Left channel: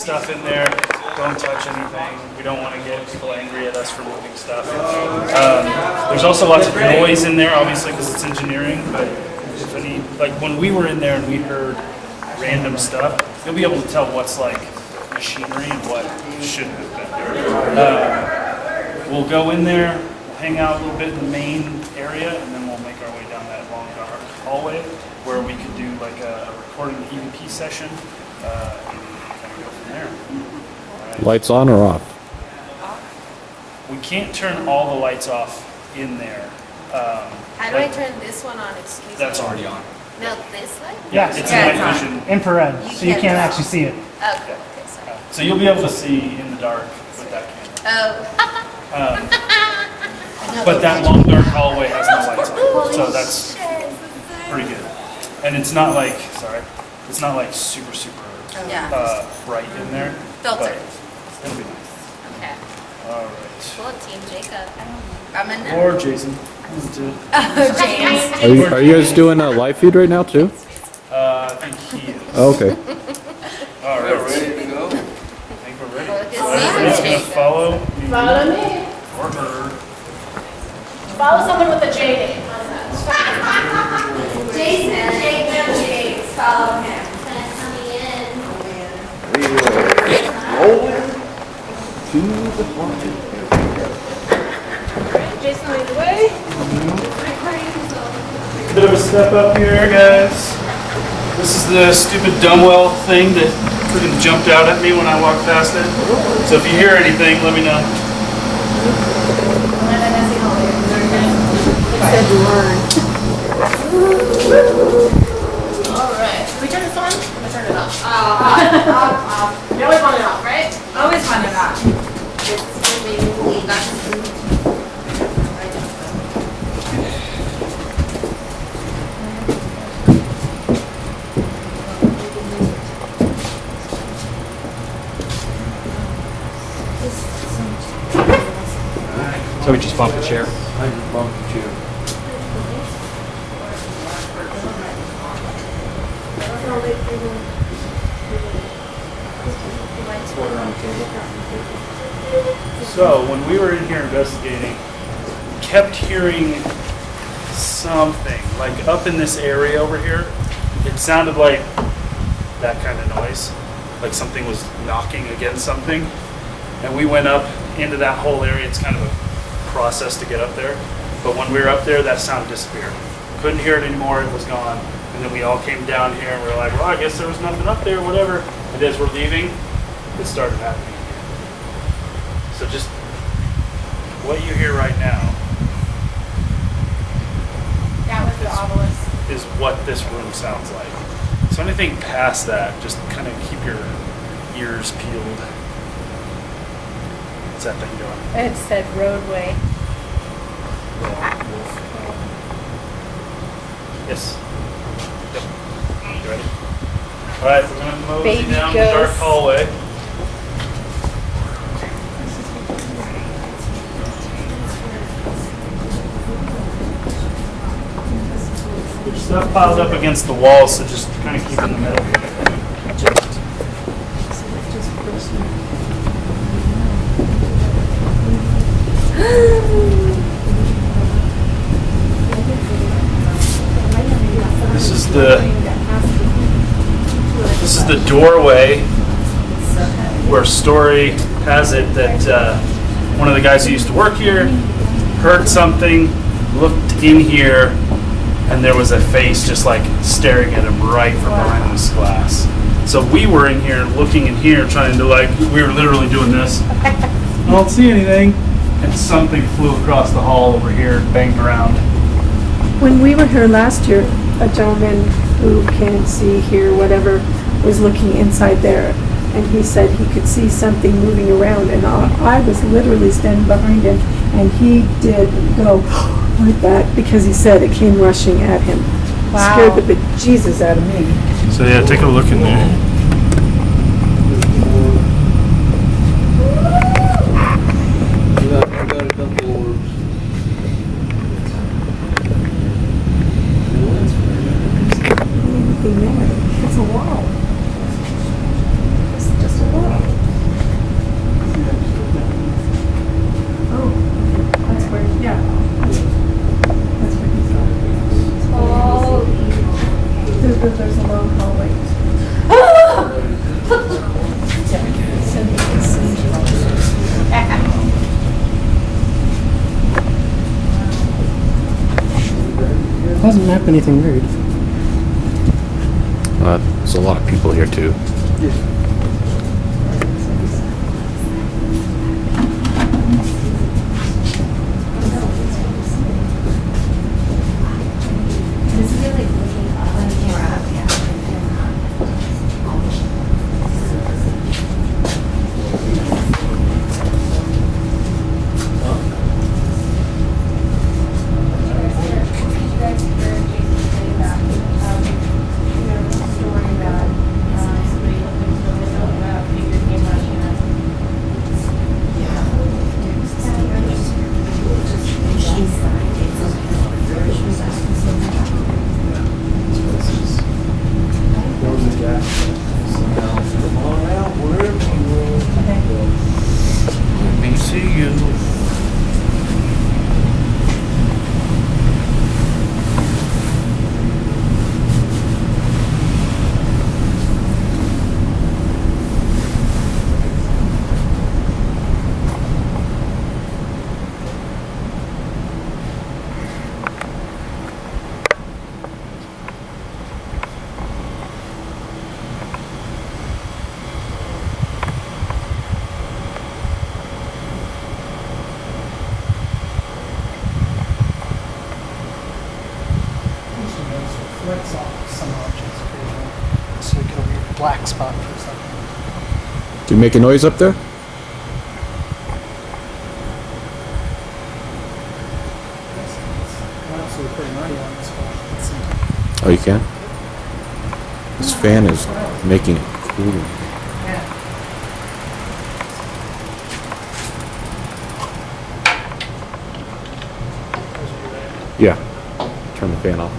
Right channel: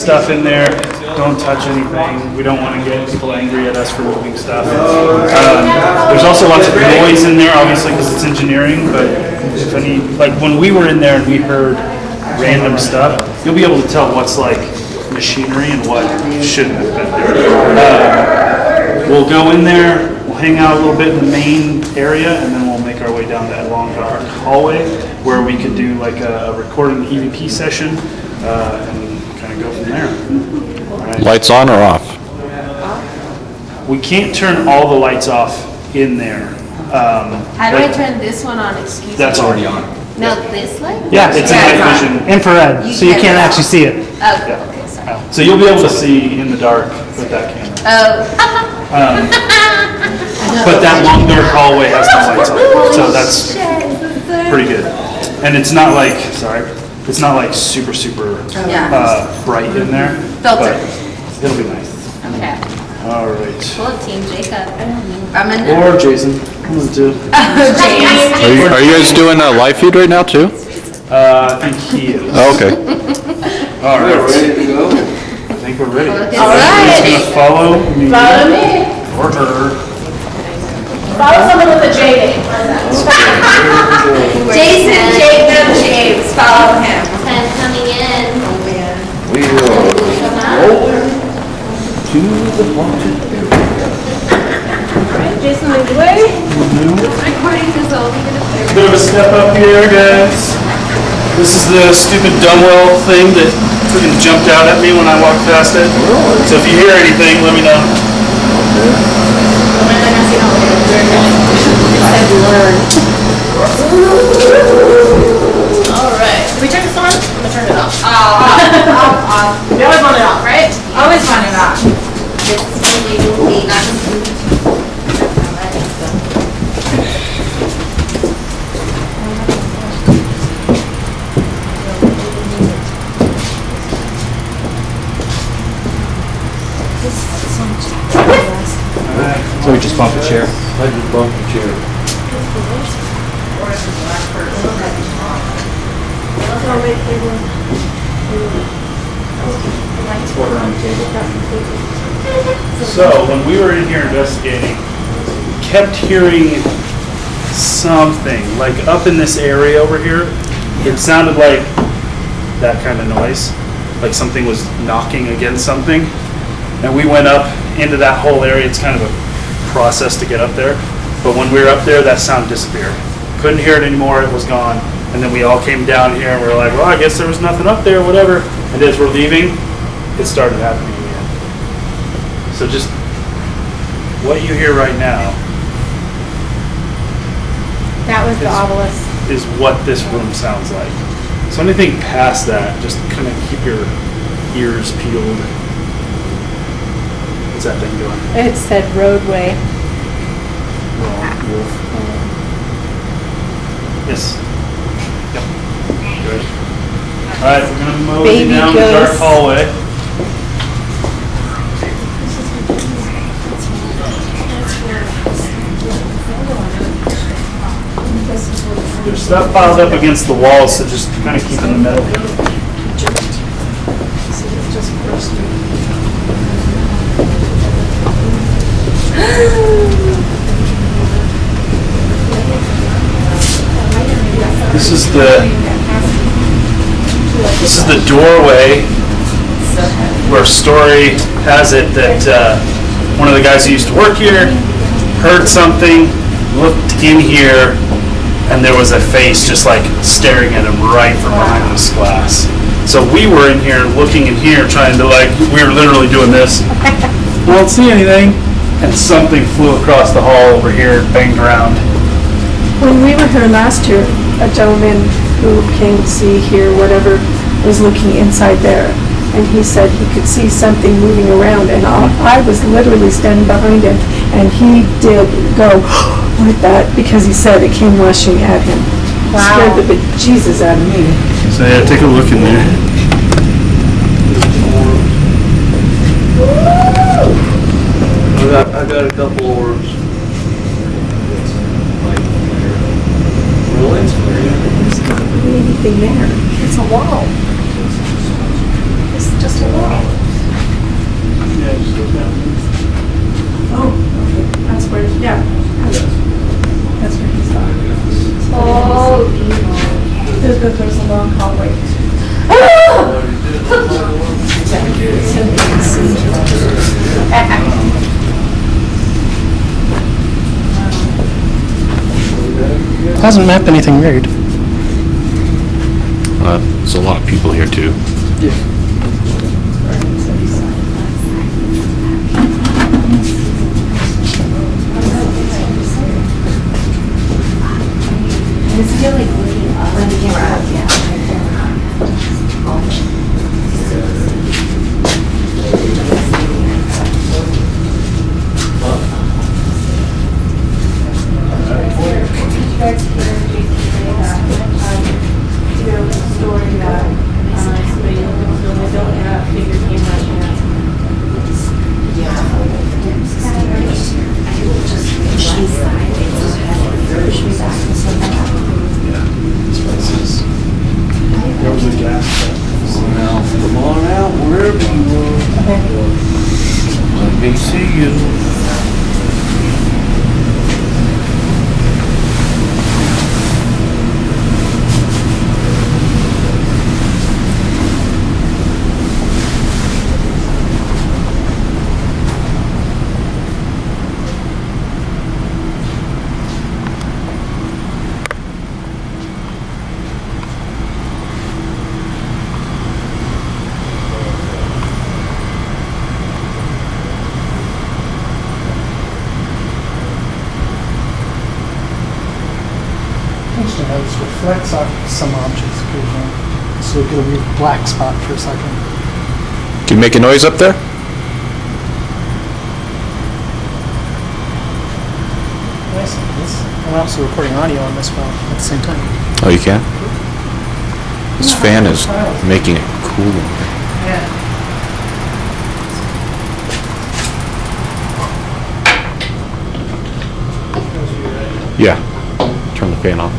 stuff in there. Don't touch anything. We don't want to get people angry at us for moving stuff. There's also lots of noise in there, obviously, because it's engineering. But if any, like when we were in there and we heard random stuff, you'll be able to tell what's like machinery and what shouldn't have been there. We'll go in there. We'll hang out a little bit in the main area, and then we'll make our way down that long dark hallway where we could do like a recording EVP session and kind of go from there. Right. Lights on or off? We can't turn all the lights off in there. How do I turn this one on? Excuse me. That's already on. No, this light? Yeah, it's Yeah, night vision. Infrared, so you can't actually see it. Okay, okay, sorry. So you'll be able to see in the dark with that camera. Oh. But that long dark hallway has no lights on it, so that's pretty good. And it's not like, it's not like super bright in there. Filtered. But it'll be nice. Okay. All right. Cool, Team Jacob. Or Jason. One of the two. James. Are you guys doing a live feed right now too? I think he is. Oh, okay. All right. We're ready to go. I think we're ready. All right. Everybody's gonna follow me. Follow me. Or her. Follow someone with a J name. Jason, Jacob, James. Follow him. And coming in. Alright, Jason, lead the way. Recording is over. Bit of a step up here, guys. This is the stupid dumbbell thing that freaking jumped out at me when I walked past it. So if you hear anything, let me know. Alright. Can we turn this on? I'm gonna turn it off. Off. We always want it off, right? Always want it off. So we just bump a chair. I just bumped the chair. So when we were in here investigating, we kept hearing something, like up in this area over here. It sounded like that kind of noise, like something was knocking against something. And we went up into that whole area. It's kind of a process to get up there. But when we were up there, that sound disappeared. Couldn't hear it anymore, it was gone. And then we all came down here and we were like, well, I guess there was nothing up there, whatever. And as we're leaving, it started happening again. So just what you hear right now That was the obelisk. is what this room sounds like. So anything past that, just kind of keep your ears peeled. What's that thing doing? It said roadway. Wolf. Yes. Yep. You ready? All right, we're gonna mosey Baby down the dark ghost. hallway. There's stuff piled up against the walls, so just kind of keep in the middle. This is the doorway where story has it that one of the guys who used to work here heard something, looked in here, and there was a face just like staring at him right from behind this glass. So we were in here looking in here trying to we were literally doing this. I don't see anything. And something flew across the hall over here, banged around. When we were here last year, a gentleman who came to see here, whatever, was looking inside there. And he said he could see something moving around, and I was literally standing behind him, and he did go like that because he said it came rushing at him. Wow. Scared the bejesus out of me. So yeah, take a look in there. I got a couple orbs. There's not anything there. It's a wall. It's just a wall. So you can see. Hasn't mapped anything weird. There's a lot of people here too. I just feel like looking up when the camera up, yeah. Did you guys hear Jason say that, there was a story that somebody looked at the window and a figure came rushing up? Now, come on out, wherever you are. Let me see you. It reflects off some objects occasionally. So you get a weird black spot for a second. Can you make a noise up there? Yes, and also recording audio on this phone at the same time. Oh, you can? This fan is making it cool. Yeah. Turn the fan on.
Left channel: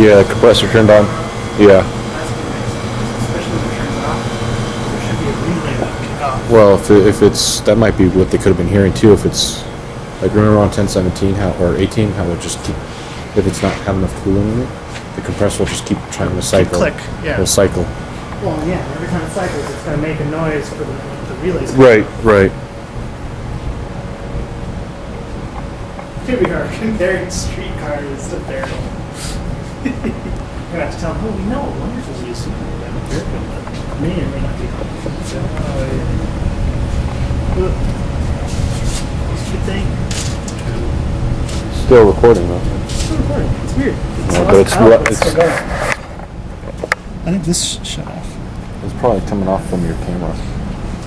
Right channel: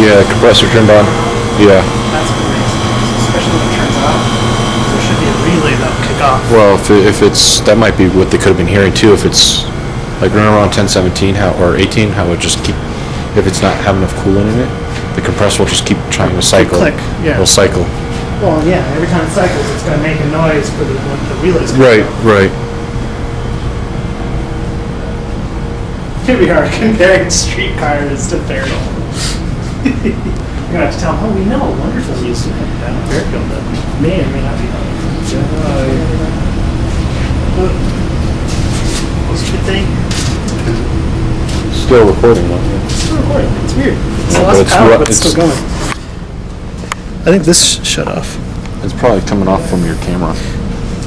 Yeah, compressor turned on. Yeah. That's great. Especially when it turns off. There should be a relay that'll kick off. Well, if it's, that might be what they could have been hearing too. If it's like around 1017 or 18, how it would just keep, if it's not having enough coolant in it, the compressor will just keep trying to cycle. click, yeah. It'll cycle. Well, yeah, every time it cycles, it's going to make a noise for the relays. Right. Here we are comparing streetcars to Fairfield. You're going to have to tell them, oh, we know a wonderful used to come down Fairfield that may or may not be What's your thing? Still recording. It's weird. It's lost power, but it's still going. I think this shut off. It's probably coming off from your camera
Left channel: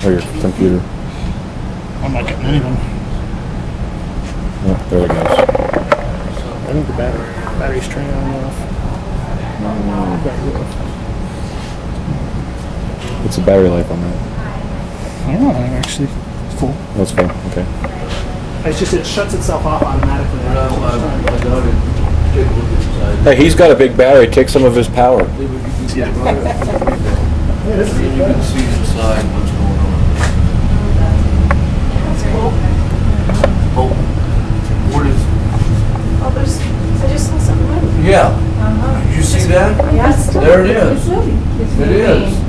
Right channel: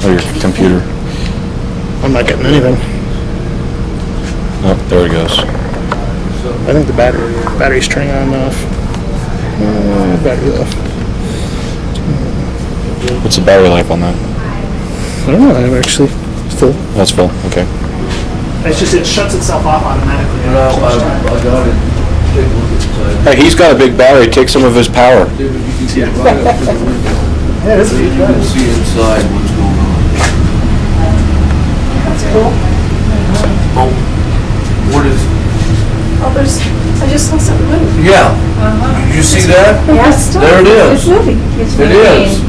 or your computer. I'm not getting anything. Oh, there it goes. I think the battery's turning on and off. Battery off. What's the battery life on that? I don't know. I'm actually full. That's full. Okay. It's just it shuts itself off automatically. But I got it. Take a look inside. Hey, he's got a big battery. Take some of his power. Yeah, this is You can see inside what's going on. That's cool. Oh, what is, Oh, I just saw something move. yeah, did you see that? Yeah, it's still. There it is. It's moving. It is.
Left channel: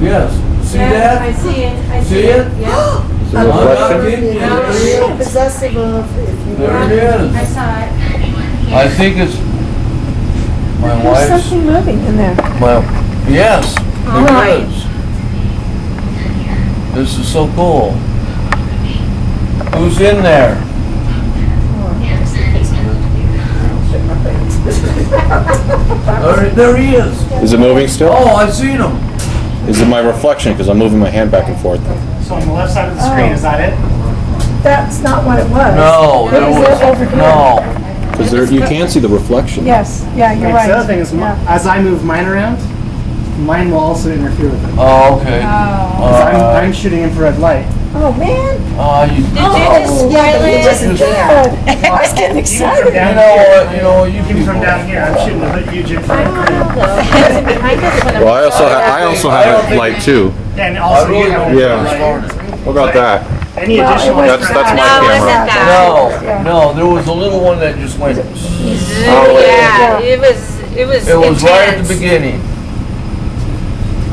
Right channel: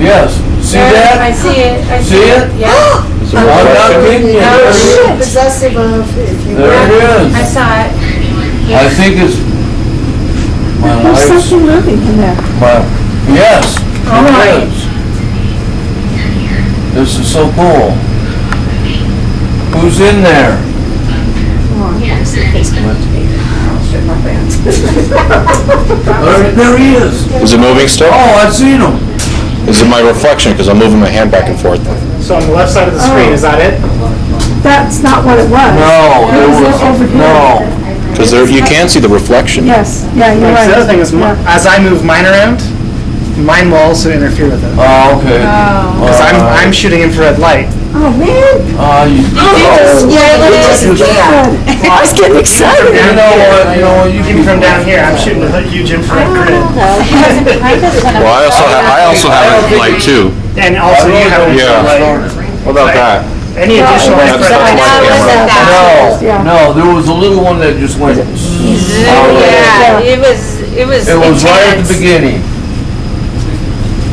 Yes. See I that? see it. I See it? Yeah. I'm not kidding you. Oh, Possessive There it I is. saw it. I think it's my There's wife's, something moving in there. well, yes, All right. it is. This is so cool. Who's in there? There he is. Is it moving still? Oh, I seen him. Is it my reflection? Because I'm moving my hand back and forth. So on the left side of the screen, is that it? That's not what it was. No, It there was was, over here. no. Because you can see the reflection. Yes, yeah, you're right. The other thing is, Yeah. as I move mine around, Mine will also interfere with it. Oh, okay. Because I'm shooting infrared light. Oh, man. You Did you just spoil it? God. I was getting excited. You know what, you Even people. from down here, I'm shooting a huge infrared I grid. don't know. He wasn't behind us when I Well, was I also have a light too. And also you have don't infrared think light. it's started. What about that? Any Well, it additional wasn't infrared that. light. No, it wasn't that. Yeah. No, there was a little one that just went. Yeah, it was It was right at intense. the beginning.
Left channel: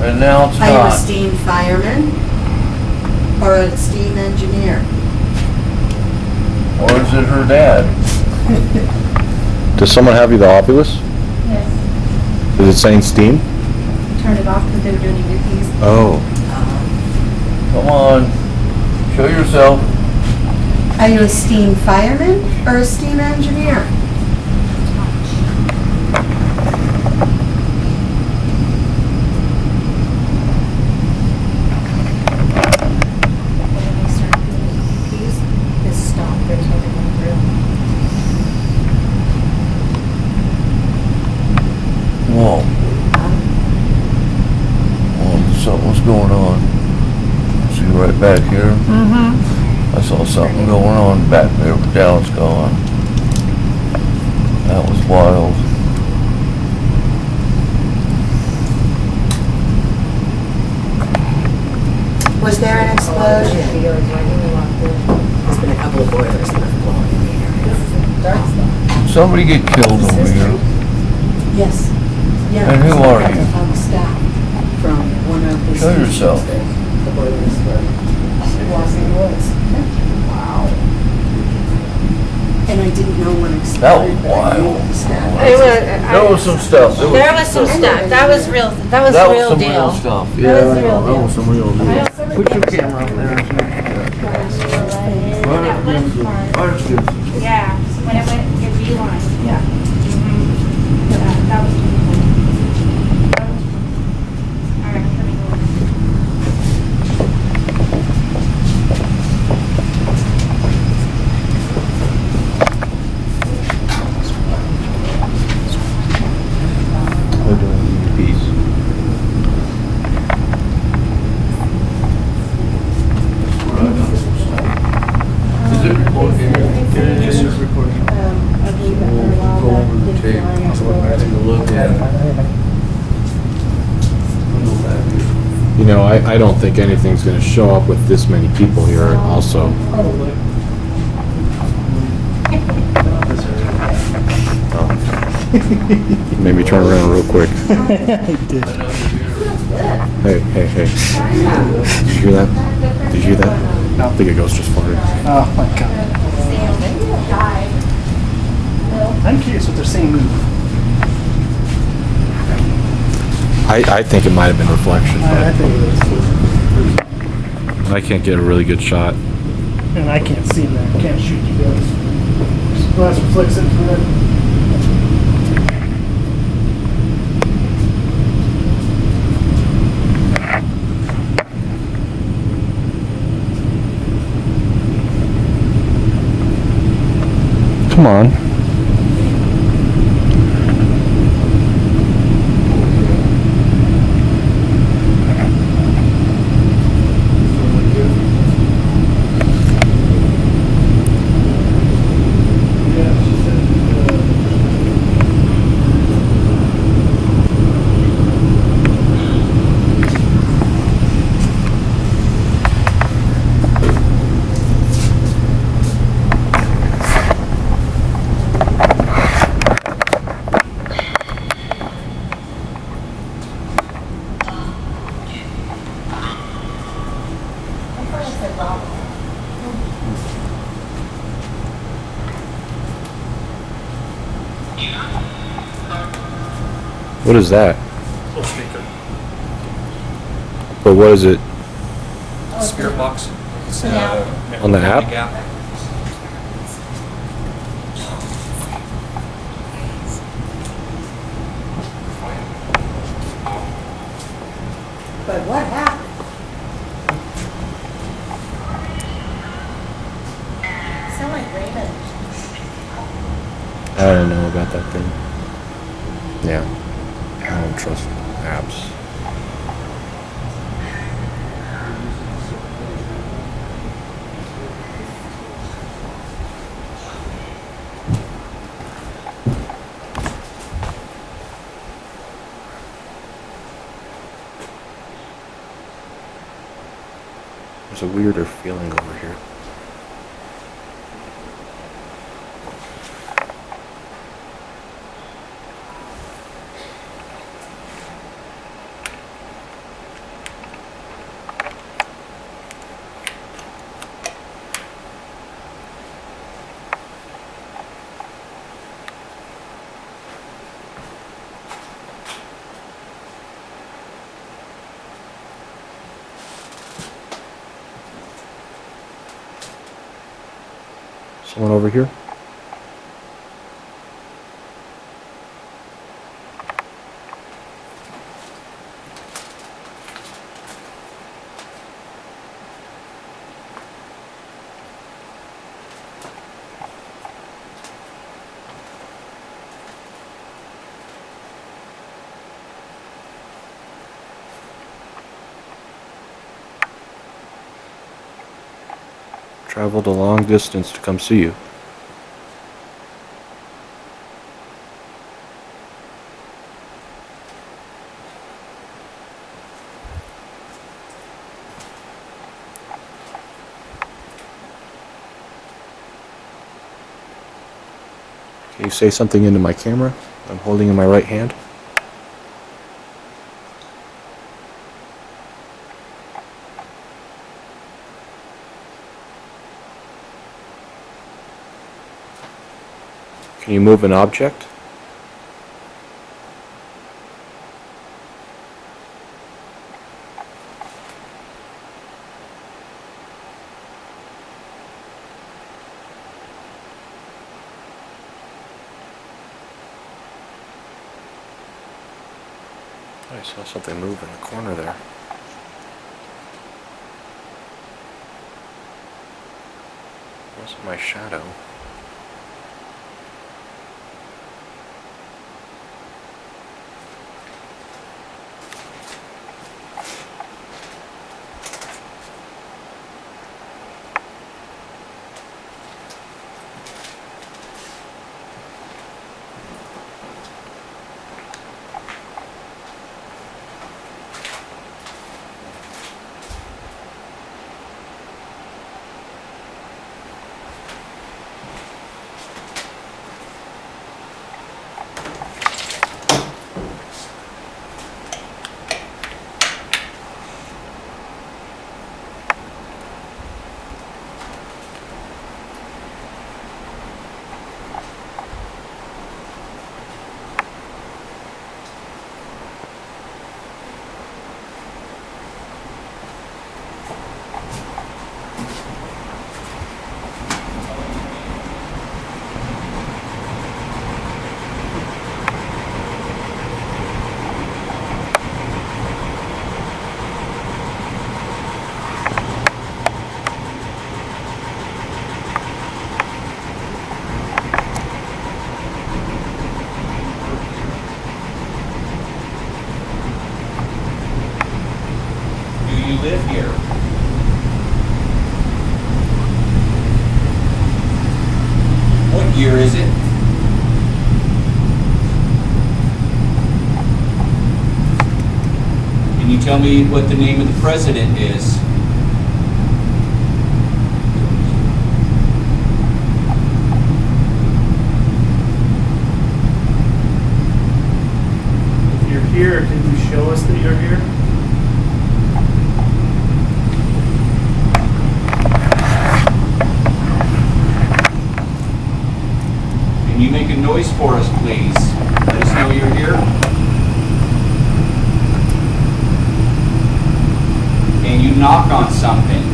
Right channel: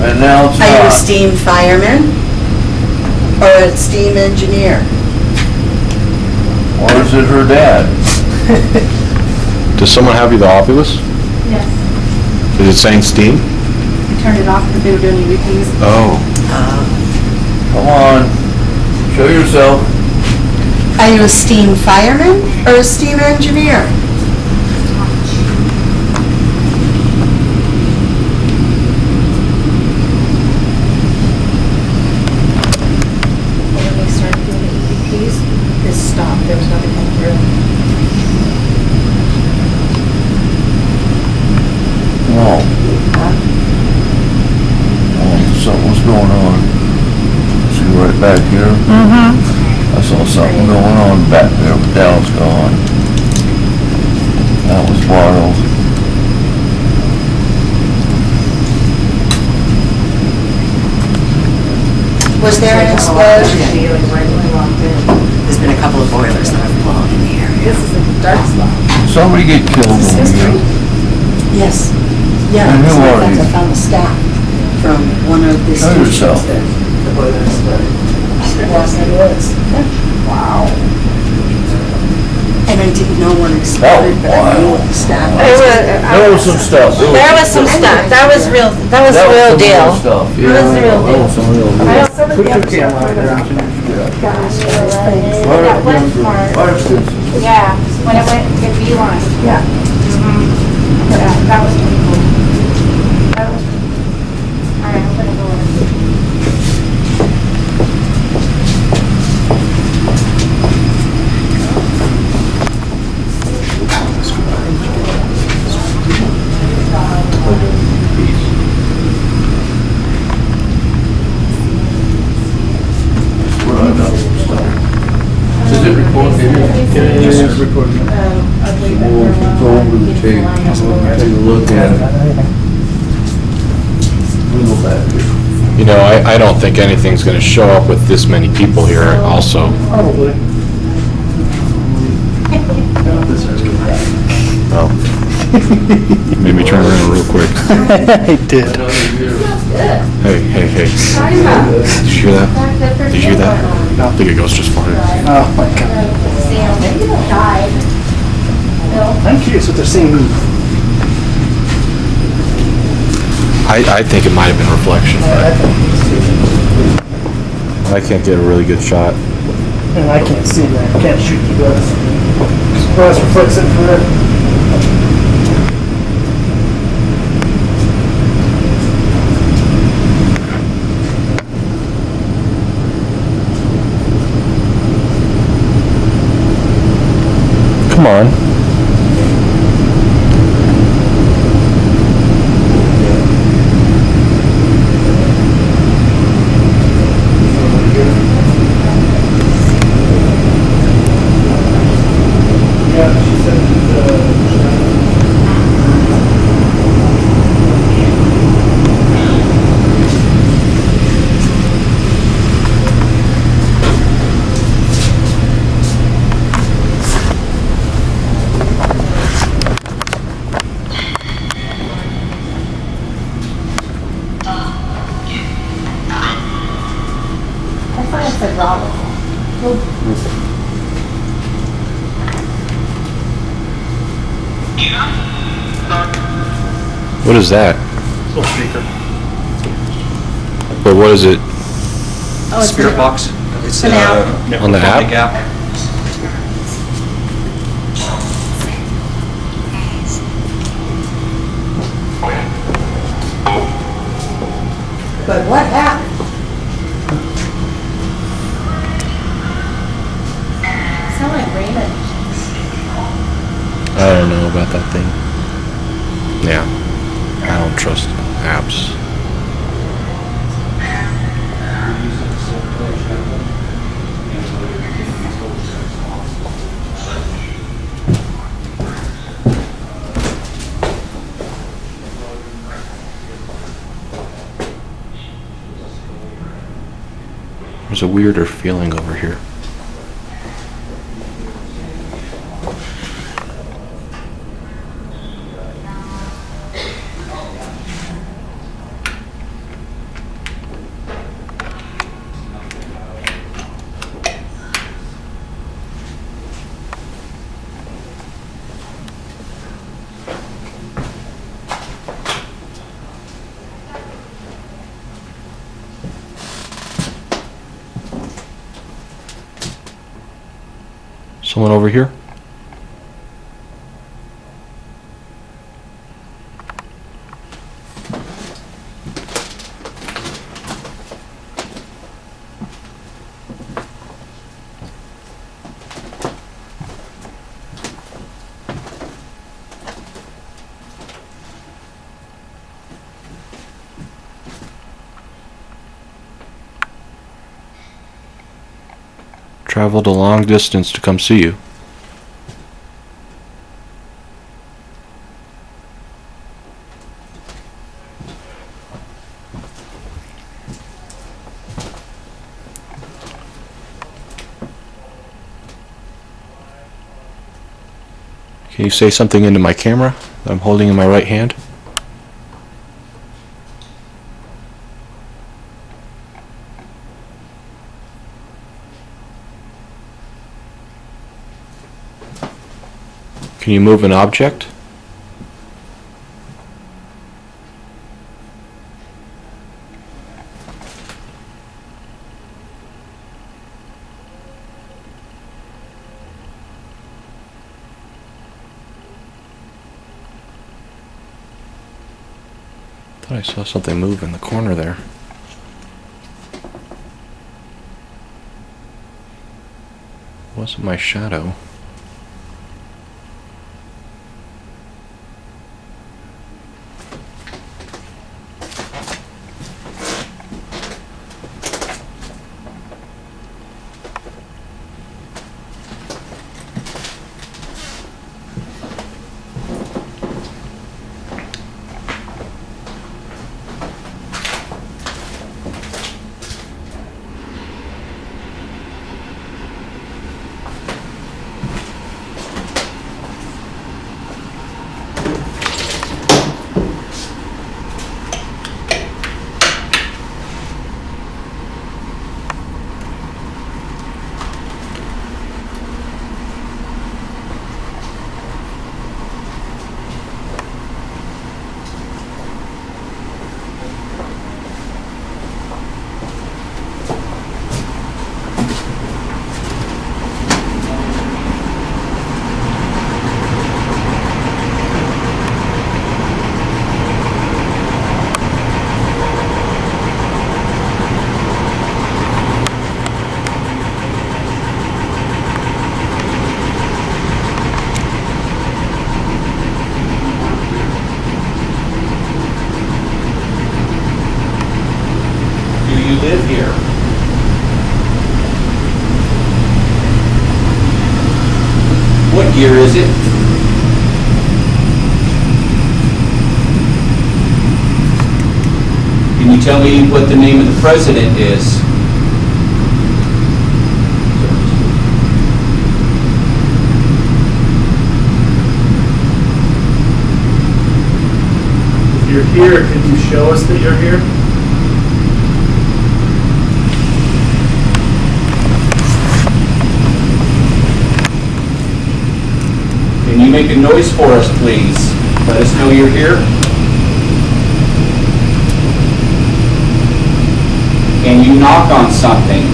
And now it's Are you a not. steam fireman or a steam engineer? Or is it her dad? Does someone have your binoculars? Yes. Is it saying steam? I turned it off because they were doing EVPs. Oh. Come on, show yourself. Are you a steam fireman or a steam engineer? When they started doing the EVPs, this stopped. There was nothing coming through. Whoa. Oh, something's going on. See right back here? Mm-hmm. I saw something going on back there, but now it's gone. That was wild. Was there an explosion? There's been a couple of boilers that have blown in the area. This is the dark spot. Did somebody get killed over here? Yes. Yeah. And who are sometimes you? I found the staff from one of the Show stations yourself. there. The boilers were. Wow. And I didn't know one That was exploded, but I knew wild. what the staff It was. There was some stuff. There was some stuff. That was real. That was the real some deal. real stuff. That was the real That was some real deal. Put your camera out there. That west part, yeah, when it went, it beeline. Yeah. Yeah, that was pretty cool. That was pretty cool. All right, I'm gonna go in. We're doing EVPs. That's where I got some stuff. Does it record? It is. It is recording. So we'll go over the tape, take a look at it. We'll go back here. You know, I don't think anything's gonna show up with this many people here also. Probably. Maybe try this real quick. I did. Another year. Hey. Did you hear that? Did you hear that? I think it goes just fine. Oh my god. Died. I'm curious what they're saying. I think it might have been a reflection. I can't get a really good shot. And I can't see that. I can't shoot you guys. Surprise reflects infrared. Come on. I thought it said Robert. What is that? Little speaker. Or what is it? Oh, it's Spirit box. It's For now. nickel fly gap. But what happened? Sound like Raymond. I don't know about that thing. Yeah. I don't trust apps. There's a weirder feeling over here. Someone over here? Traveled a long distance to come see you. Can you say something into my camera that I'm holding in my right hand? Can you move an object? I saw something move in the corner there. That's my shadow. You live here. What year is it? Can you tell me what the name of the president is? If you're here, can you show us that you're here? Can you make a noise for us, please? Let us know you're here. Can you knock on something?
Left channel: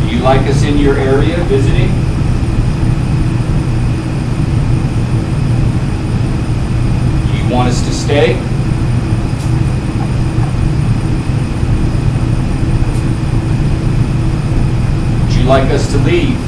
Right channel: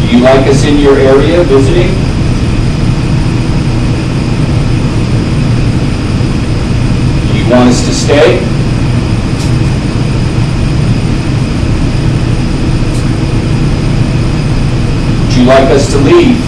Do you like us in your area visiting? Do you want us to stay? Would you like us to leave?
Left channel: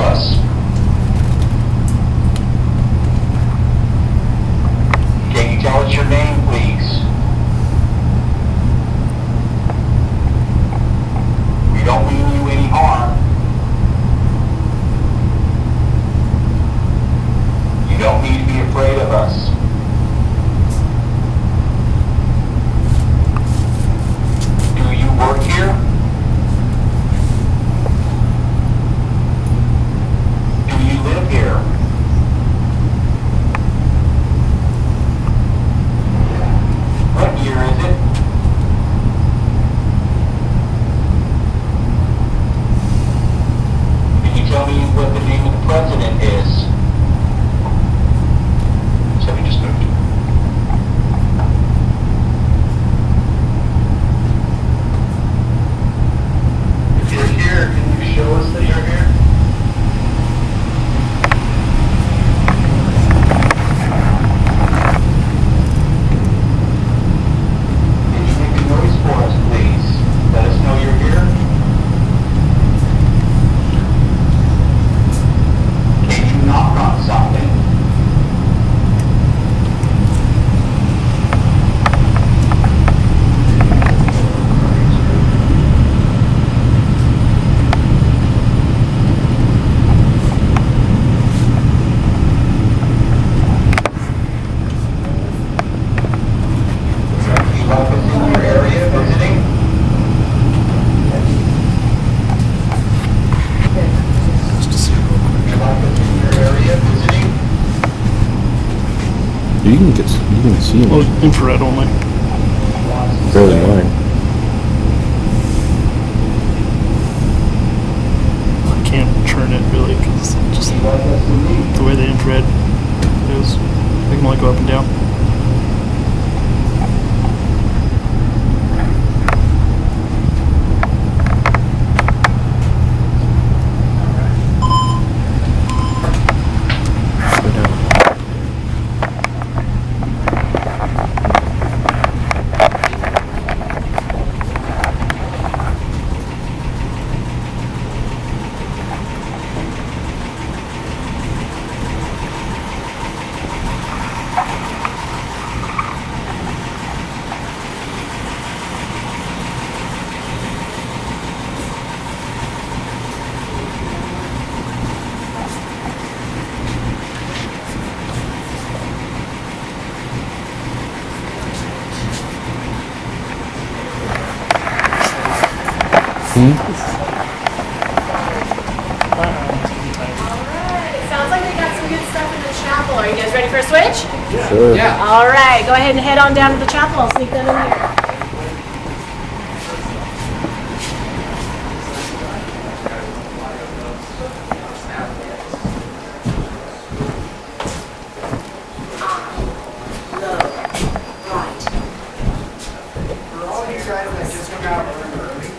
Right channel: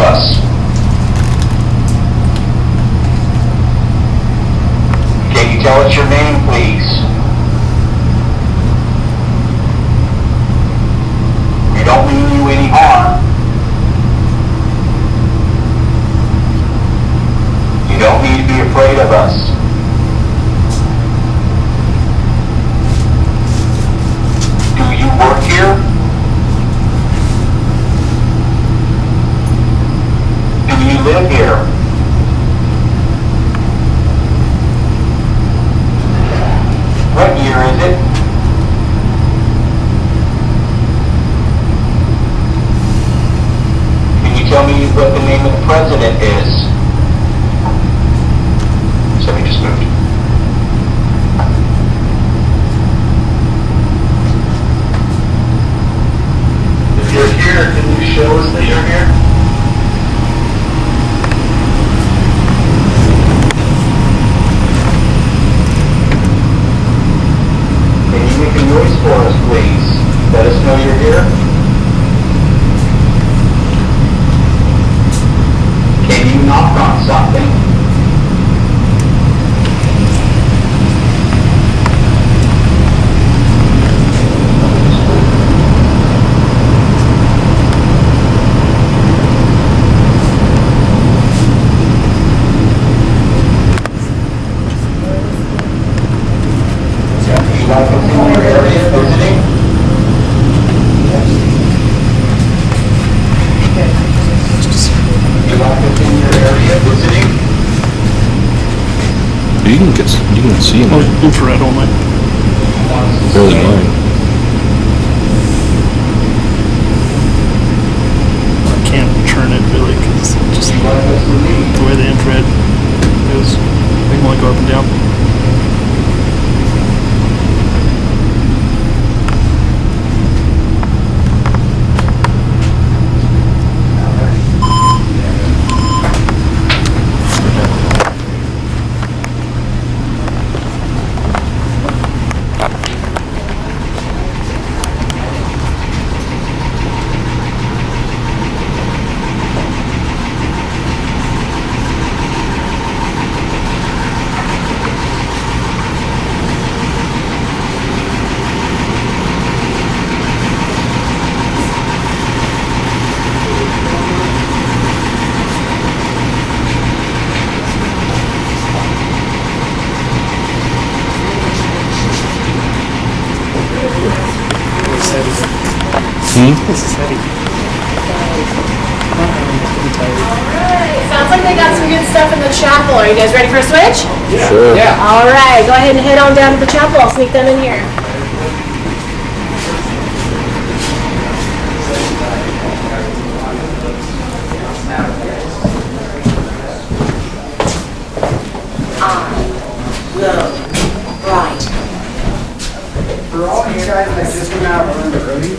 us. Can you tell us your name, please? We don't mean you any harm. You don't need to be afraid of us. Do you work here? Do you live here? What year is it? Can you tell me what the name of the president is? Somebody just moved. If you're here, can you show us that you're here? Can you make a noise for us, please? Let us know you're here. Can you knock on something? You like us in your area visiting? You like us in your area visiting? You can see Oh, it infrared only. really well. I can't turn it really because just You like us to leave? the way the infrared goes. They can only go up and down. This is heavy. My arm is getting tired. Sounds like they got some good stuff in the chapel. Are you guys ready for a switch? Sure. Yeah. All right, go ahead and head on down to the chapel. I'll sneak them in here. For all you guys that just came out a little early,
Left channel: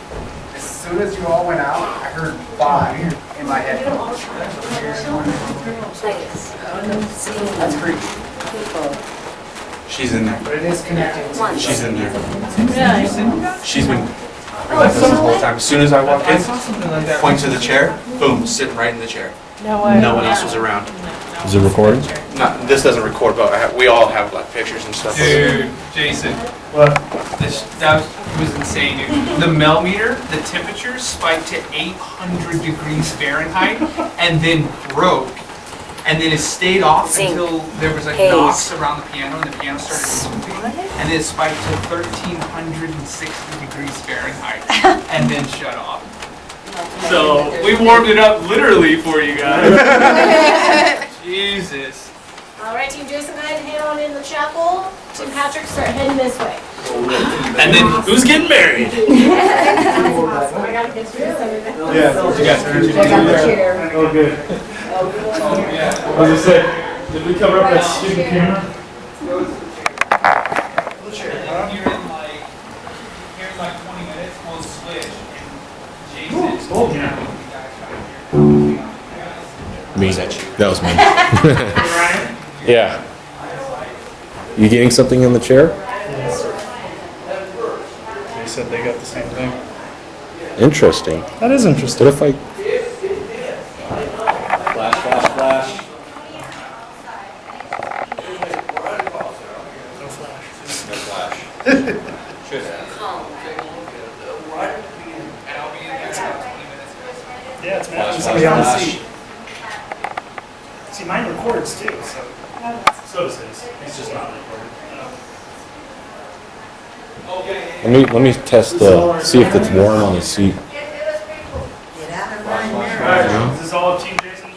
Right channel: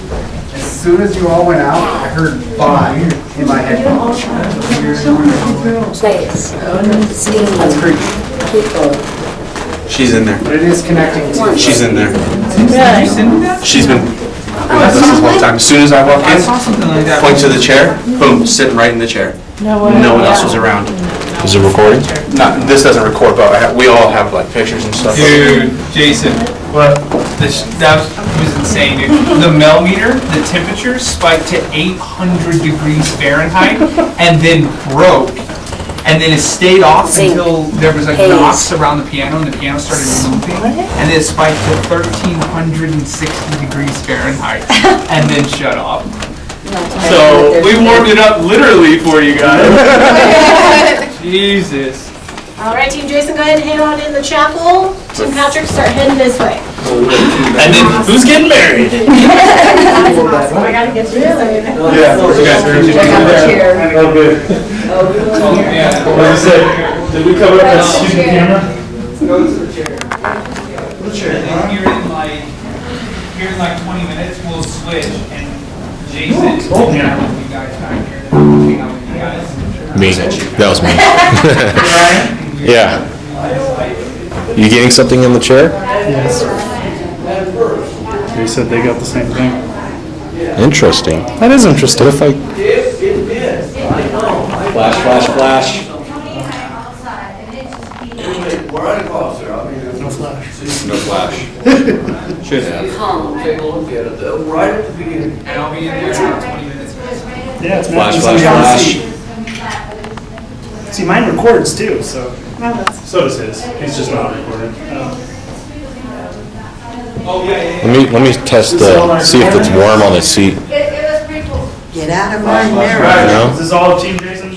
as soon as you all went out, I heard "bye" in my headphones. That's creepy. She's in there. But it is connecting to. She's in there. Really? She's been with us this whole time. As soon as I walk in, point to the chair, boom, sitting right in the chair. No way. No one else was around. Is it recording? Not, this doesn't record, but we all have like pictures and stuff. Dude, Jason, What? that was insane, dude. The mel meter, the temperature spiked to 800 degrees Fahrenheit and then broke. And then it stayed off until there was like knocks around the piano and the piano started moving. And then it spiked to 1360 degrees Fahrenheit and then shut off. So we warmed it up literally for you guys. Jesus. All right, Team Jason, go ahead and head on in the chapel. Team Patrick, start heading this way. And then who's getting married? I gotta get through this. You guys are Oh, good. What did you say? Did we cover up that stupid camera? Go to the chair. Here in like 20 minutes, we'll switch and Jason will hang out with you guys back here. Hang out with you guys. Me. That was me. Yeah. You getting something in the chair? Yes. They said they got the same thing. Interesting. That is interesting. Flash. No flash. No flash. Should have. Take a look at it, though, right at the beginning. And I'll be in there in about 20 minutes. Yeah, it's Flash, mapping somebody flash, on the seat. See, mine records too, so. So does his. He's just not recording. Oh, yeah. Let me test see if it's warm on the seat. It was pretty cool. Get out of my All mirror. right, is this all of Team Jason? I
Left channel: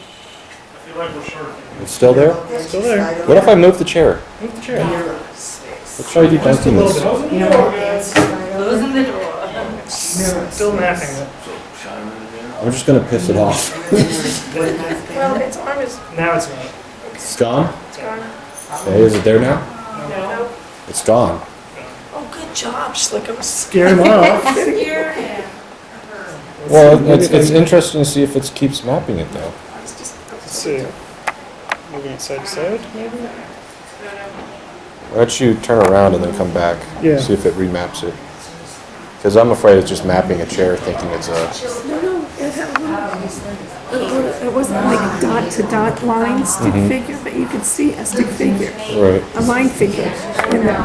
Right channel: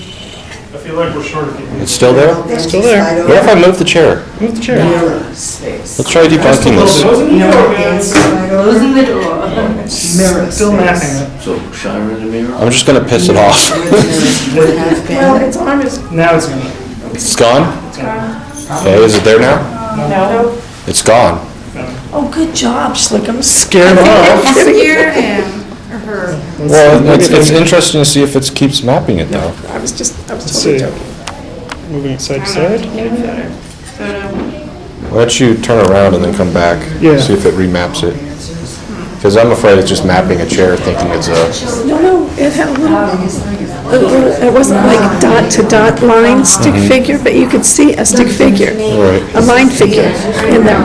feel like we're short of people. It's still there? It's still there. What if I move the chair? Move the chair. Let's try to Just a little bit. Closing the door, guys. Closing the door. Still mapping it. So, shine in the mirror. I'm just gonna piss it off. Well, its arm is Now it's gonna. It's gone? gone. Okay, is it there now? No. It's gone. Oh, good job, Slick'em. Scared off. Scare him or her. Well, it's interesting to see if it keeps mapping it though. I was Let's totally see. joking. Moving it side to side. Why don't you turn around and then come back? Yeah. See if it remaps it. Because I'm afraid it's just mapping a chair thinking it's a... No, it had it wasn't like dot to dot line stick figure, but you could see a stick figure, a line figure in there.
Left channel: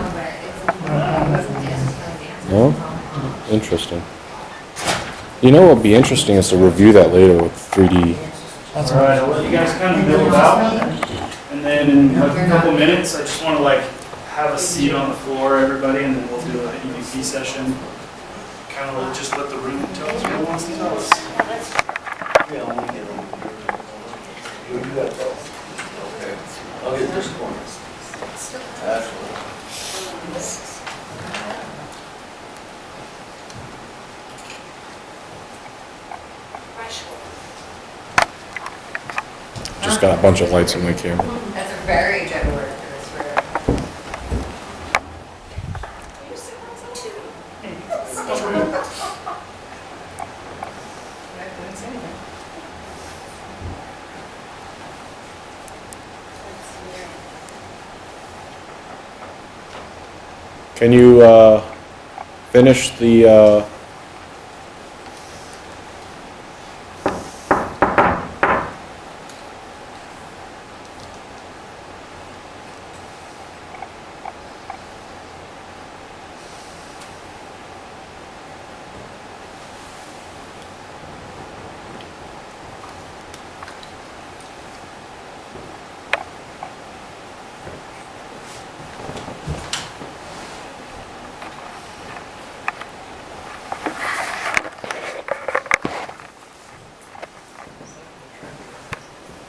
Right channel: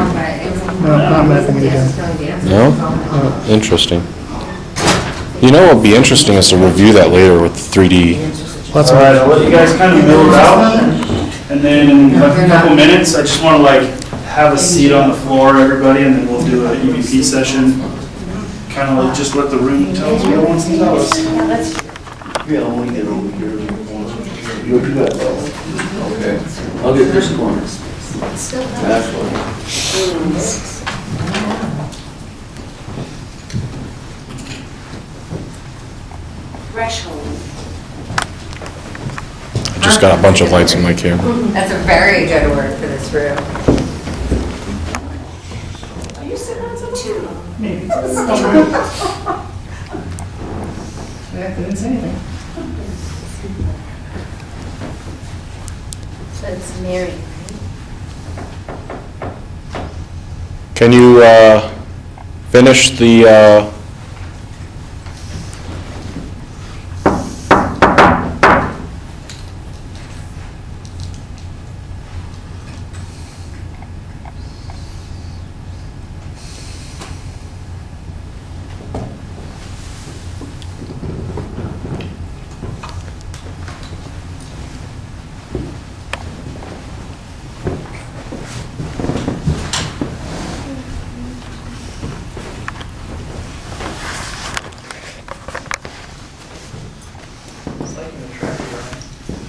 No, not mapping it again. No? Interesting. You know what would be interesting is to review that later with 3D. That's All all right, right. I'll let you guys kind of move out, and then in a couple minutes, I just want to like have a seat on the floor, everybody, and then we'll do an EVP session. Kind of like just let the room tell us what it wants to tell us. Yeah, I want to get over here. You do that, though. Okay. I'll get this corner. That's what. Threshold. Just got a bunch of lights in my camera. That's a very good word for this room. Are you sitting on something? Two. Maybe. I didn't say anything. That's Mary. Can you finish the...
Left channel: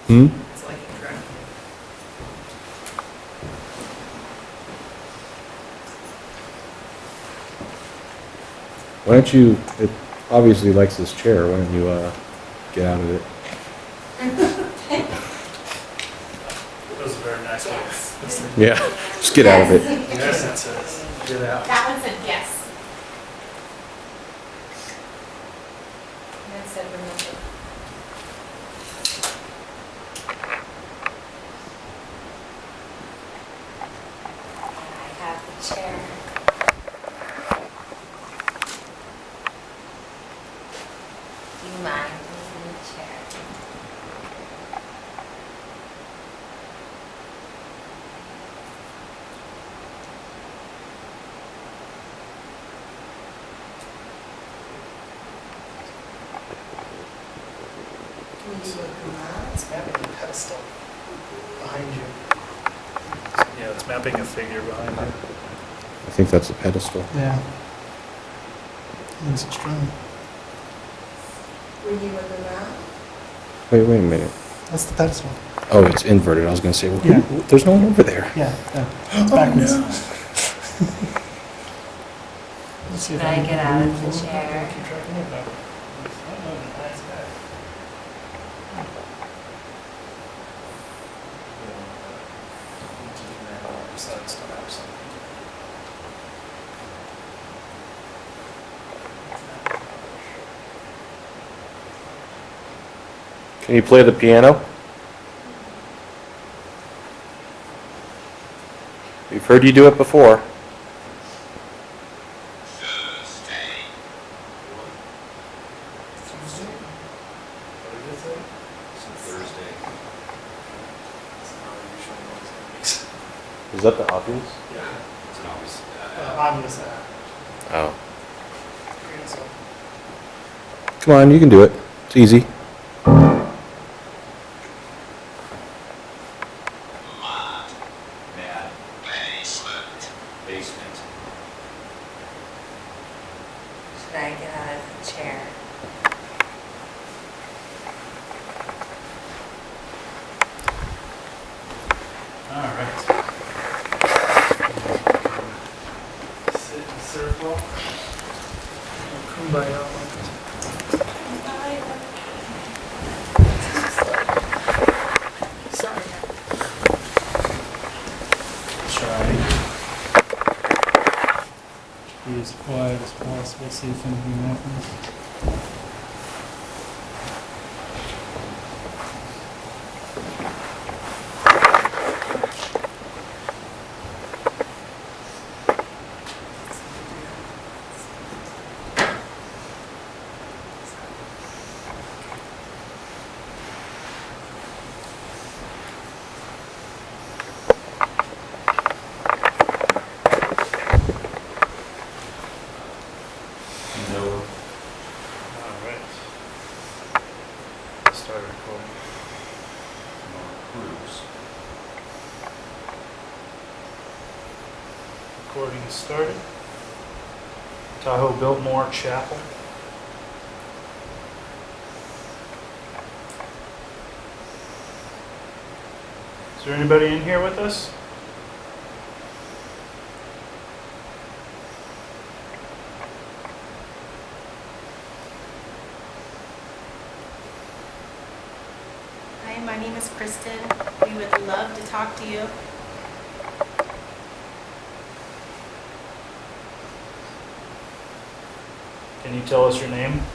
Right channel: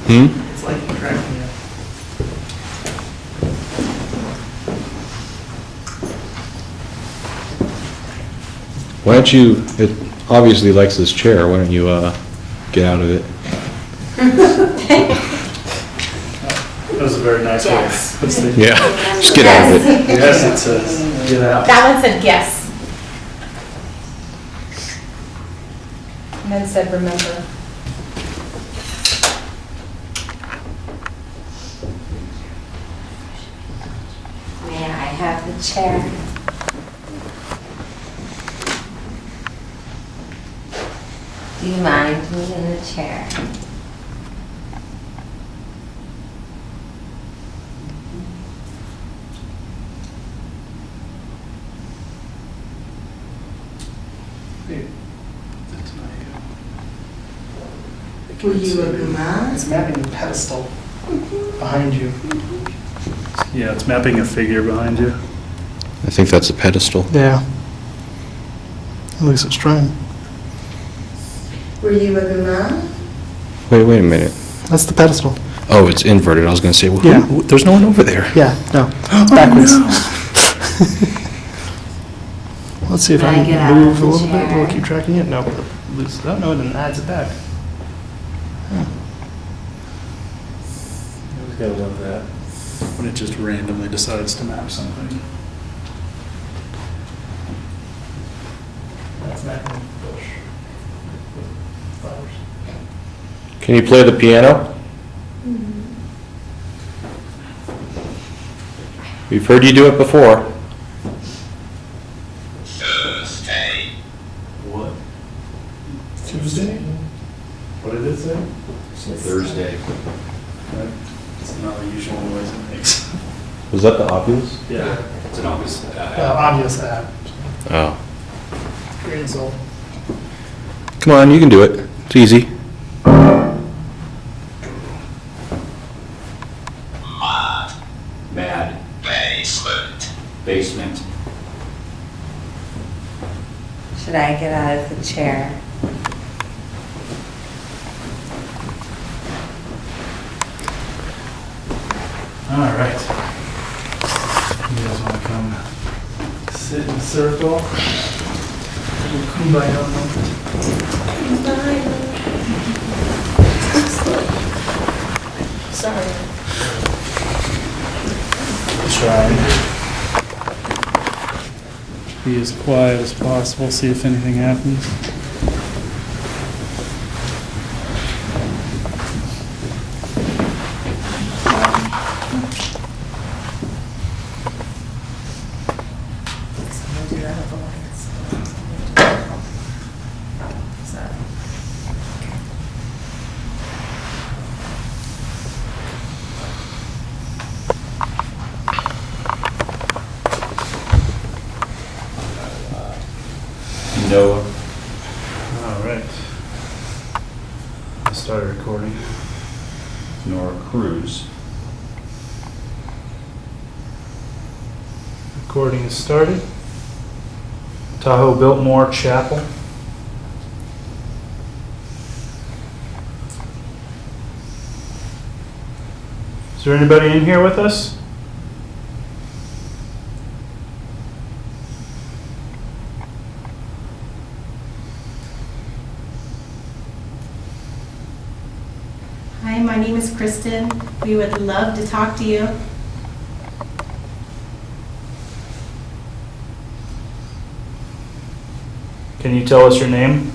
It's like you're tracking you. Why don't you... It obviously likes this chair. Why don't you get out of it? That was a very nice way. Yes. Let's see. Yeah. Just get out of it. Yes, it says, get out. That one said yes. And then said remember. May I have the chair? Do you mind me in the chair? Were you a Guma? It's mapping the pedestal behind you. Yeah, it's mapping a figure behind you. I think that's a pedestal. Yeah. At least it's trying. Were you a Guma? Wait a minute. That's the pedestal. Oh, it's inverted. I was going to say, well, Yeah. there's no one over there. Yeah, no. Backwards. Let's see if I Can I get out can of move a the little bit. chair? We'll keep tracking it. No. Loose. Oh, no, it then adds it back. I love that. When it just randomly decides to map something. That's mapping. Can you play the piano? We've heard you do it before. What? Tuesday? What did it say? It's a Thursday. It's not the usual noise it makes. Was that the obvious? Yeah. It's an obvious. Obvious that. Oh. Green soul. Come on, you can do it. It's easy. Mad. Basement. Should I get out of the chair? All right. You guys want to come sit in a circle? A little kumbaya moment. Sorry. Try and be as quiet as possible, see if anything happens. Noah. All right. Start recording. Nora Cruz. Recording is started. Tahoe Biltmore Chapel. Is there anybody in here with us? Hi, my name is Kristen. We would love to talk to you. Can you tell us your name?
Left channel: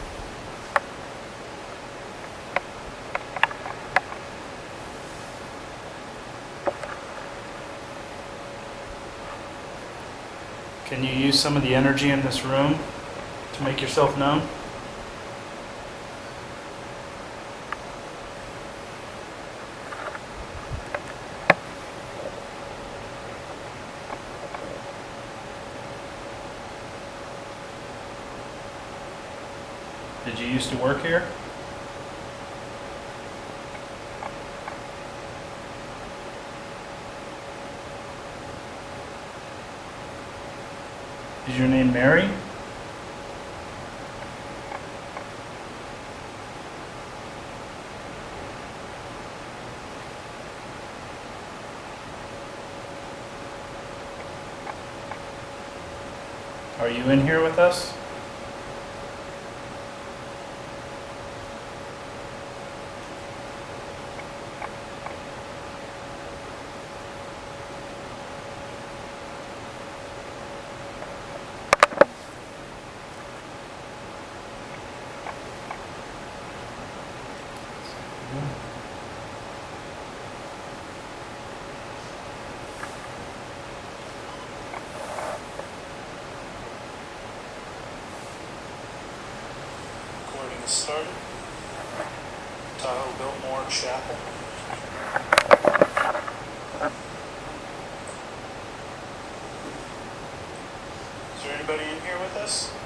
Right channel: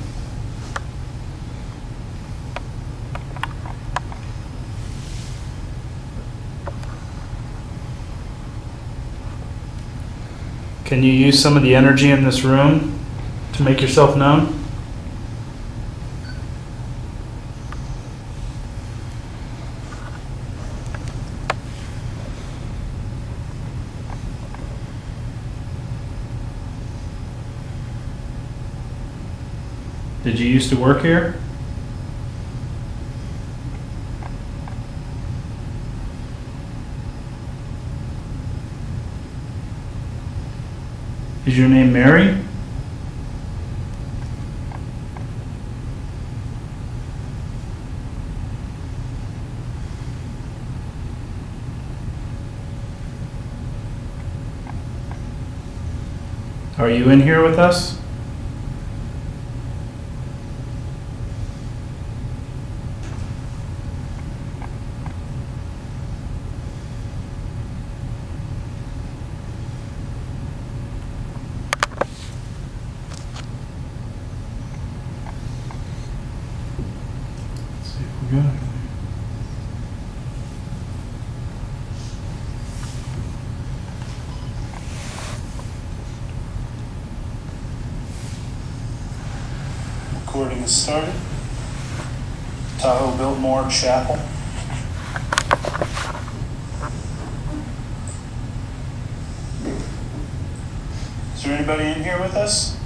Can you use some of the energy in this room to make yourself known? Did you used to work here? Is your name Mary? Are you in here with us? Recording is started. Tahoe Biltmore Chapel. Is there anybody in here with us?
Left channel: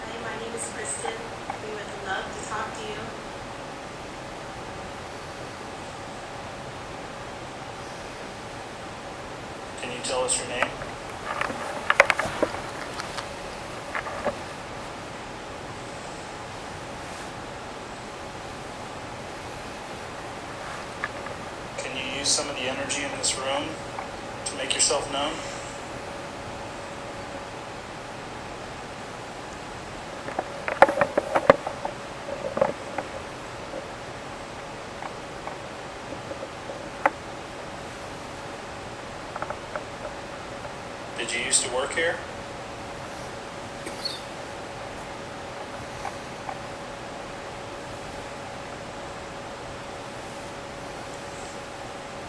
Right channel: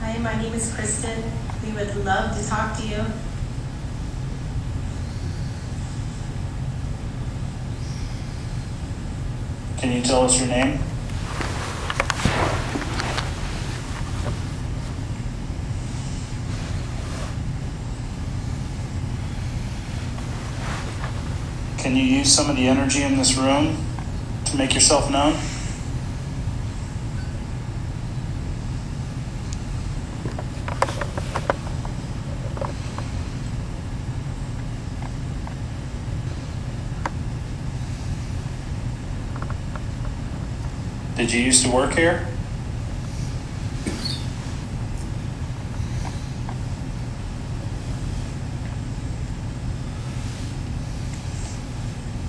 Hi, my name is Kristen. We would love to talk to you. Can you tell us your name? Can you use some of the energy in this room to make yourself known? Did you used to work here?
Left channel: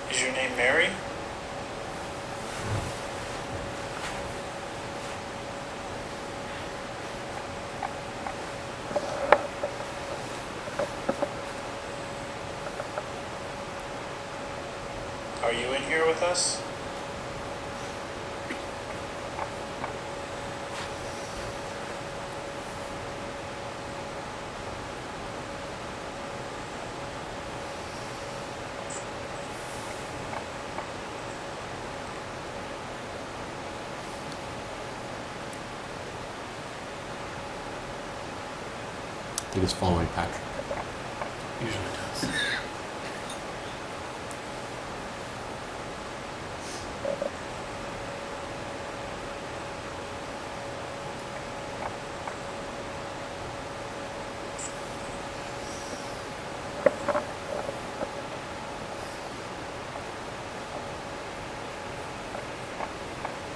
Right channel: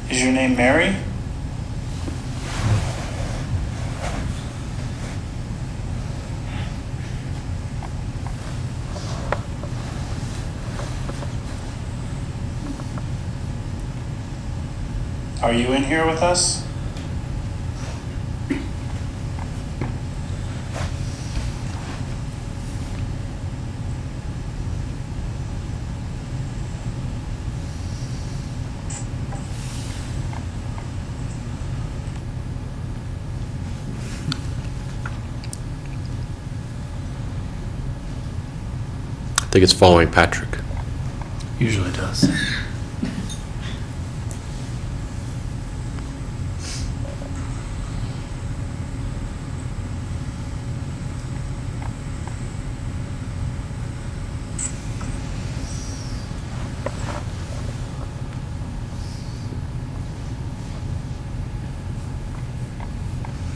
Is your name Mary? Are you in here with us? I think it's following Patrick. Usually does.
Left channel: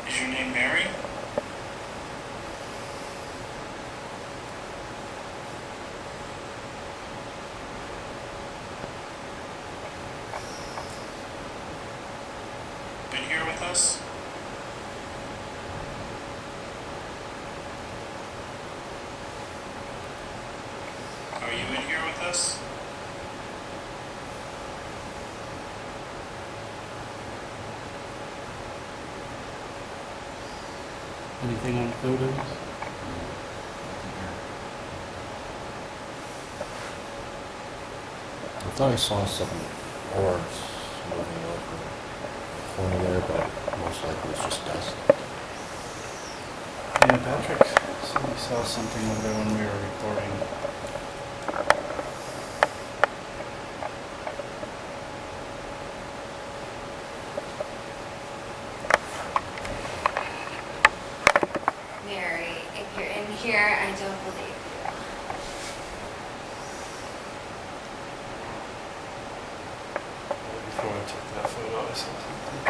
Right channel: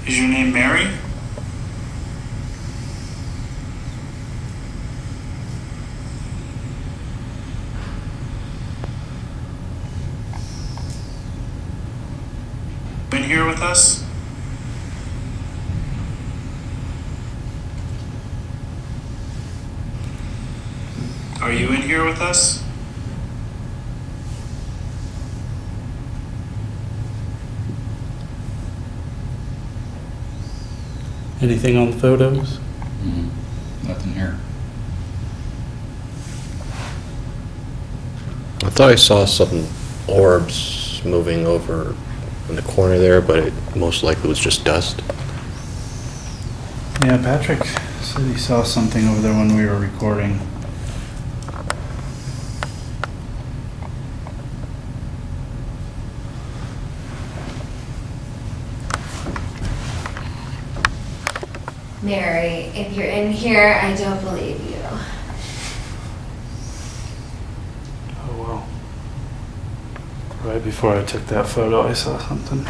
Is your name Mary? In here with us? Are you in here with us? Anything on the photos? Nothing here. I thought I saw some orbs moving over in the corner there, but it most likely was just dust. Yeah, Patrick said he saw something over there when we were recording. Mary, if you're in here, I don't believe you. Oh, wow. Right before I took that photo, I saw something.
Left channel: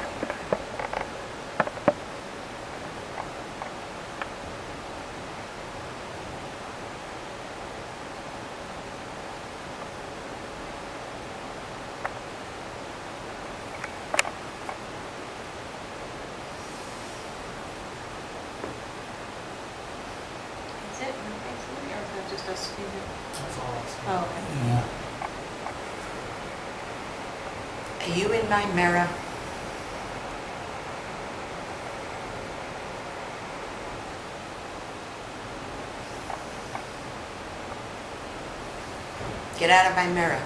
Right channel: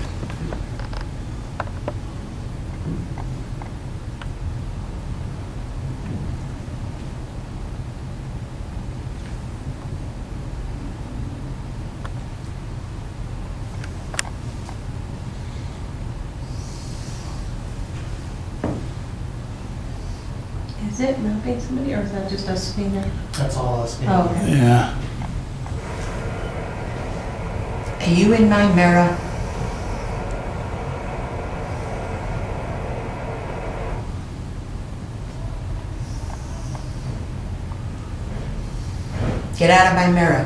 Is it moving somebody, or is that just us being there? That's all us. Oh, okay. Yeah. Are you in my mirror? Get out of my mirror.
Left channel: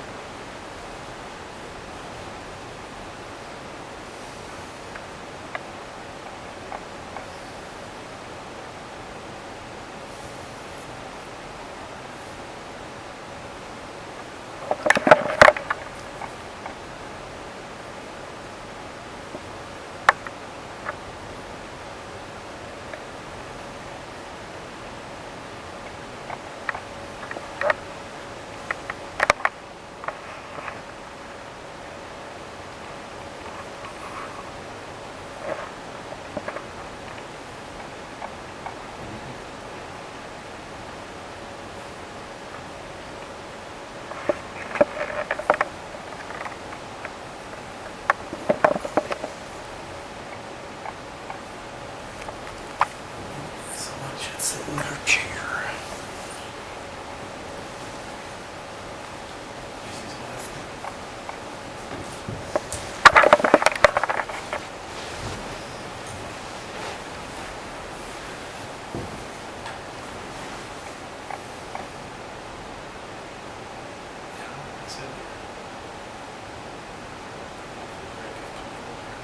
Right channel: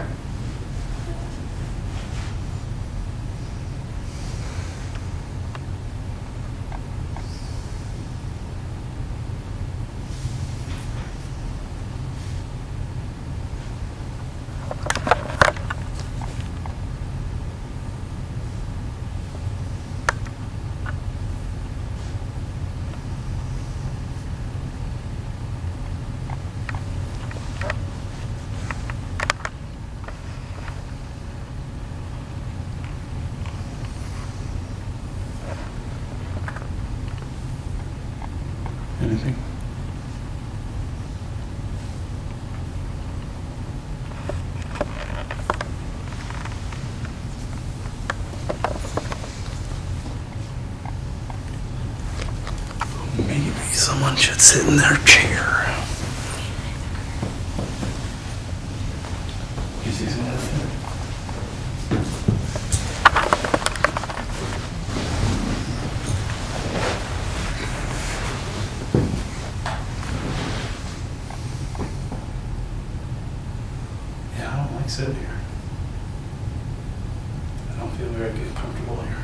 Anything? Maybe someone should sit in their chair. You see some of that? Yeah, I don't like sitting here. I don't feel very comfortable here.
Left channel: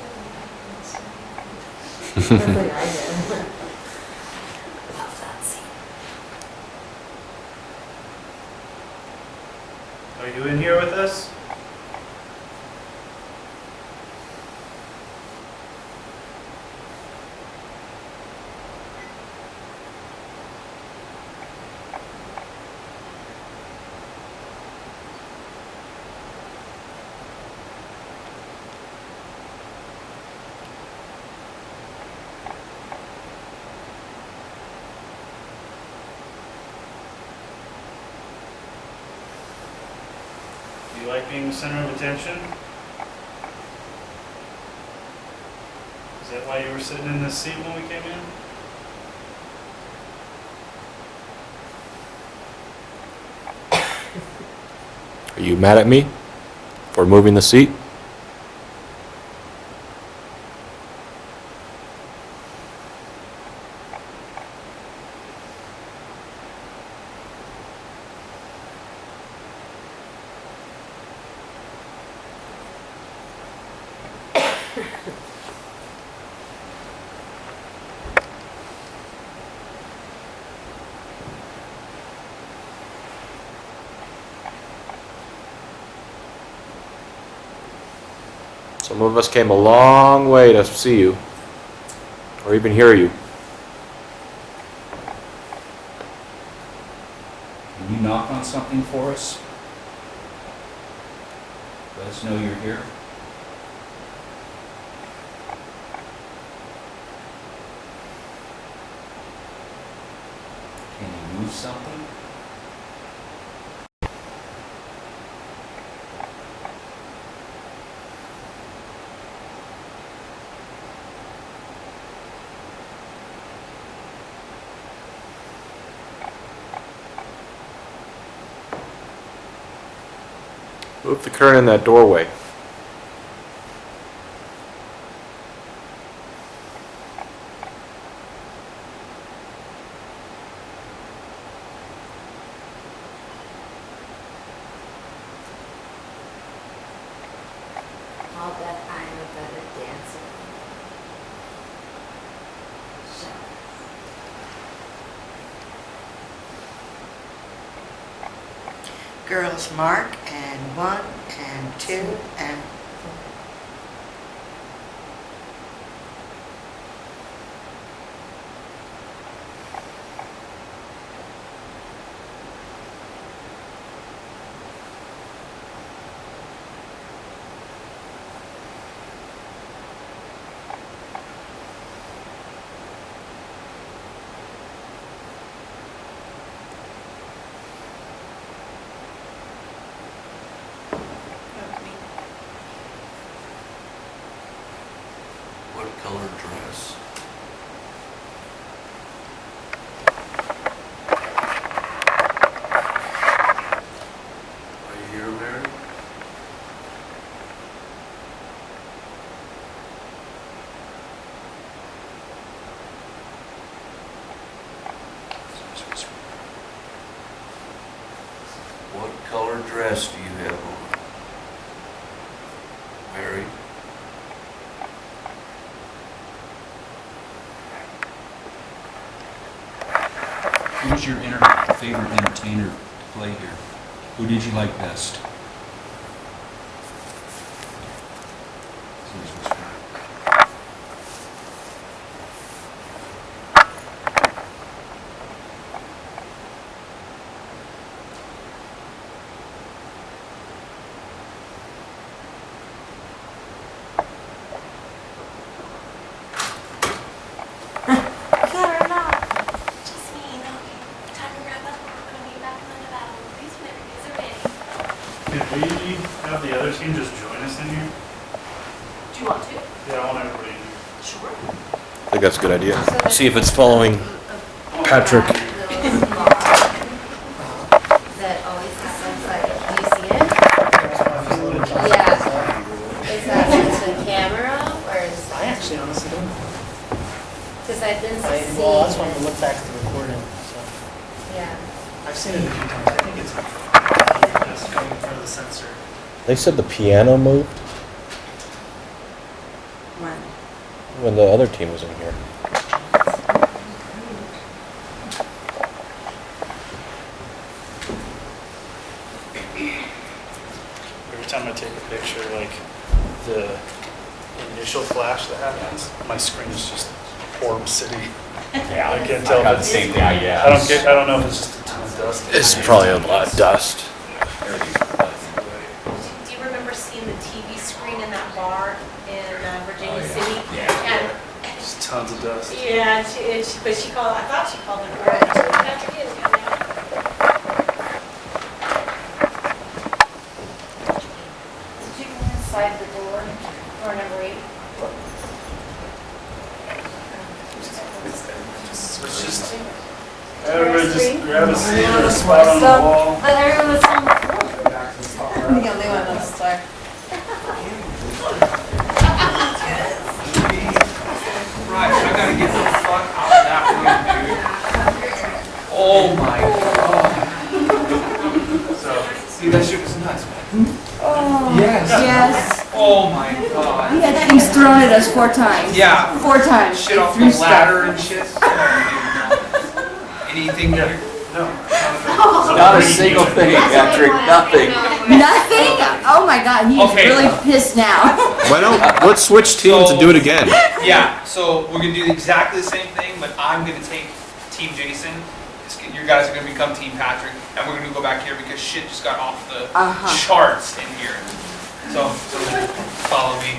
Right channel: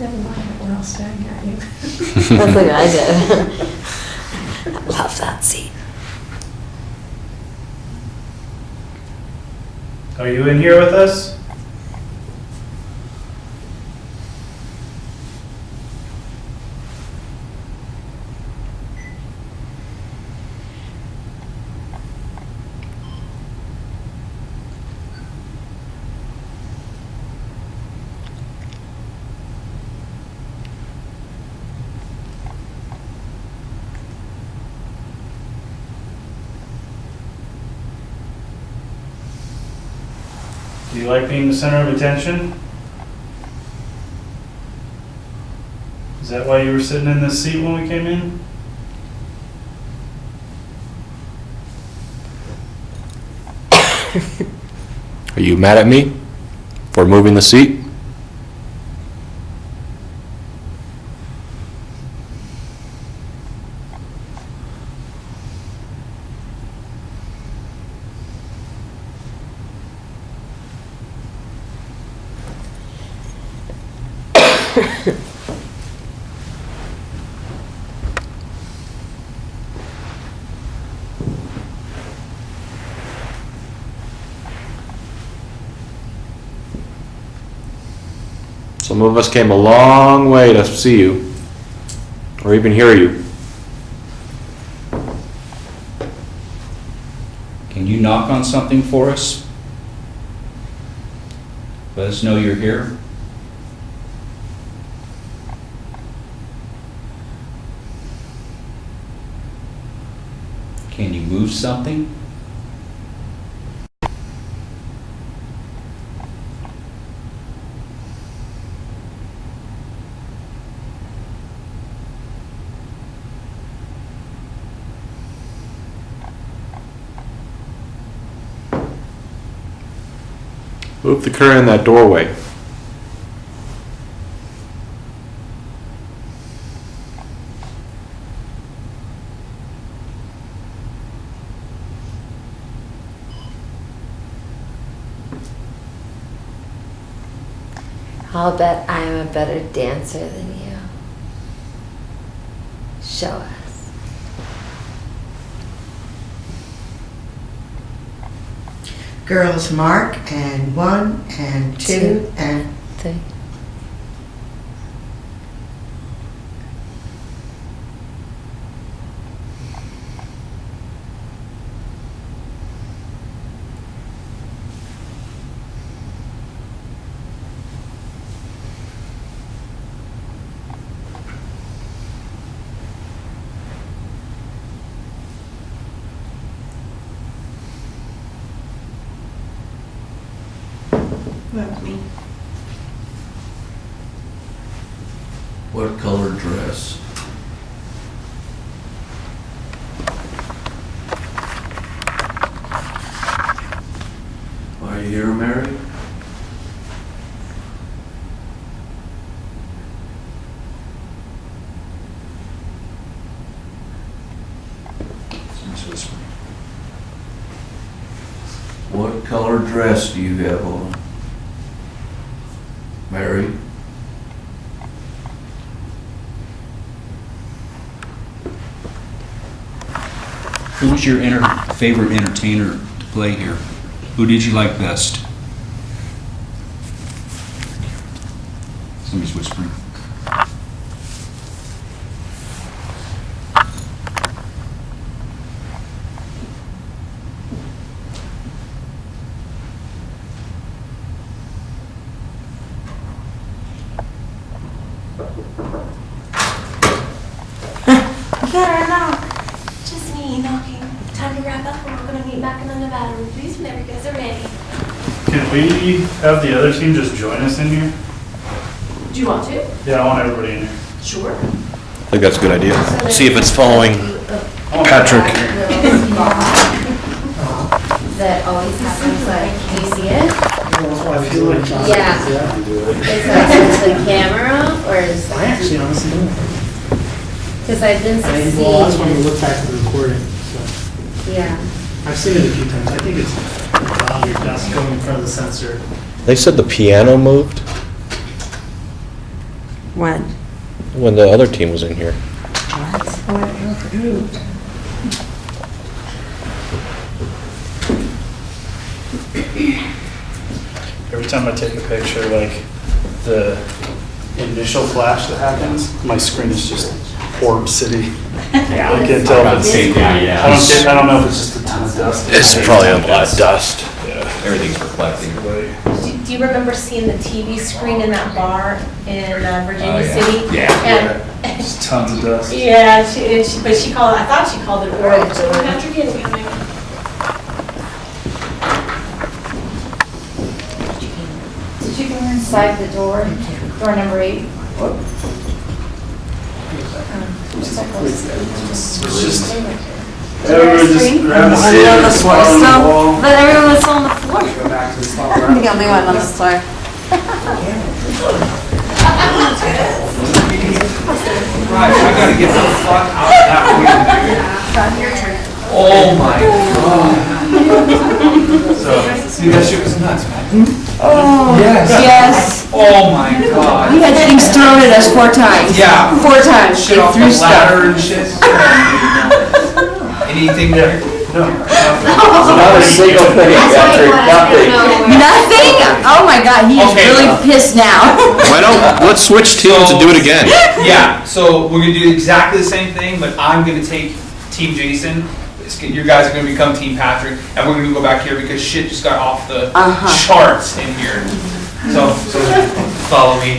Never mind, everyone else down here. That's what I did. Love that scene. Are you in here with us? Do you like being the center of attention? Is that why you were sitting in this seat when we came in? Are you mad at me for moving the seat? Some of us came a long way to see you, or even hear you. Can you knock on something for us? Let us know you're here. Can you move something? Move the curtain in that doorway. I'll bet I am a better dancer than you. Show us. Girls mark, and 1, and 2, and... Me. What color dress? Are you here, Mary? What color dress do you have on? Mary? Who's your favorite entertainer to play here? Who did you like best? Somebody's whispering. Could we have the other team just join us in here? Do you want to? Yeah, I want everybody in here. Sure. I think that's a good idea. So there's See if it's following a Patrick. black little spot that always happens, like, do you see it? That's why I was looking. Yeah. Is that with the camera, or is I actually honestly don't. Because I've been seeing Well, that's when we it. look back at the recording, so. Yeah. I've seen it a few times. I think it's on your desk going in front of the sensor. They said the piano moved When? when the other team was in here. Every time I take a picture, like the initial flash that happens, my screen is just Orb City. Yeah, I can't tell I've got if the it's. same guy, yeah. I don't know if it's just a ton of dust. It's a ton of dust. Yeah. Everything's reflecting. Do you remember seeing the TV screen in that bar in Virginia Oh, yeah. City? Yeah. And Just tons of dust. yeah, but she called. I thought she called it Orb. So we got your kid again, man. Did you go inside the door, door number 8? Everyone just grab a seat or spot on the wall. But everyone was on the floor. Go back to the spot. I'm the only one on the floor. Right, I gotta get the fuck out of that room, dude. Oh my god. So, see, that shit was nuts, man. Yes. Yes. Oh my god. And then he started us 4 times. Yeah. 4 times. Shit off the ladder and shit. Anything there? No. Not a single thing, Patrick, nothing. Nothing? Oh my god, he's Okay. really pissed now. Why don't, let's switch teams and do it again. Yeah, so we're gonna do exactly the same thing, but I'm gonna take Team Jason. You guys are gonna become Team Patrick, and we're gonna go back here because shit just got off the charts in here. So follow me.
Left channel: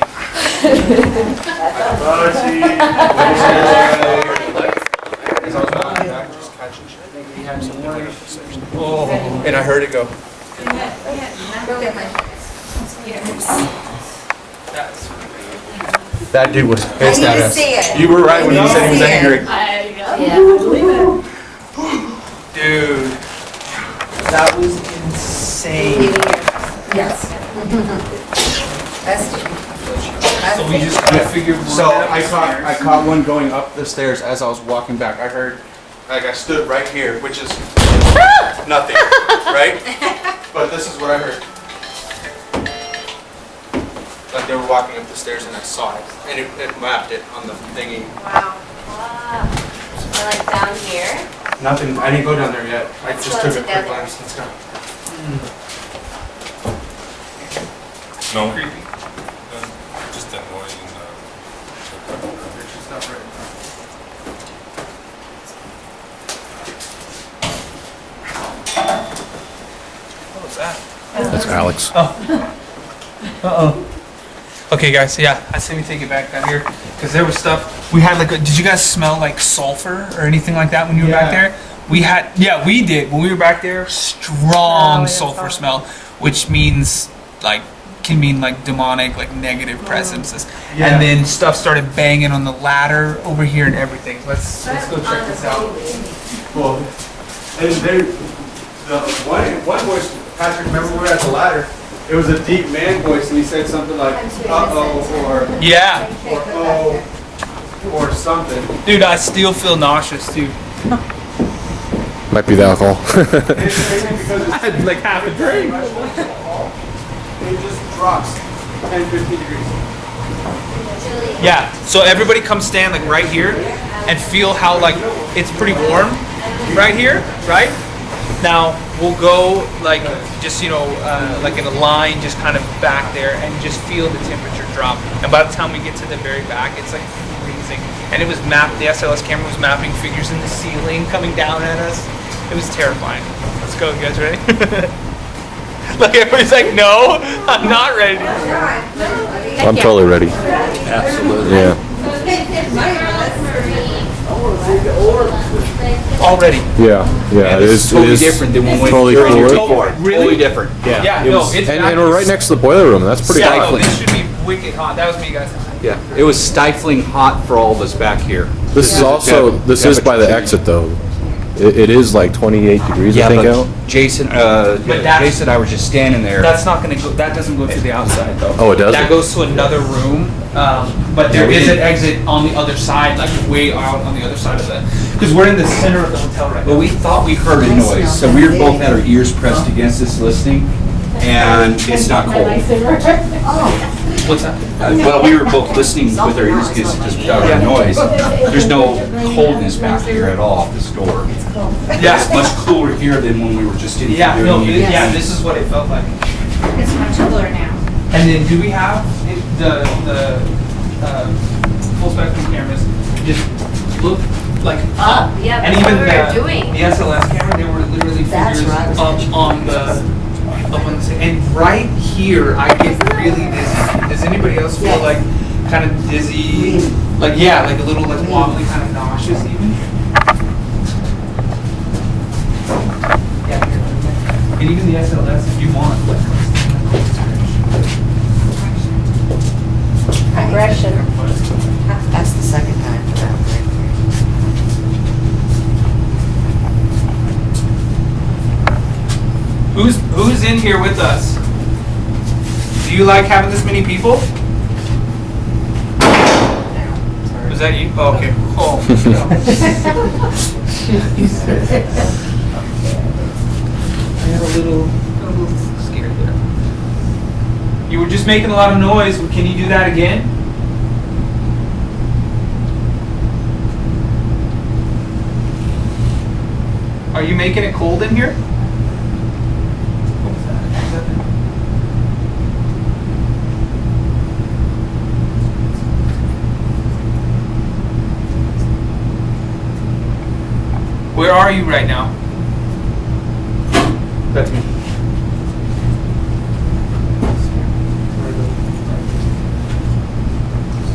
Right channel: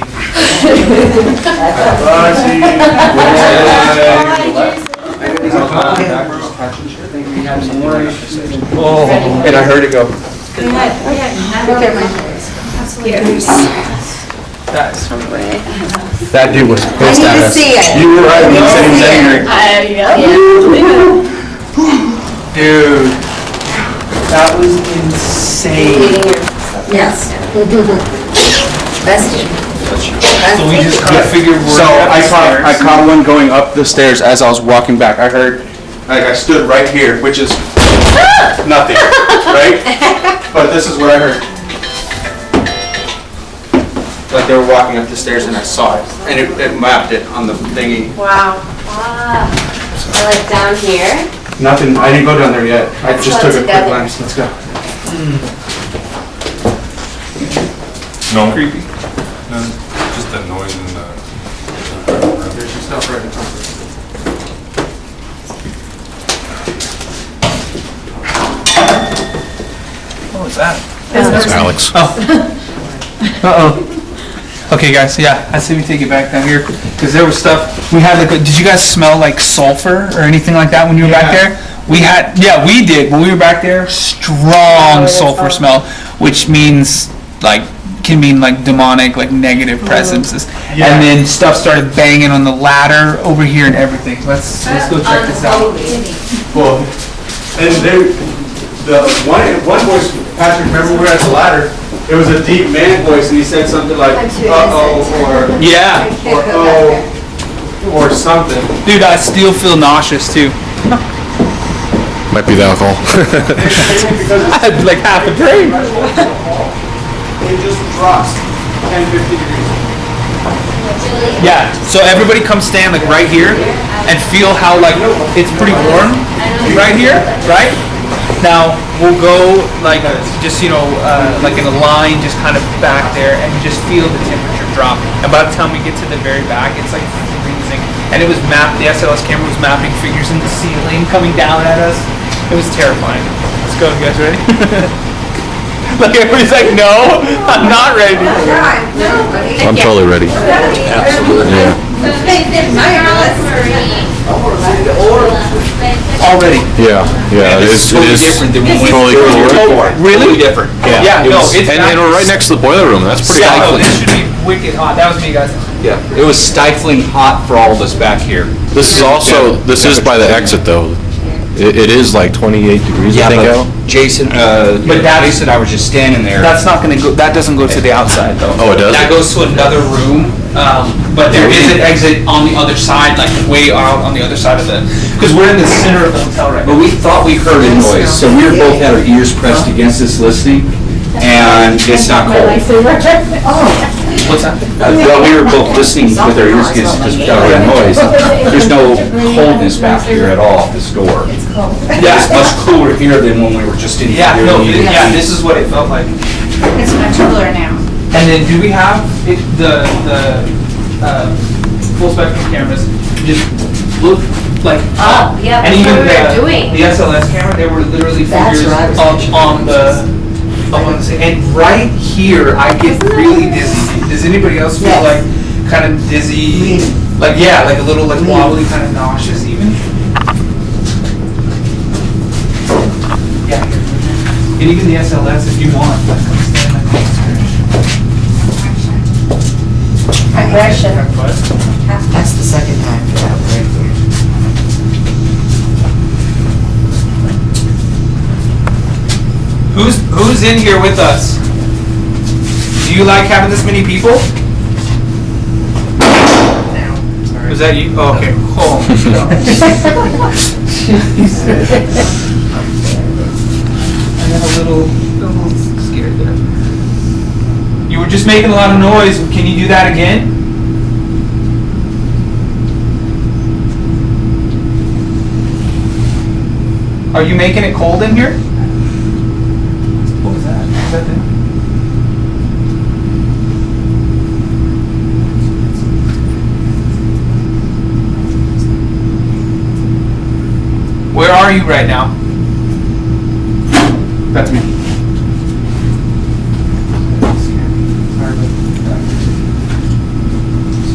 Oh, and I heard it go. That's That dude was I pissed need at to us. see it. You were right when you said he was angry. dude. That was insane. Yes. So we just kind of figured we're So I upstairs. caught one going up the stairs as I was walking back. I heard, like I stood right here, which is nothing, right? But this is what I heard. Like they were walking up the stairs and I saw it, and it mapped it on the thingy. Wow. Or like down here. Nothing, I didn't go down there yet. I Let's just go took a quick together. glance. Let's go. No. Creepy. Just that noise in the. What was that? That's Alex. Uh-oh. Okay, guys, yeah, I say we take it back down here, because there was stuff, we had like, did you guys smell like sulfur or anything like that when you were back there? We had, yeah, we did, when we were back there, strong sulfur smell, which means, like, can mean like demonic, like negative presences. And then stuff started banging on the ladder over here and everything. Let's go check this out. Well, and the one voice, Patrick, remember we're at the ladder, it was a deep man voice and he said something like, uh-oh, or, Yeah. or oh, or something. Dude, I still feel nauseous too. Might be the alcohol. I had like half a drink. It just drops 10, 50 degrees. Yeah, so everybody come stand like right here and feel how like it's pretty warm right here, right? Now we'll go like just, you know, like in a line just kind of back there and just feel the temperature drop. And by the time we get to the very back, it's like freezing. And it was the SLS camera was mapping figures in the ceiling coming down at us. It was terrifying. Let's go, you guys ready? Like everybody's like, no, I'm not ready. I'm totally ready. Already. Yeah, it's different than what we Really? different. Yeah, no, it's and back. right next to the boiler room. That's pretty Yeah, no, awesome. this should be wicked hot. That was me, guys. Yeah, it was stifling hot for all of us back here. This is also, this is by the exit though. It is like 28 degrees. Yeah, I think. but Jason, But that's- Jason, I was just standing there. That's not gonna go, that doesn't go to the outside though. Oh, it does? That goes to another room, but there is an exit on the other side, like way out on the other side of the, because we're in the center of the hotel right now. But we thought we heard a noise, so we were both had our ears pressed against this listening, and it's not cold. What's that? Well, we were both listening with our ears against because we got our noise. There's no coldness back here at all at this door. It's much cooler here than when we were just in here. Yeah, no, yeah, this is what it felt like. It's much cooler now. And then do we have the full spectrum cameras just look like up? Yeah, And that's even what we were doing. the SLS camera, they were literally That's figures what I was up thinking. on the and right here I get really dizzy. Does anybody else feel Yes. like kind of dizzy? Like yeah, like a little like wobbly, kind of nauseous even. Yeah. And even the SLS if you want, like come stand like this. Aggression. That's the second time for that, right? Who's in here with us? Do you like having this many people? Was that you? Oh, okay. Oh my God. Jesus. I got a little scared there. You were just making a lot of noise. Can you do that again? Are you making it cold in here? What was that? Was that the... Where are you right now? That's me.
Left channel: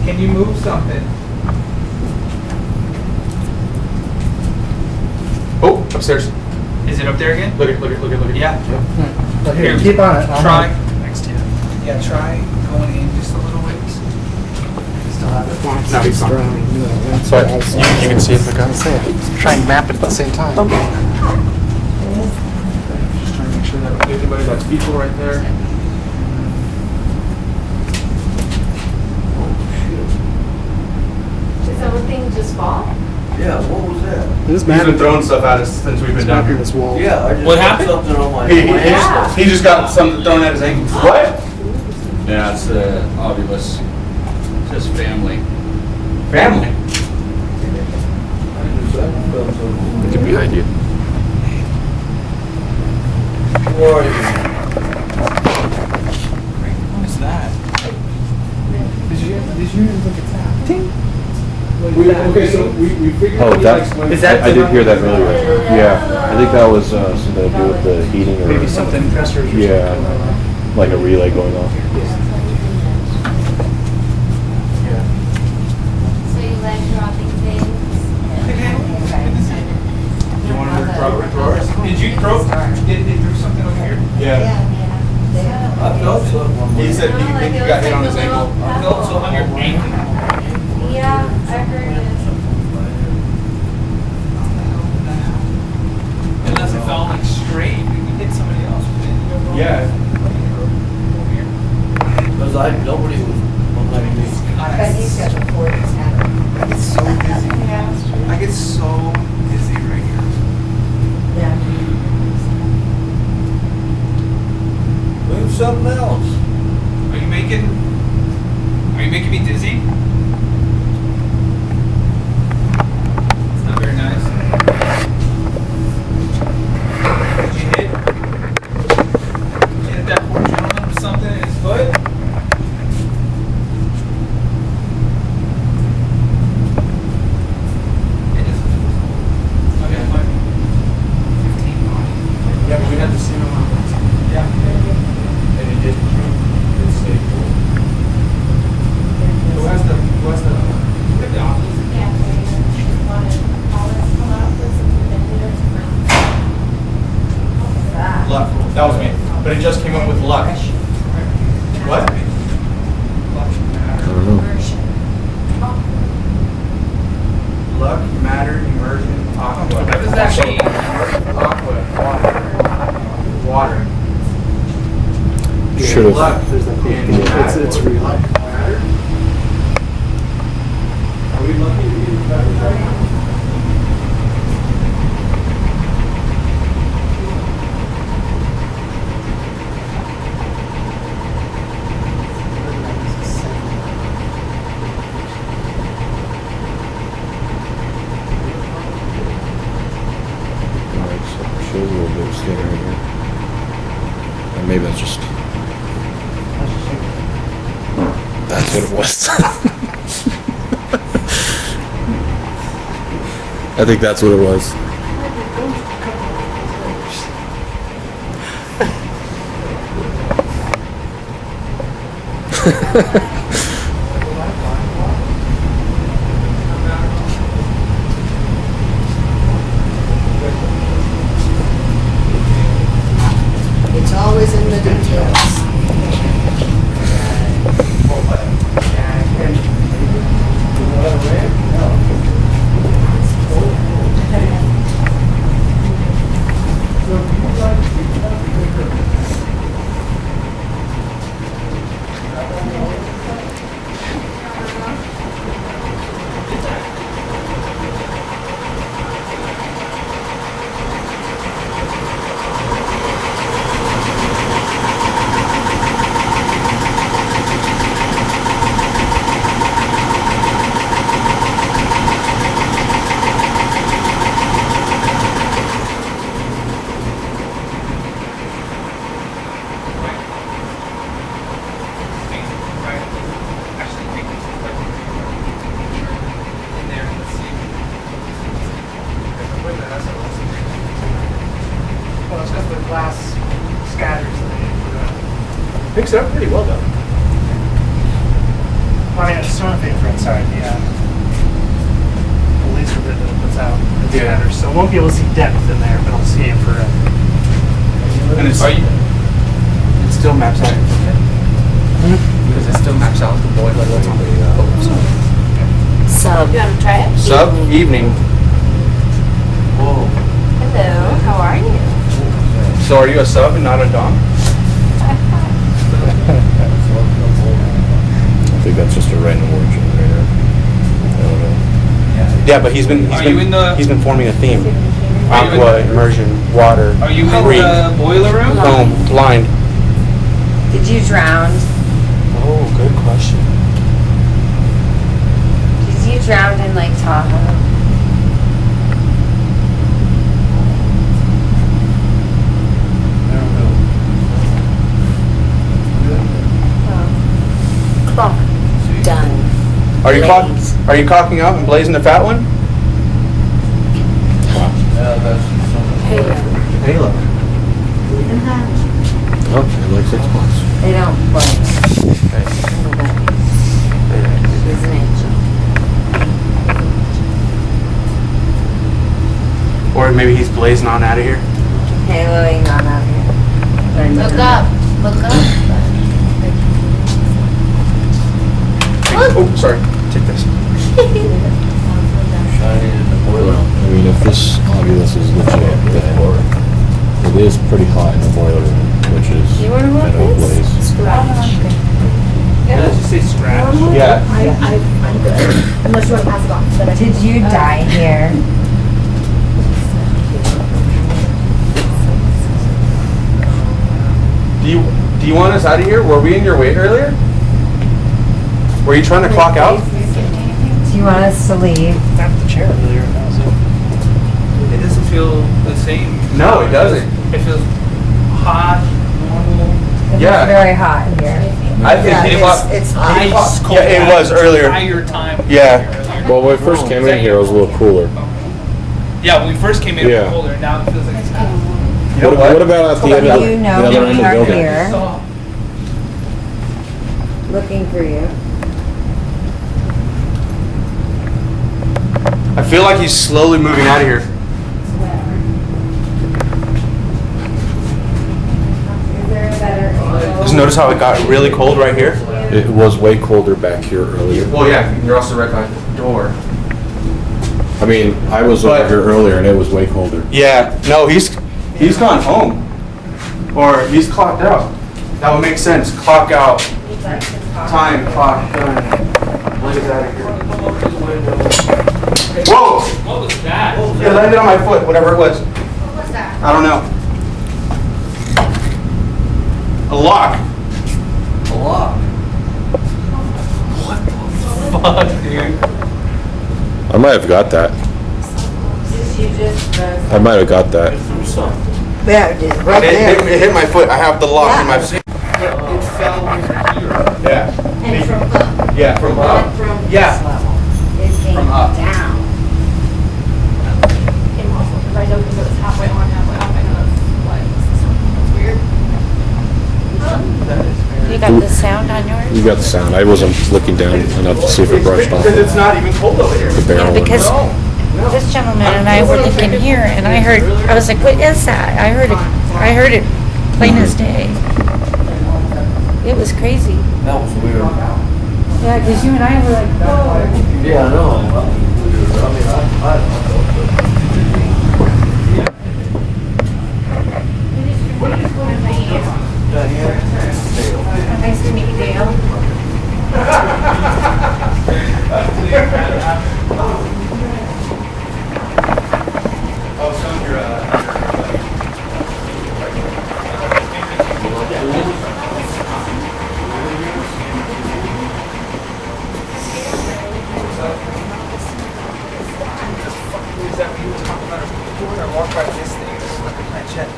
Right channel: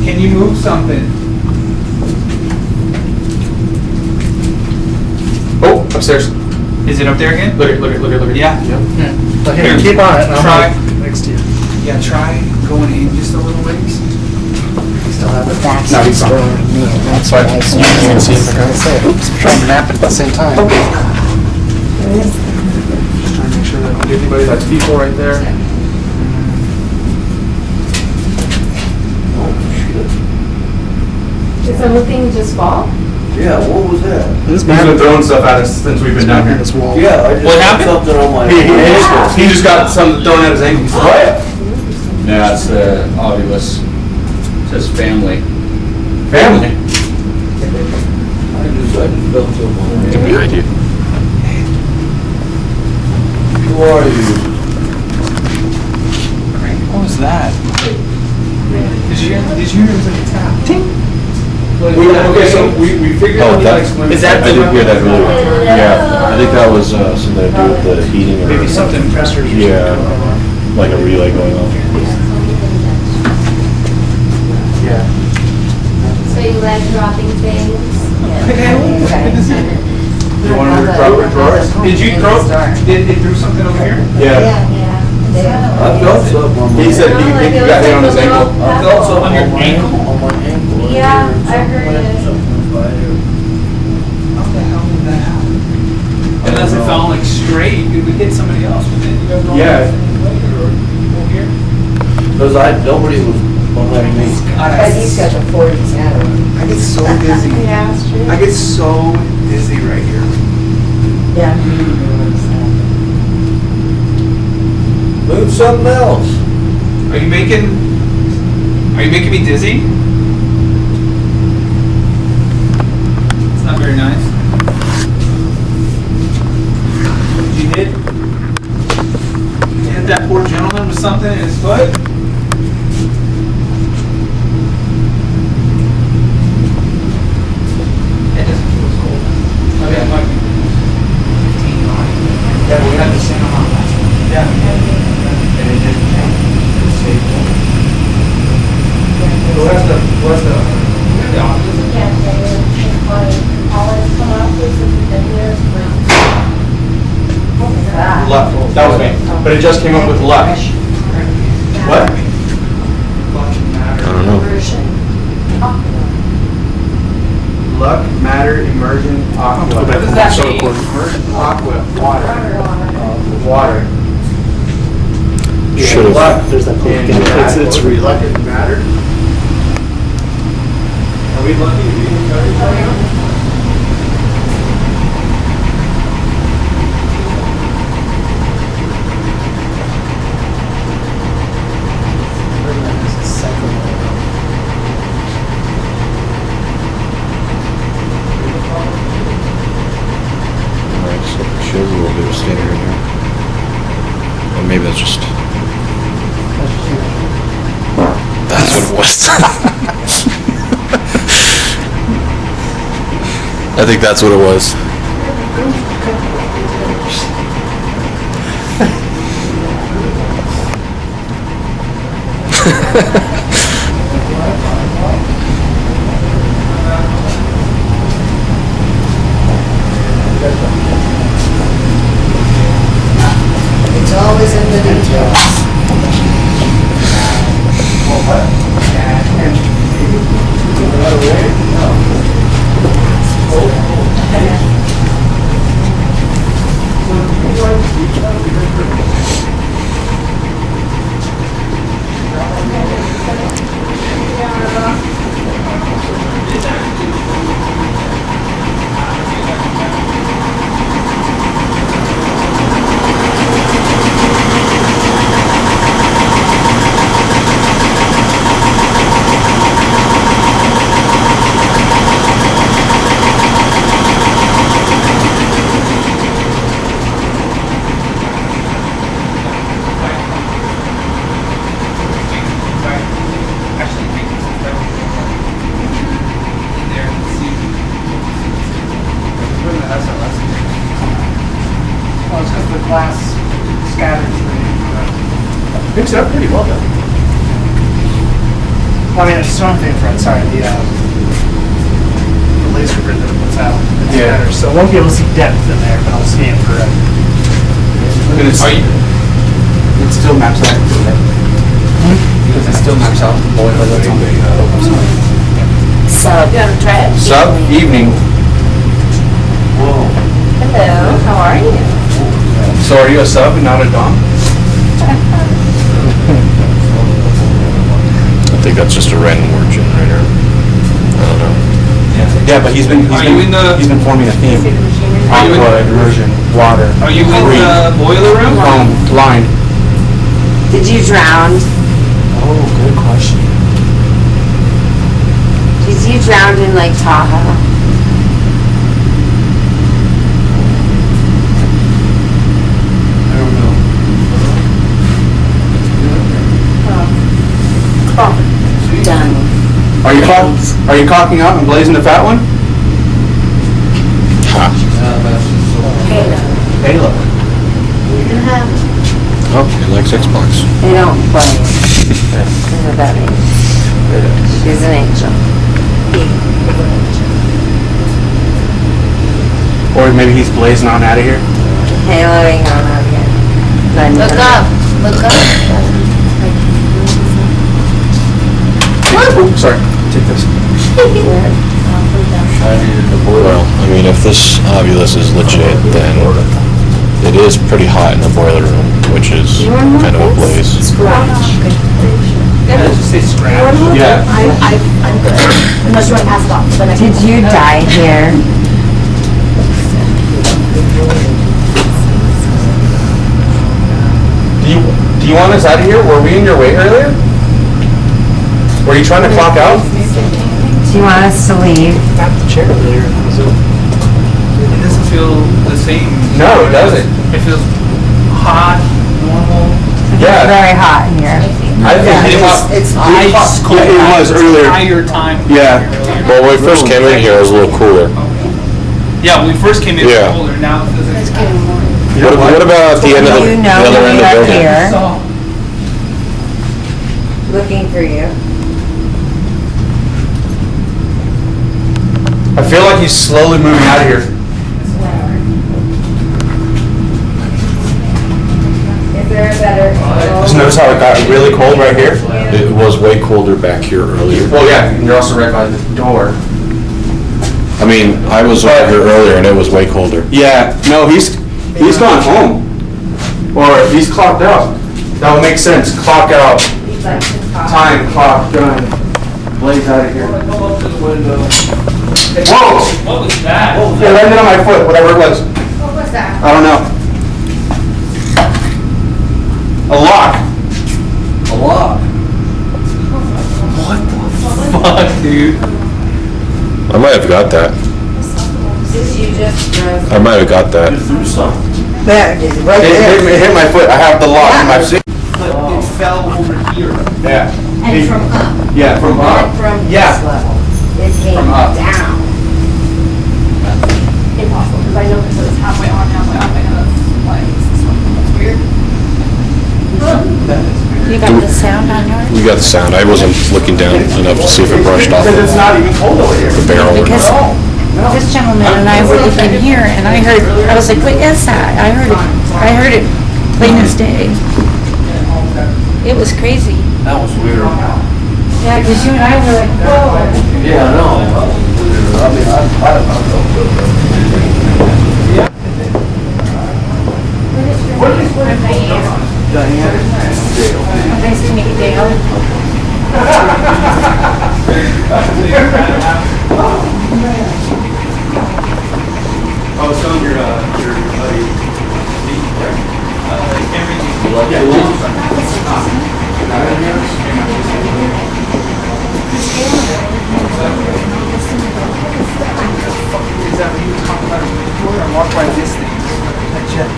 Can you move something? Oh, upstairs. Is it up there again? Look at. Yeah. Yep. Here, Keep on it. try. Next to you. Yeah, try going in just a little ways. Still have it. No, he's fine. That's why you can see it. I was say, oops, try and map it at the same time. Just trying to make sure that I don't get anybody. That's people right there. Did something just fall? Yeah, what was that? He's been throwing stuff at us since we've been down here. Yeah, I just got something on my He just got something thrown at his ankle. What? Yeah, it's the obulus. It says family. Family? I just felt something. Who are you? What was that? Did you hear it was like a tap? Tink. Okay, so we figured out Is that I didn't hear that really. Yeah, I think that was something to do with the heating. Maybe something pressure. Yeah, like a relay going on. Yeah. So you like dropping things? You want to drop our drawers? Did you throw? It threw something over here? Yeah. I felt something on my He said he got hit on his ankle. I felt something On your on my ankle? On my ankle. Yeah, I heard it. How the hell did that happen? Unless it fell like straight, it would hit somebody else, but then you have no Yeah. later or people here. Because nobody was behind me. But he's got the 40s out of him. I get so dizzy. Yeah, it's true. I get so dizzy right here. Yeah, I'm reading it. Move something else. Are you making me dizzy? It's not very nice. Did you hit that poor gentleman with something in his foot? It doesn't feel as cold. Okay, it might be 15 on. Yeah, but we had the same amount last time. Yeah. And it didn't change. It stayed cold. Who has the office? Yeah, it's funny. Always come up with some videos for. What was that? Luck. That was me. But it just came up with luck. What? Immersion. Luck, matter, immersion, aqua. What does that mean? Immersion, aqua, water. Luck and matter. It's reluctant matter. Are we lucky to be Maybe it's just. That's what it was. I think that's what it was. It's always in the details. glass scatters. Picks it up pretty well though. Well, I mean, it's one thing for sorry, the laser grid that it puts out. It scatters. So I won't be able to see depth in there, but I'll see infrared. And it still maps out. Because it still maps out the boiler that's on the. Oh, I'm sorry. Sub. You want to try it? Sub evening. Hello, how are you? So are you a sub and not a dom? I think that's just a random word generator. I don't know. Yeah, but he's been forming a theme. Aqua, immersion, water. Are you in the boiler room? Foam, blind. Did you drown? Oh, good question. Did you drown in Lake Tahoe? Done. Are you cocking up and blazing the fat one? Halo. He likes Xbox. They don't play it. That's what that means. She's an angel. Or maybe he's blazing on out of here. Haloing on out here. Look up. Look up. Oh, sorry. Take this. Well, I mean, if this ovulus is legit, then it is pretty hot in the boiler room, which is kind of a place. Yeah, just say scratch. Yeah. Did you die here? Do you want us out of here? Were we in your way earlier? Were you trying to clock out? Do you want us to leave? Got the chair earlier. It doesn't feel the same. No, it doesn't. It feels hot, normal. It's very hot in here. I think it's ice cold. Yeah, it was earlier. Entire time. Yeah. Well, when we first came in here, it was a little cooler. Yeah, when we first came in, it was colder. Now it feels like it's cold. You know what? What about the You know that we are here. Looking for you. I feel like he's slowly moving out of here. Is there a better? Just notice how it got really cold right here? It was way colder back here earlier. Well, yeah, and you're also right by the door. I mean, I was over here earlier and it was way colder. Yeah, no, he's gone home. Or he's clocked out. That would make sense. Clock out. Time, clock, done. Blaze out of here. Whoa! What was that? It landed on my foot, whatever it was. What was that? I don't know. A lock. A lock. What the fuck, dude? I might have got that. Did you just I might have got that. You threw something. There it is, right there. It hit my foot. I have the lock in my feet. But it fell over here. Yeah. And from up. Yeah, from Not up. from Yeah. this level. It came From up. down. Impossible, because I know because it was halfway on, halfway off. I know that's weird. That is weird. You got the sound on yours? You got the sound. I wasn't looking down to see if it brushed off. Because it's not even cold over here. Yeah, because this gentleman and I were looking here, and I was like, what is that? I heard it plain as day. It was crazy. That was weird. Yeah, because you and I were like, whoa. Yeah, I know. I mean, I don't know. Diane? Dale. Nice to meet you, Dale. I was telling your buddy. Is that what you were talking about before? I walked by this thing. That jet.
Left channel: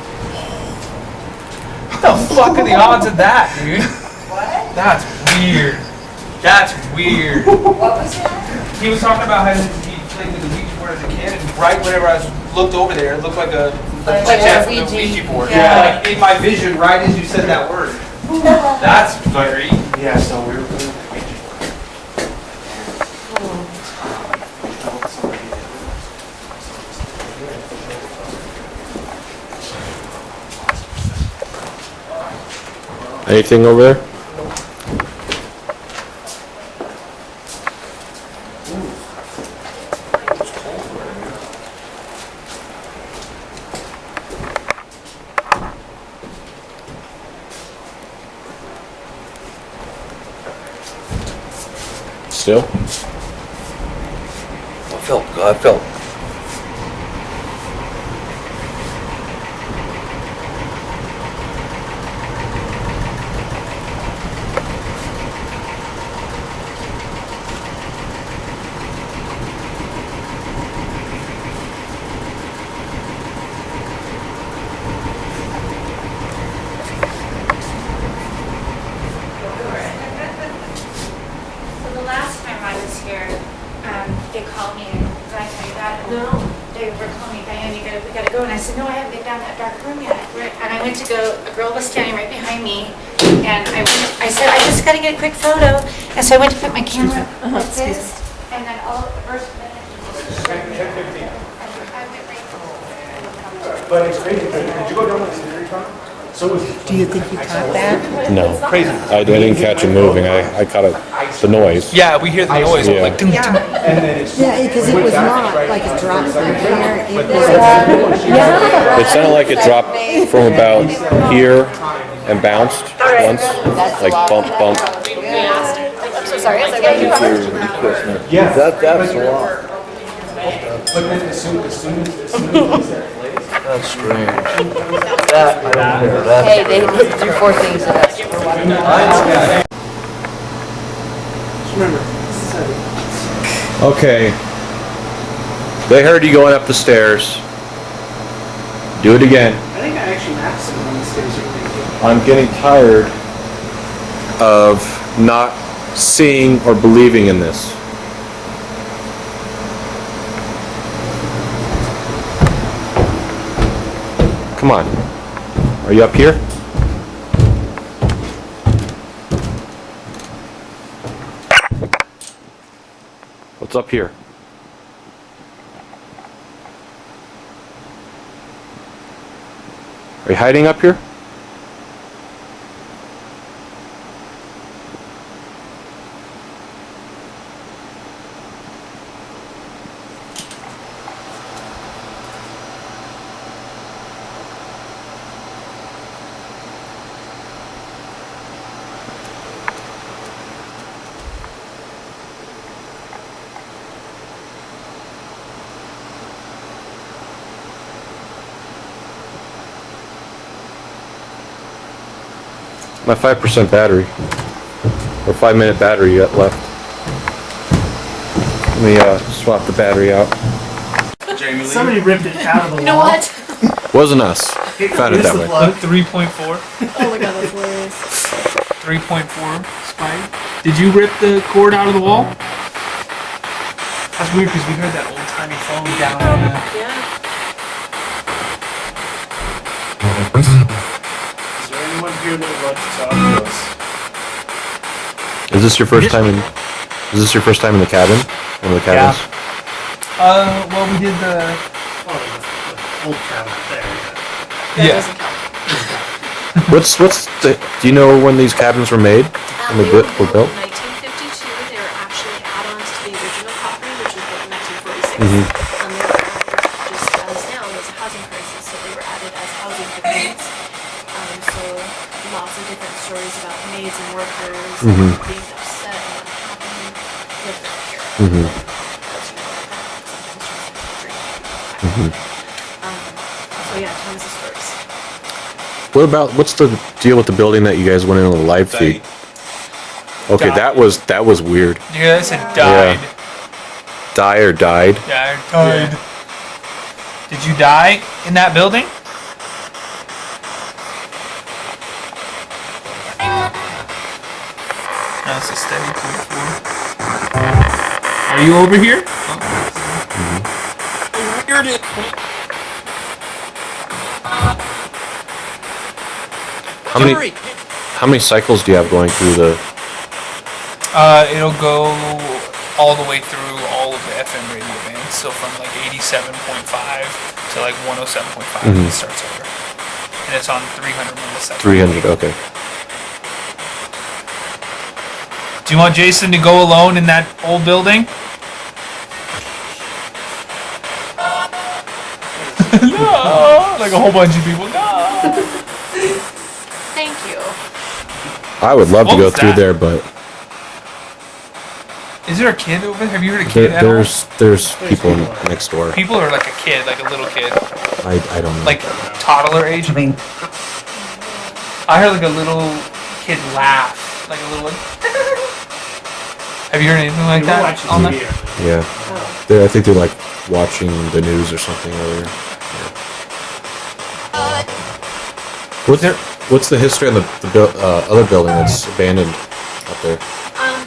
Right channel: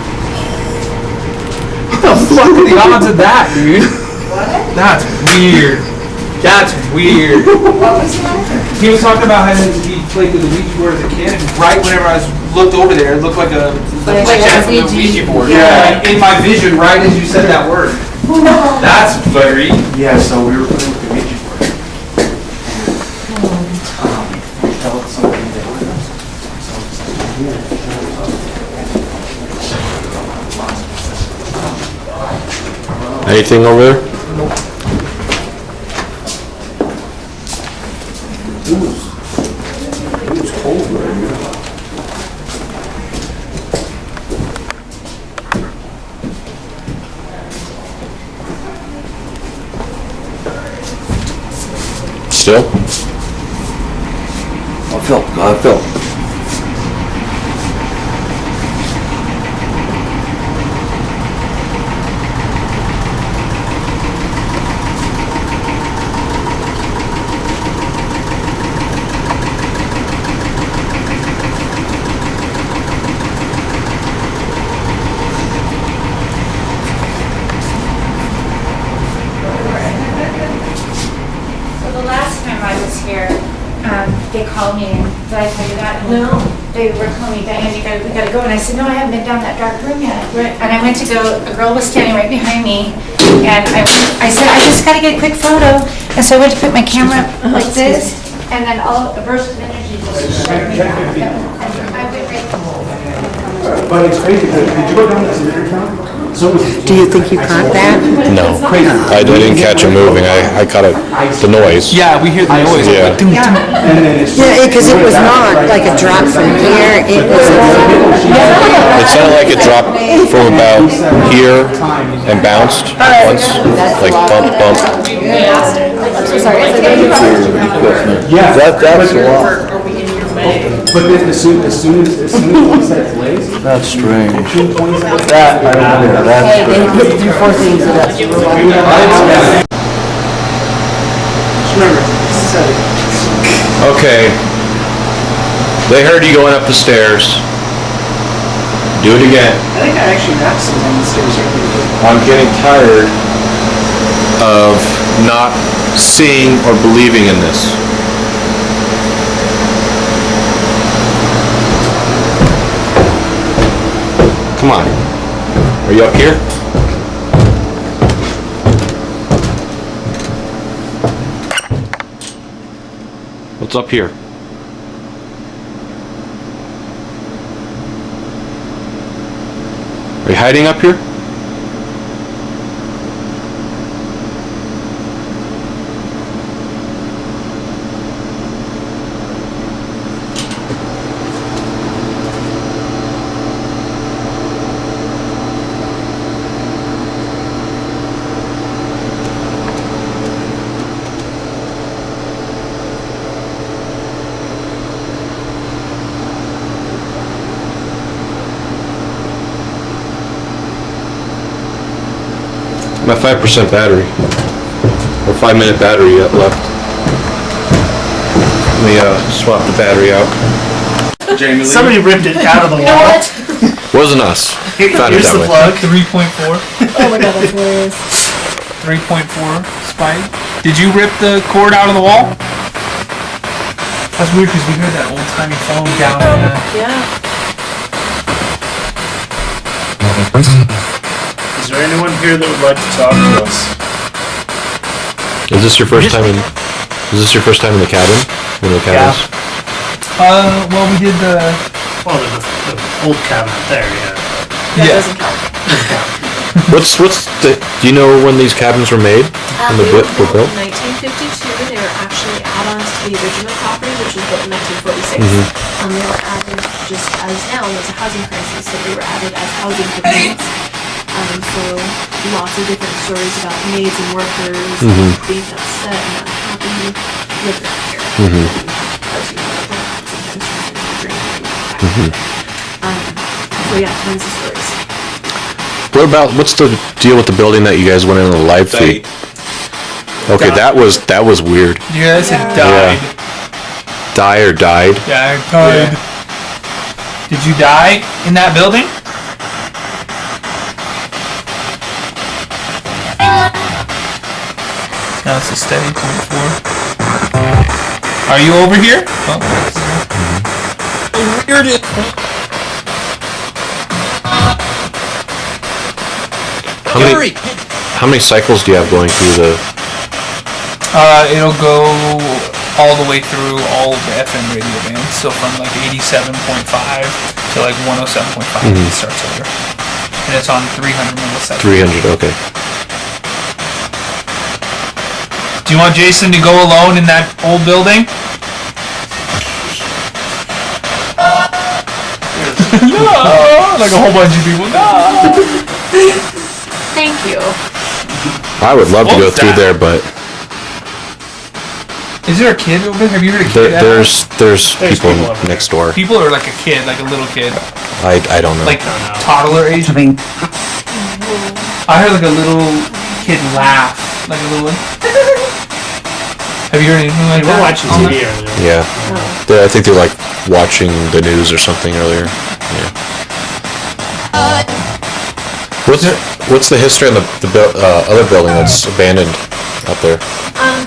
What the fuck are the odds of that, dude? What? That's weird. That's weird. What was that? He was talking about how he played with the Ouija board as a kid, and right whenever I was looked over there, it looked like a, Like like that a from the Ouija. Ouija board. Yeah. Like in my vision, right as you said that word. That's very. Yeah, so we were putting up the Ouija board. We felt something that was. So it's like here, it shows up. Anything over there? Nope. It was cold right here. Still? I felt. So the last time I was here, they called me, and did I tell you that? No. They were calling me, Diane, we gotta go, and I said, no, I haven't been down that dark room yet. And I went to go, a girl was standing right behind me, and I said, I just gotta get a quick photo. And so I went to put my camera up like this, and then all, a burst of energy just. But it's crazy, did you go down that cemetery tunnel? So it was. Do you think you caught that? No. Crazy. I didn't catch him moving. I caught the noise. Yeah, we hear the noise. Like, ding, Yeah. And then it's. Yeah, because it was not like a drop from here. It was. It sounded like it dropped from about here and bounced. All right. That's a lot. I'm so sorry. It's okay. You covered. Yeah, but then as soon as he said blaze. That's strange. That, I don't care, that's Hey, they strange. hit through 4 things of us. We're walking down. Okay. They heard you going up the stairs. Do it again. I think I actually mapped some on the stairs earlier. I'm getting tired of not seeing or believing in this. Come on. Are you up here? What's up here? Are you hiding up here? About 5% battery. Or 5-minute battery yet left. Swap the battery out. Jamie Lee. Somebody ripped it out of the wall. You know what? Wasn't us. Here's the plug. 3.4. Oh my god, that's hilarious. 3.4 spike. Did you rip the cord out of the wall? That's weird because we heard that old timey phone down in the. Yeah. Is there anyone here that would like to talk to us? Is this your first time? Is this your first time in the cabin? Yeah. Well, we did the. Oh, the old cabinet there, yeah. That Yeah. doesn't count. Do you know when these cabins were made? They were built in 1952. They were actually add-ons to the original property, which was built in 1946. They were added just as now there's a housing crisis, so they were added as housing for maids. So lots of different stories about maids and workers being upset and not happy living out here. And, as you know, sometimes turns into drinking. So yeah, tons of stories. What's the deal with the building that you guys went on a live feed? Okay, that was weird. You guys had died. Die or died? Yeah, I died. Did you die in that building? No, it's a steady 0.4. Are you over here? Oh. Here it is. Hurry! How many cycles do you have going through the... It'll go all the way through all of the FM radio bands. So from like 87.5 to like 107.5, it starts over. And it's on 300 milliseconds. 300, okay. Do you want Jason to go alone in that old building? No! Like a whole bunch of people. No! Thank you. I would love What to go was through that? there, but Is there a kid over there? Have you heard a kid at all? there's people next door. People or like a kid, like a little kid? I don't know. Like toddler age? I mean, I heard like a little kid laugh. Like a little... Have you heard anything like They were that? watching on TV there? earlier. Yeah. I think they're like watching the news or something earlier. Yeah. What's the history of the other building that's abandoned up there?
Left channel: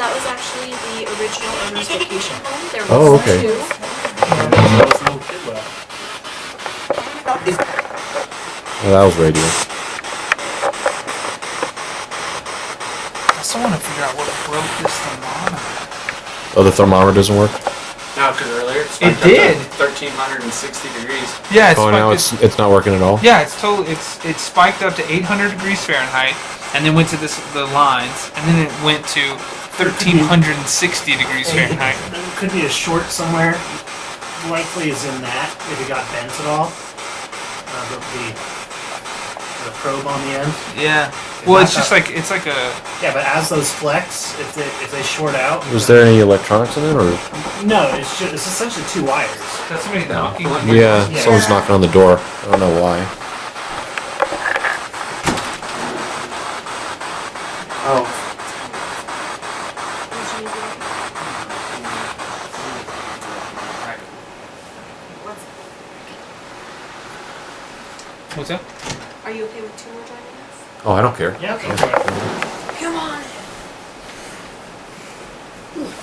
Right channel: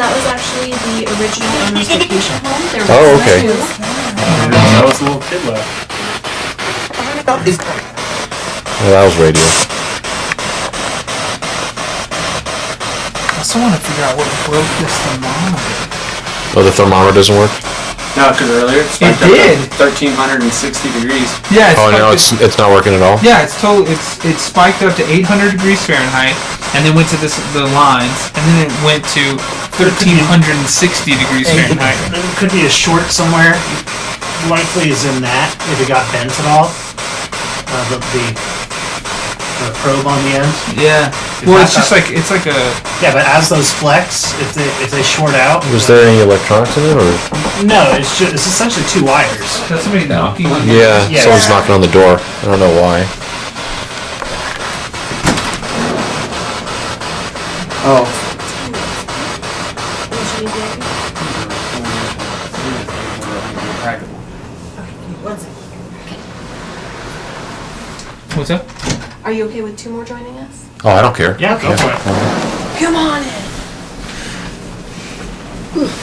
That was actually the original owner's vacation home. There was Oh, okay. two. That was a little kid left. Yeah, I have radio. I still want to figure out what broke this thermometer. Well, the thermometer doesn't work? No, because earlier it spiked did. up to 1,360 degrees. Yeah, it's Oh, spiked. no, it's not working at all? Yeah, it's totally. It spiked up to 800 degrees Fahrenheit, and then went to the lines, and then it went to 1,360 degrees Fahrenheit. There could be a short somewhere. Likely is in that, if it got bent at all. The probe on the end. Yeah. Well, it's just like a. Yeah, but as those flex, if they short out. Was there any electronics in there? Or? No, it's essentially two wires. That's somebody knocking on your door. Yeah, someone's knocking on the door. I don't know why. Oh. What's that? Are you okay with two more joining us? Oh, I don't care. Yeah, go for it. Come on in.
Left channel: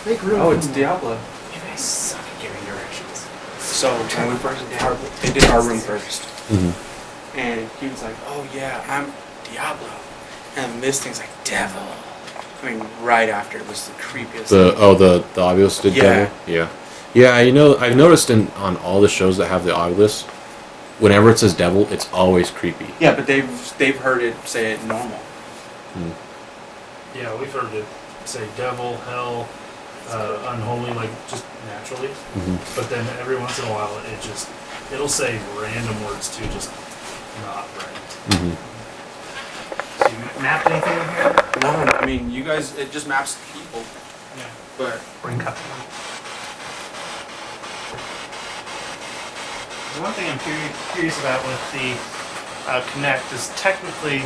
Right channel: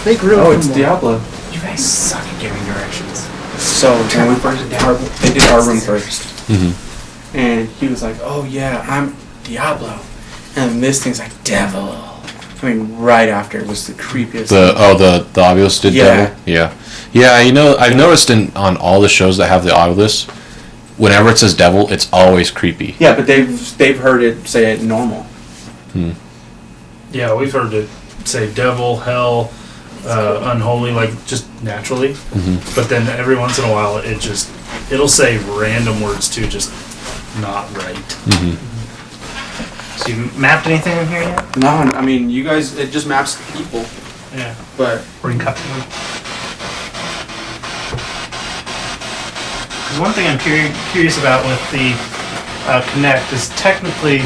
They grew Oh, it's Diablo. You guys suck at giving directions. So when we first did they did our room first, Mm-hmm. and he was like, "Oh yeah, I'm Diablo," and this thing's like devil. I mean, right after it was the creepiest. The Ovilus did Yeah. that? Yeah. Yeah, you know, I've noticed on all the shows that have the Ovilus, whenever it says devil, it's always creepy. Yeah, but they've heard it say it normal. Yeah, we've heard it say devil, hell, unholy, like just naturally. Mm-hmm. But then every once in a while, it'll say random words too, just not right. Mm-hmm. So you mapped anything in here? No, I mean, you guys, it just maps the people. Yeah. But Bring cut them. One thing I'm curious about with the Kinect is technically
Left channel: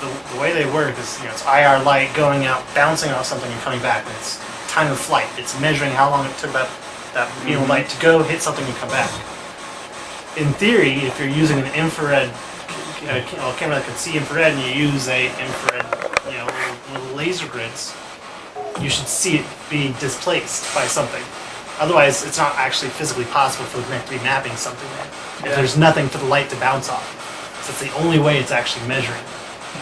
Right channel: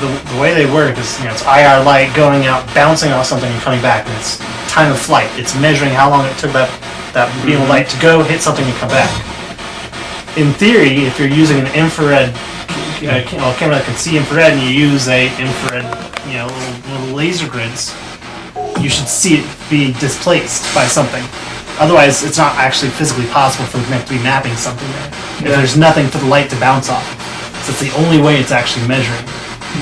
the way they work is, it's IR light going out, bouncing off something and coming back, and it's time of flight. It's measuring how long it took that beam of light to go, hit something, and come back. In theory, if you're using an infrared camera that can see infrared, and you use a infrared, little laser grids, you should see it be displaced by something. Otherwise, it's not actually physically possible for the Kinect to be mapping something there. If there's nothing for the light to bounce off. So it's the only way it's actually measuring.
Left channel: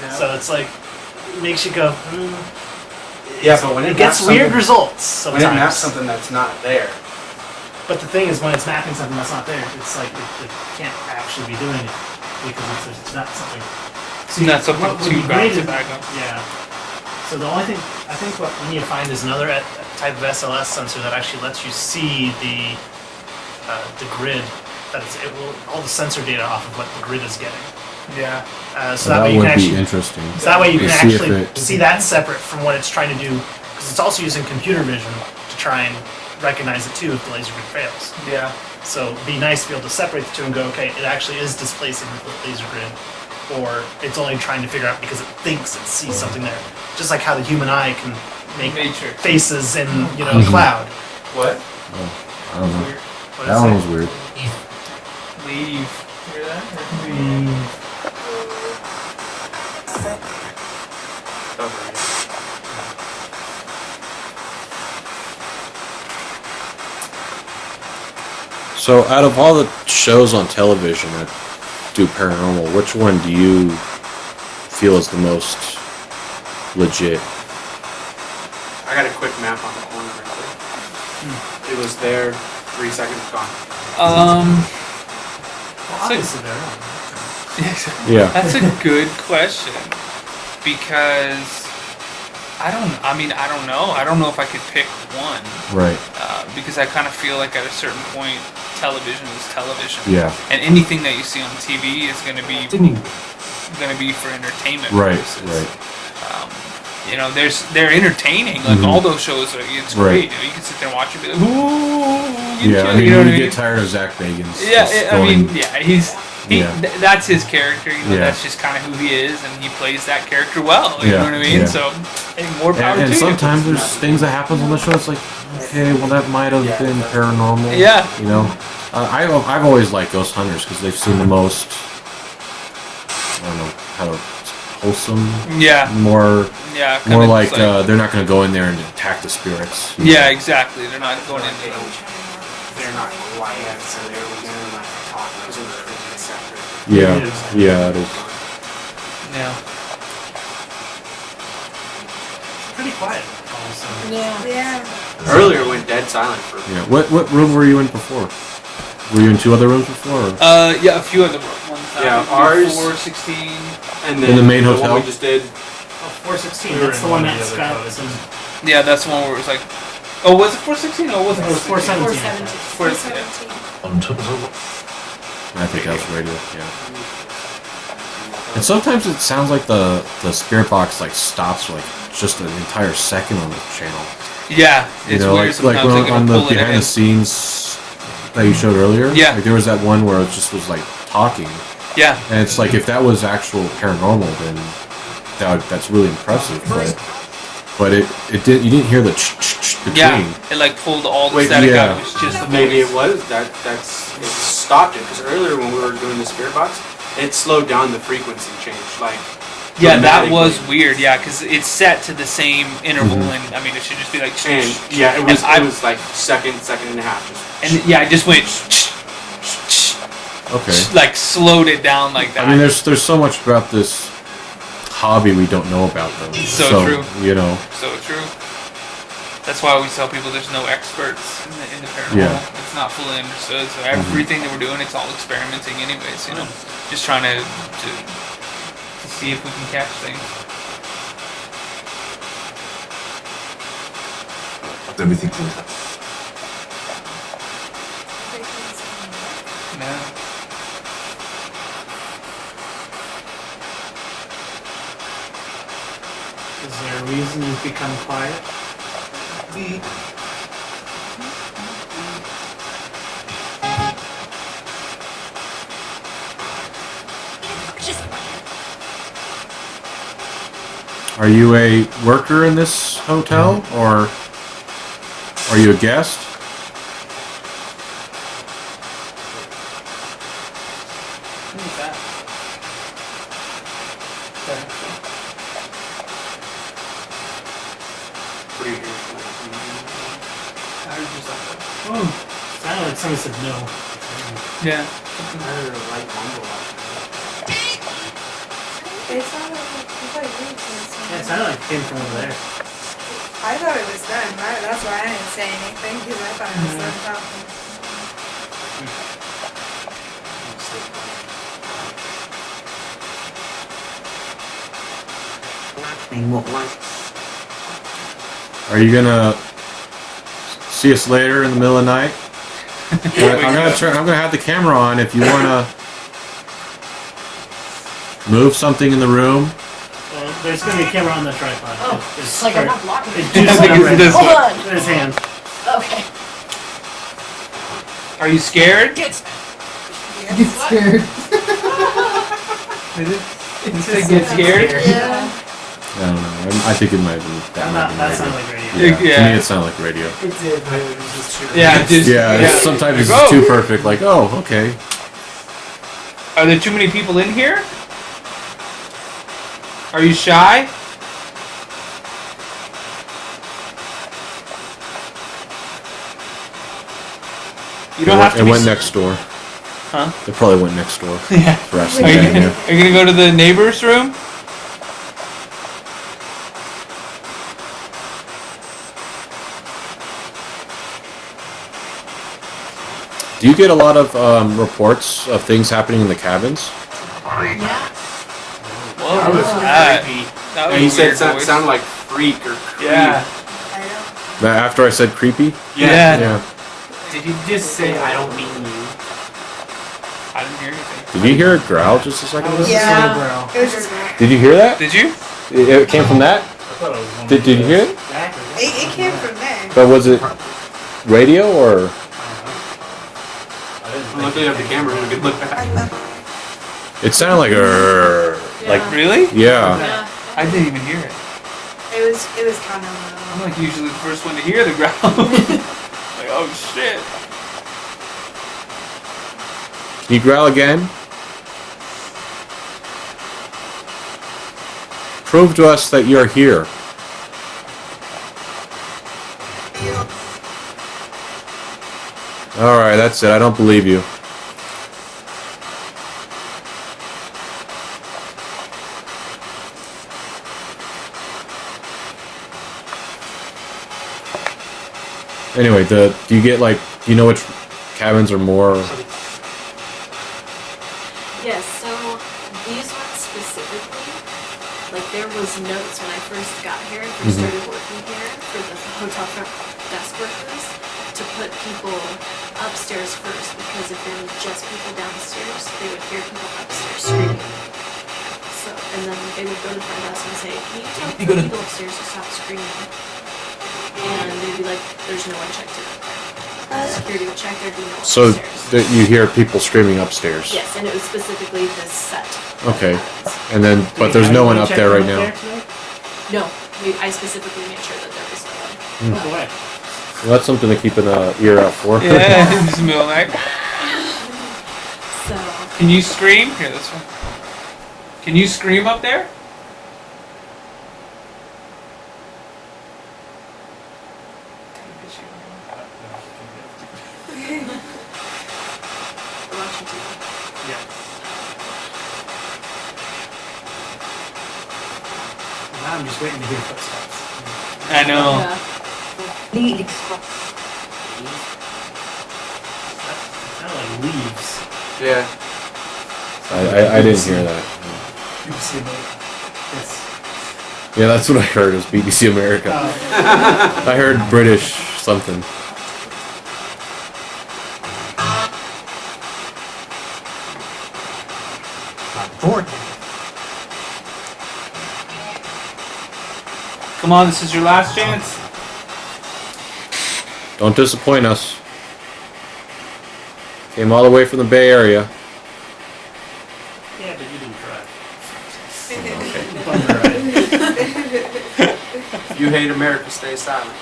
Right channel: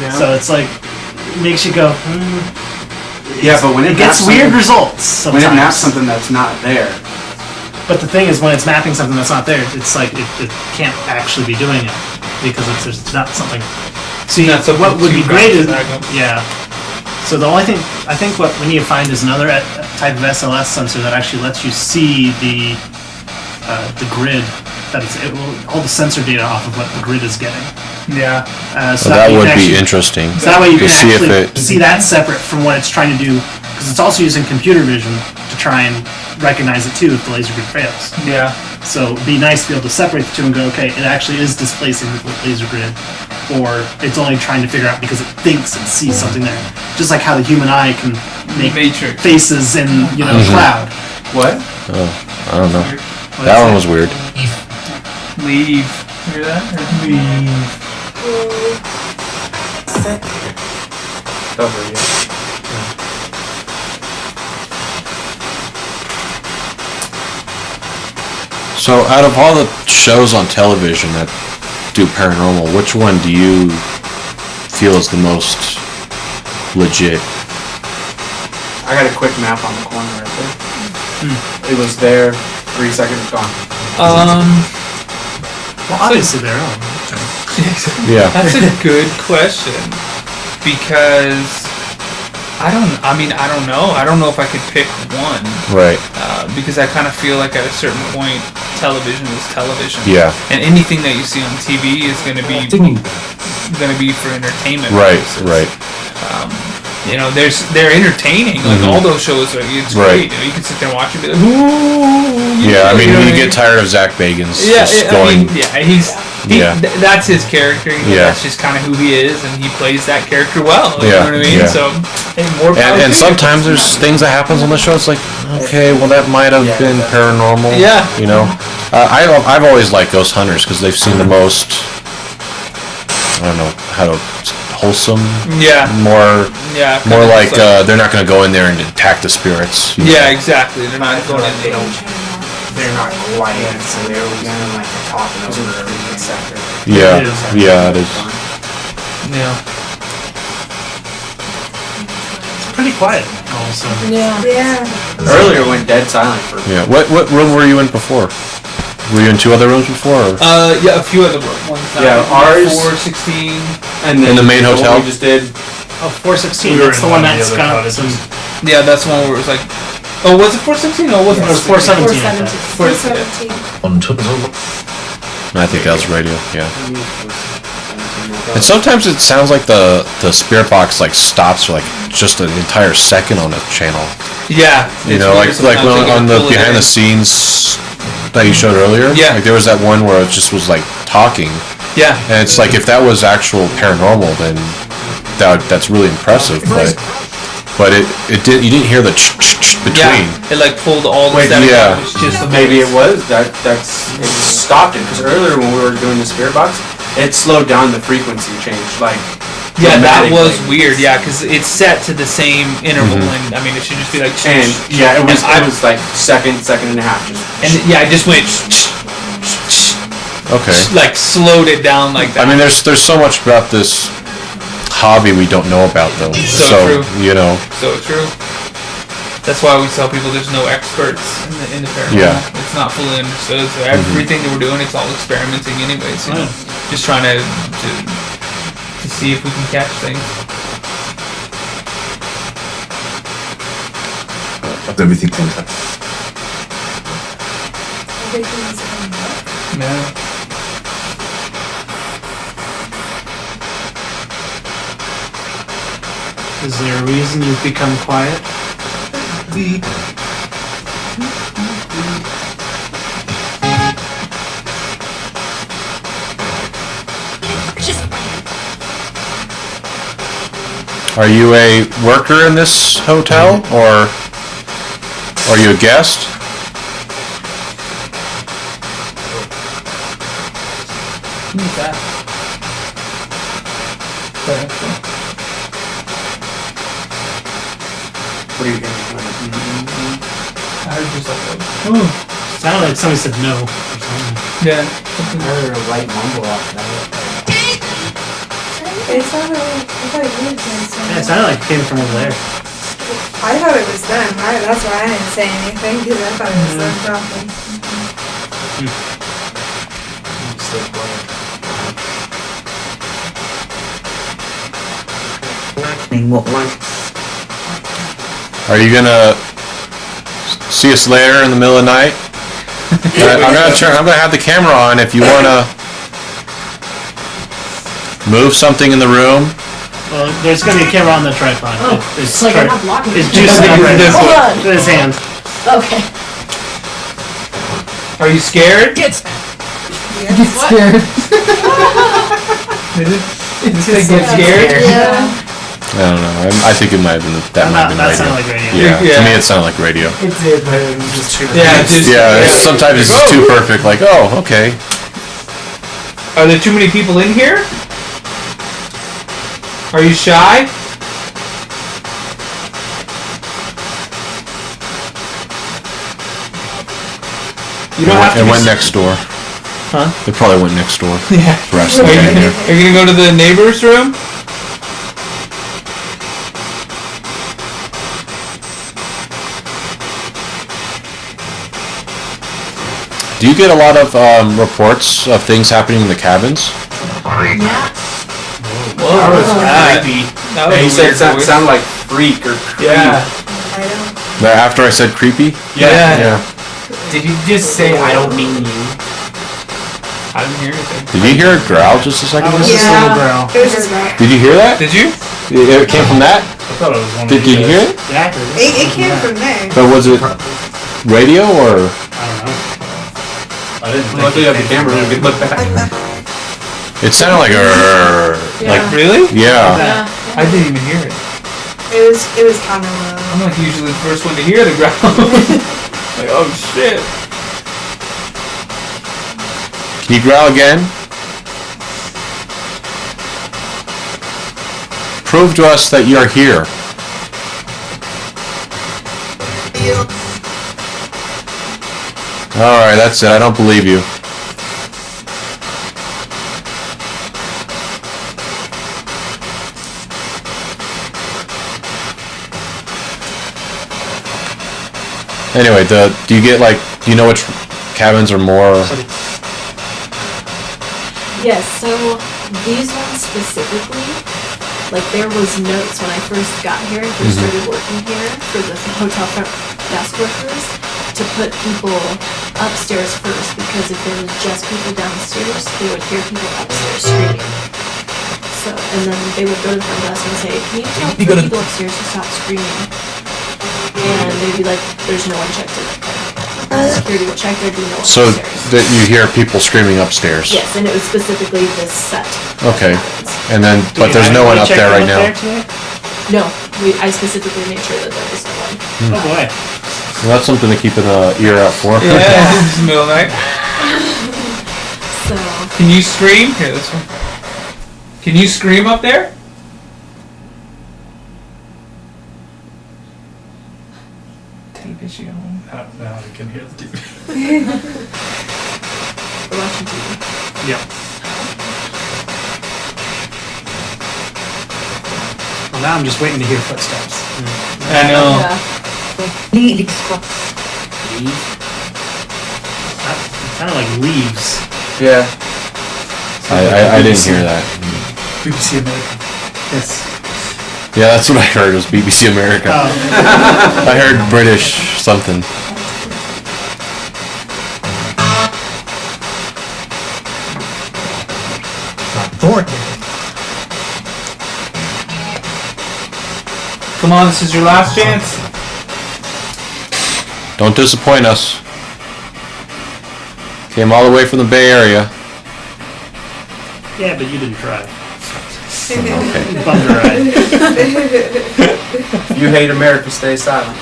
Yeah. So it's like, it makes you go, yeah, but when it gets maps weird something- results sometimes. when it maps something that's not there. But the thing is, when it's mapping something that's not there, it's like it can't actually be doing it because there's not something. See, Not something what would to be great is back up. yeah. So the only thing I think what we need to find is another type of SLS sensor that actually lets you see the grid that all the sensor data off of what the grid is getting. Yeah. So Well, that that way you would can be actually interesting. So that way you To can see if actually it- see that separate from what it's trying to do, because it's also using computer vision to try and recognize it too if the laser grid fails. Yeah. So it'd be nice to be able to separate the two and go, okay, it actually is displacing the laser grid, or it's only trying to figure out because it thinks it sees something there. Just like how the human eye can make Matrix. faces in a cloud. What? Oh, I don't know. What That is one it? was weird. Leave. Hear that? Or leave. Over, yeah. So, out of all the shows on television that do paranormal, which one do you feel is the most legit? I got a quick map on the corner right there. It was there, 3 seconds gone. Obviously they're on. Yeah. That's a good question because I don't know. I don't know if I could pick one. Right. Because I kind of feel like at a certain point, television is television. Yeah. And anything that you see on TV is going to be for entertainment purposes. Right. You know, they're entertaining. Like all those shows, it's great. You know, you can sit there and watch it. And be like, ooh, Yeah, I mean, you know when what you get tired of Zach Bagans. Yeah, just I going- mean, that's his character. You know, Yeah. that's just kind of who he is, and he plays that character well. You know what I mean? Yeah. So, hey, more power And to you. sometimes there's things that happens on the show. It's like, okay, well that might have been paranormal. Yeah. You know, I've always liked Ghost Hunters because they've seen the most. I don't know how to wholesome. Yeah. More. Yeah. More kinda like, just they're not going to go in there and attack the spirits. Yeah, exactly. They're not going in there. They're not quiet, so they're again like talking over everything separate. Yeah. Yeah. Yeah. Pretty quiet all of a sudden. Yeah. Earlier went dead silent for. Yeah. What room were you in before? Were you in 2 other rooms before? Or? Yeah, a few other ones. Yeah, ours. 416. And then the main one hotel? we just did. Oh, 416. We were That's in the one one of the that's other got cottages. Yeah, that's the one where it was like, oh, was it 416? No, it wasn't 416. 417. I think that was radio. Yeah. And sometimes it sounds like the spirit box like stops for like just an entire second on a channel. Yeah, You it's know, weird like sometimes they on can the pull it behind in. the scenes that you showed earlier. Yeah. Like there was that one where it just was like talking. Yeah. And it's like if that was actual paranormal, then that's really impressive. But it did. You didn't hear the between. Yeah, it like pulled all the static out. It was just the Maybe voice. it was that's it stopped it because earlier when we were doing the spirit box, it slowed down the frequency change like. Yeah, that was dramatically. weird. Yeah, because it's set to the same interval, and I mean, it should just be like. And yeah, it was like second and a half. And yeah, I just went. Okay. Like slowed it down like that. I mean, there's so much about this hobby we don't know about though. So true. You know. So true. That's why we tell people there's no experts in the paranormal. Yeah. It's not fully understood. So everything that we're doing, it's all experimenting anyways. You know, just trying to see if we can catch things. Everything comes up. Yeah. Is there a reason you've become quiet? Are you a worker in this hotel, or are you a guest? Who's that? What are you hearing? I heard just like Ooh, sounded like somebody said no. yeah. I heard a light mumble off. It sounded like, Yeah, it sounded like it came from over there. I thought it was them. That's why I didn't say anything, because I thought it was them talking. Are you gonna see us later in the middle of the night? I'm gonna have the camera on if you wanna move something in the room. Well, there's gonna be a camera on the tripod. Oh, it's like I'm not blocking It's it. just I think it's this Hold one. on. with his hand. Okay. Are you scared? Get scared. Did it get scared? Yeah. I don't know. I think it might have been that. That sounded like radio. Yeah. To me, it sounded like radio. It did, but it was just too. Yeah, just Sometimes it's Like, too perfect. Like, oh, okay. Are there too many people in here? Are you shy? You don't have to They be. went next door. Huh? They probably went next door. Yeah. Are you gonna go to the neighbor's room? Do you get a lot of reports of things happening in the cabins? Yeah. Whoa, That was creepy. That was Yeah, a you said weird it voice. sounded like freak or creep. Yeah. Yeah, after I said creepy? Yeah. Did you just say, I don't mean you? I didn't hear anything. Did you hear a growl just a second ago? Yeah. It was just Did you hear that? Did you? It came from that? I thought it was one of Did you the hear it? It came from there. Or was it radio or? I didn't Well, luckily you have the camera, we could look back. It sounded like Yeah. Really? yeah. Yeah. I didn't even hear it. It was kind of low. I'm like usually the first one to hear the growl. Like, oh shit. Can you growl again? Prove to us that you're here. Alright, that's it. I don't believe you. Anyway, do you get like, do you know which cabins are more? Yes, so these ones specifically, like there was notes when I first got here and first started working here for the hotel front desk workers to put people upstairs first, because if there was just people downstairs, they would hear people upstairs screaming. So, and then they would go to the front desk and say, can you tell the people upstairs to stop screaming? And they'd be like, there's no one checked in. Security would check, there'd be no one So upstairs. that you hear people screaming upstairs. Yes, and it was specifically this set. Okay. And then, but there's no one up there right now. No, I specifically made sure that there was no one. Oh, boy. Well, that's something to keep an ear out for. Yeah, it's the middle of the night. So. Can you scream? Here, this one. Can you scream up there? Tape issue. Now I can hear the TV. We're watching TV. Yeah. Well, now I'm just waiting to hear footsteps. I know. Leaves? Kind of like leaves. Yeah. I didn't hear that. BBC America. Yes. Yeah, that's what I heard was BBC America. Oh. I heard British something. Come on, this is your last chance. Don't disappoint us. Came all the way from the Bay Area. Yeah, but you didn't try. If you hate America, stay silent.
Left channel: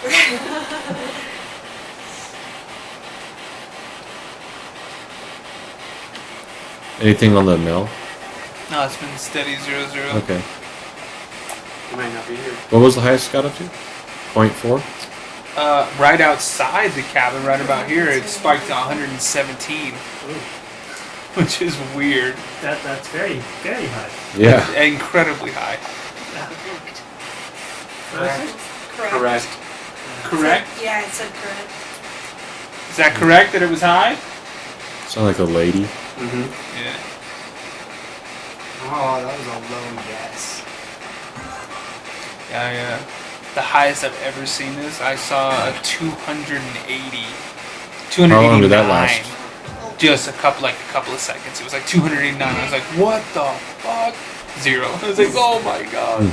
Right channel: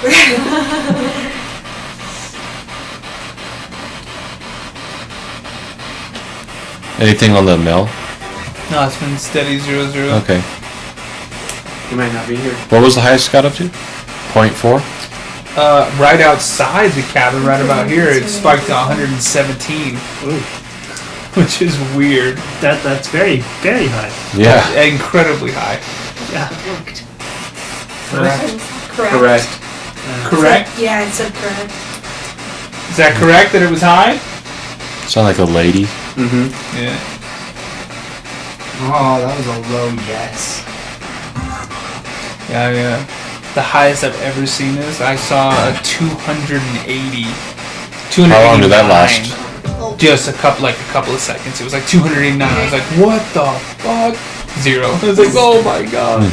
Anything on the mill? No, it's been steady 0-0. Okay. You might not be here. What was the highest it got up to? 0.4? Right outside the cabin, right about here, it spiked to 117. Which is weird. That's very, very high. Yeah. That's incredibly high. Yeah. Correct. Correct? Yeah, it said correct. Is that correct that it was high? Sound like a lady. Mm-hmm. Yeah. Oh, that was a low yes. Yeah, yeah. The highest I've ever seen this, I saw a 280. How long did that 289. Just a couple of seconds. It was like 289. I was like, what the fuck? 0. I was like, oh my god.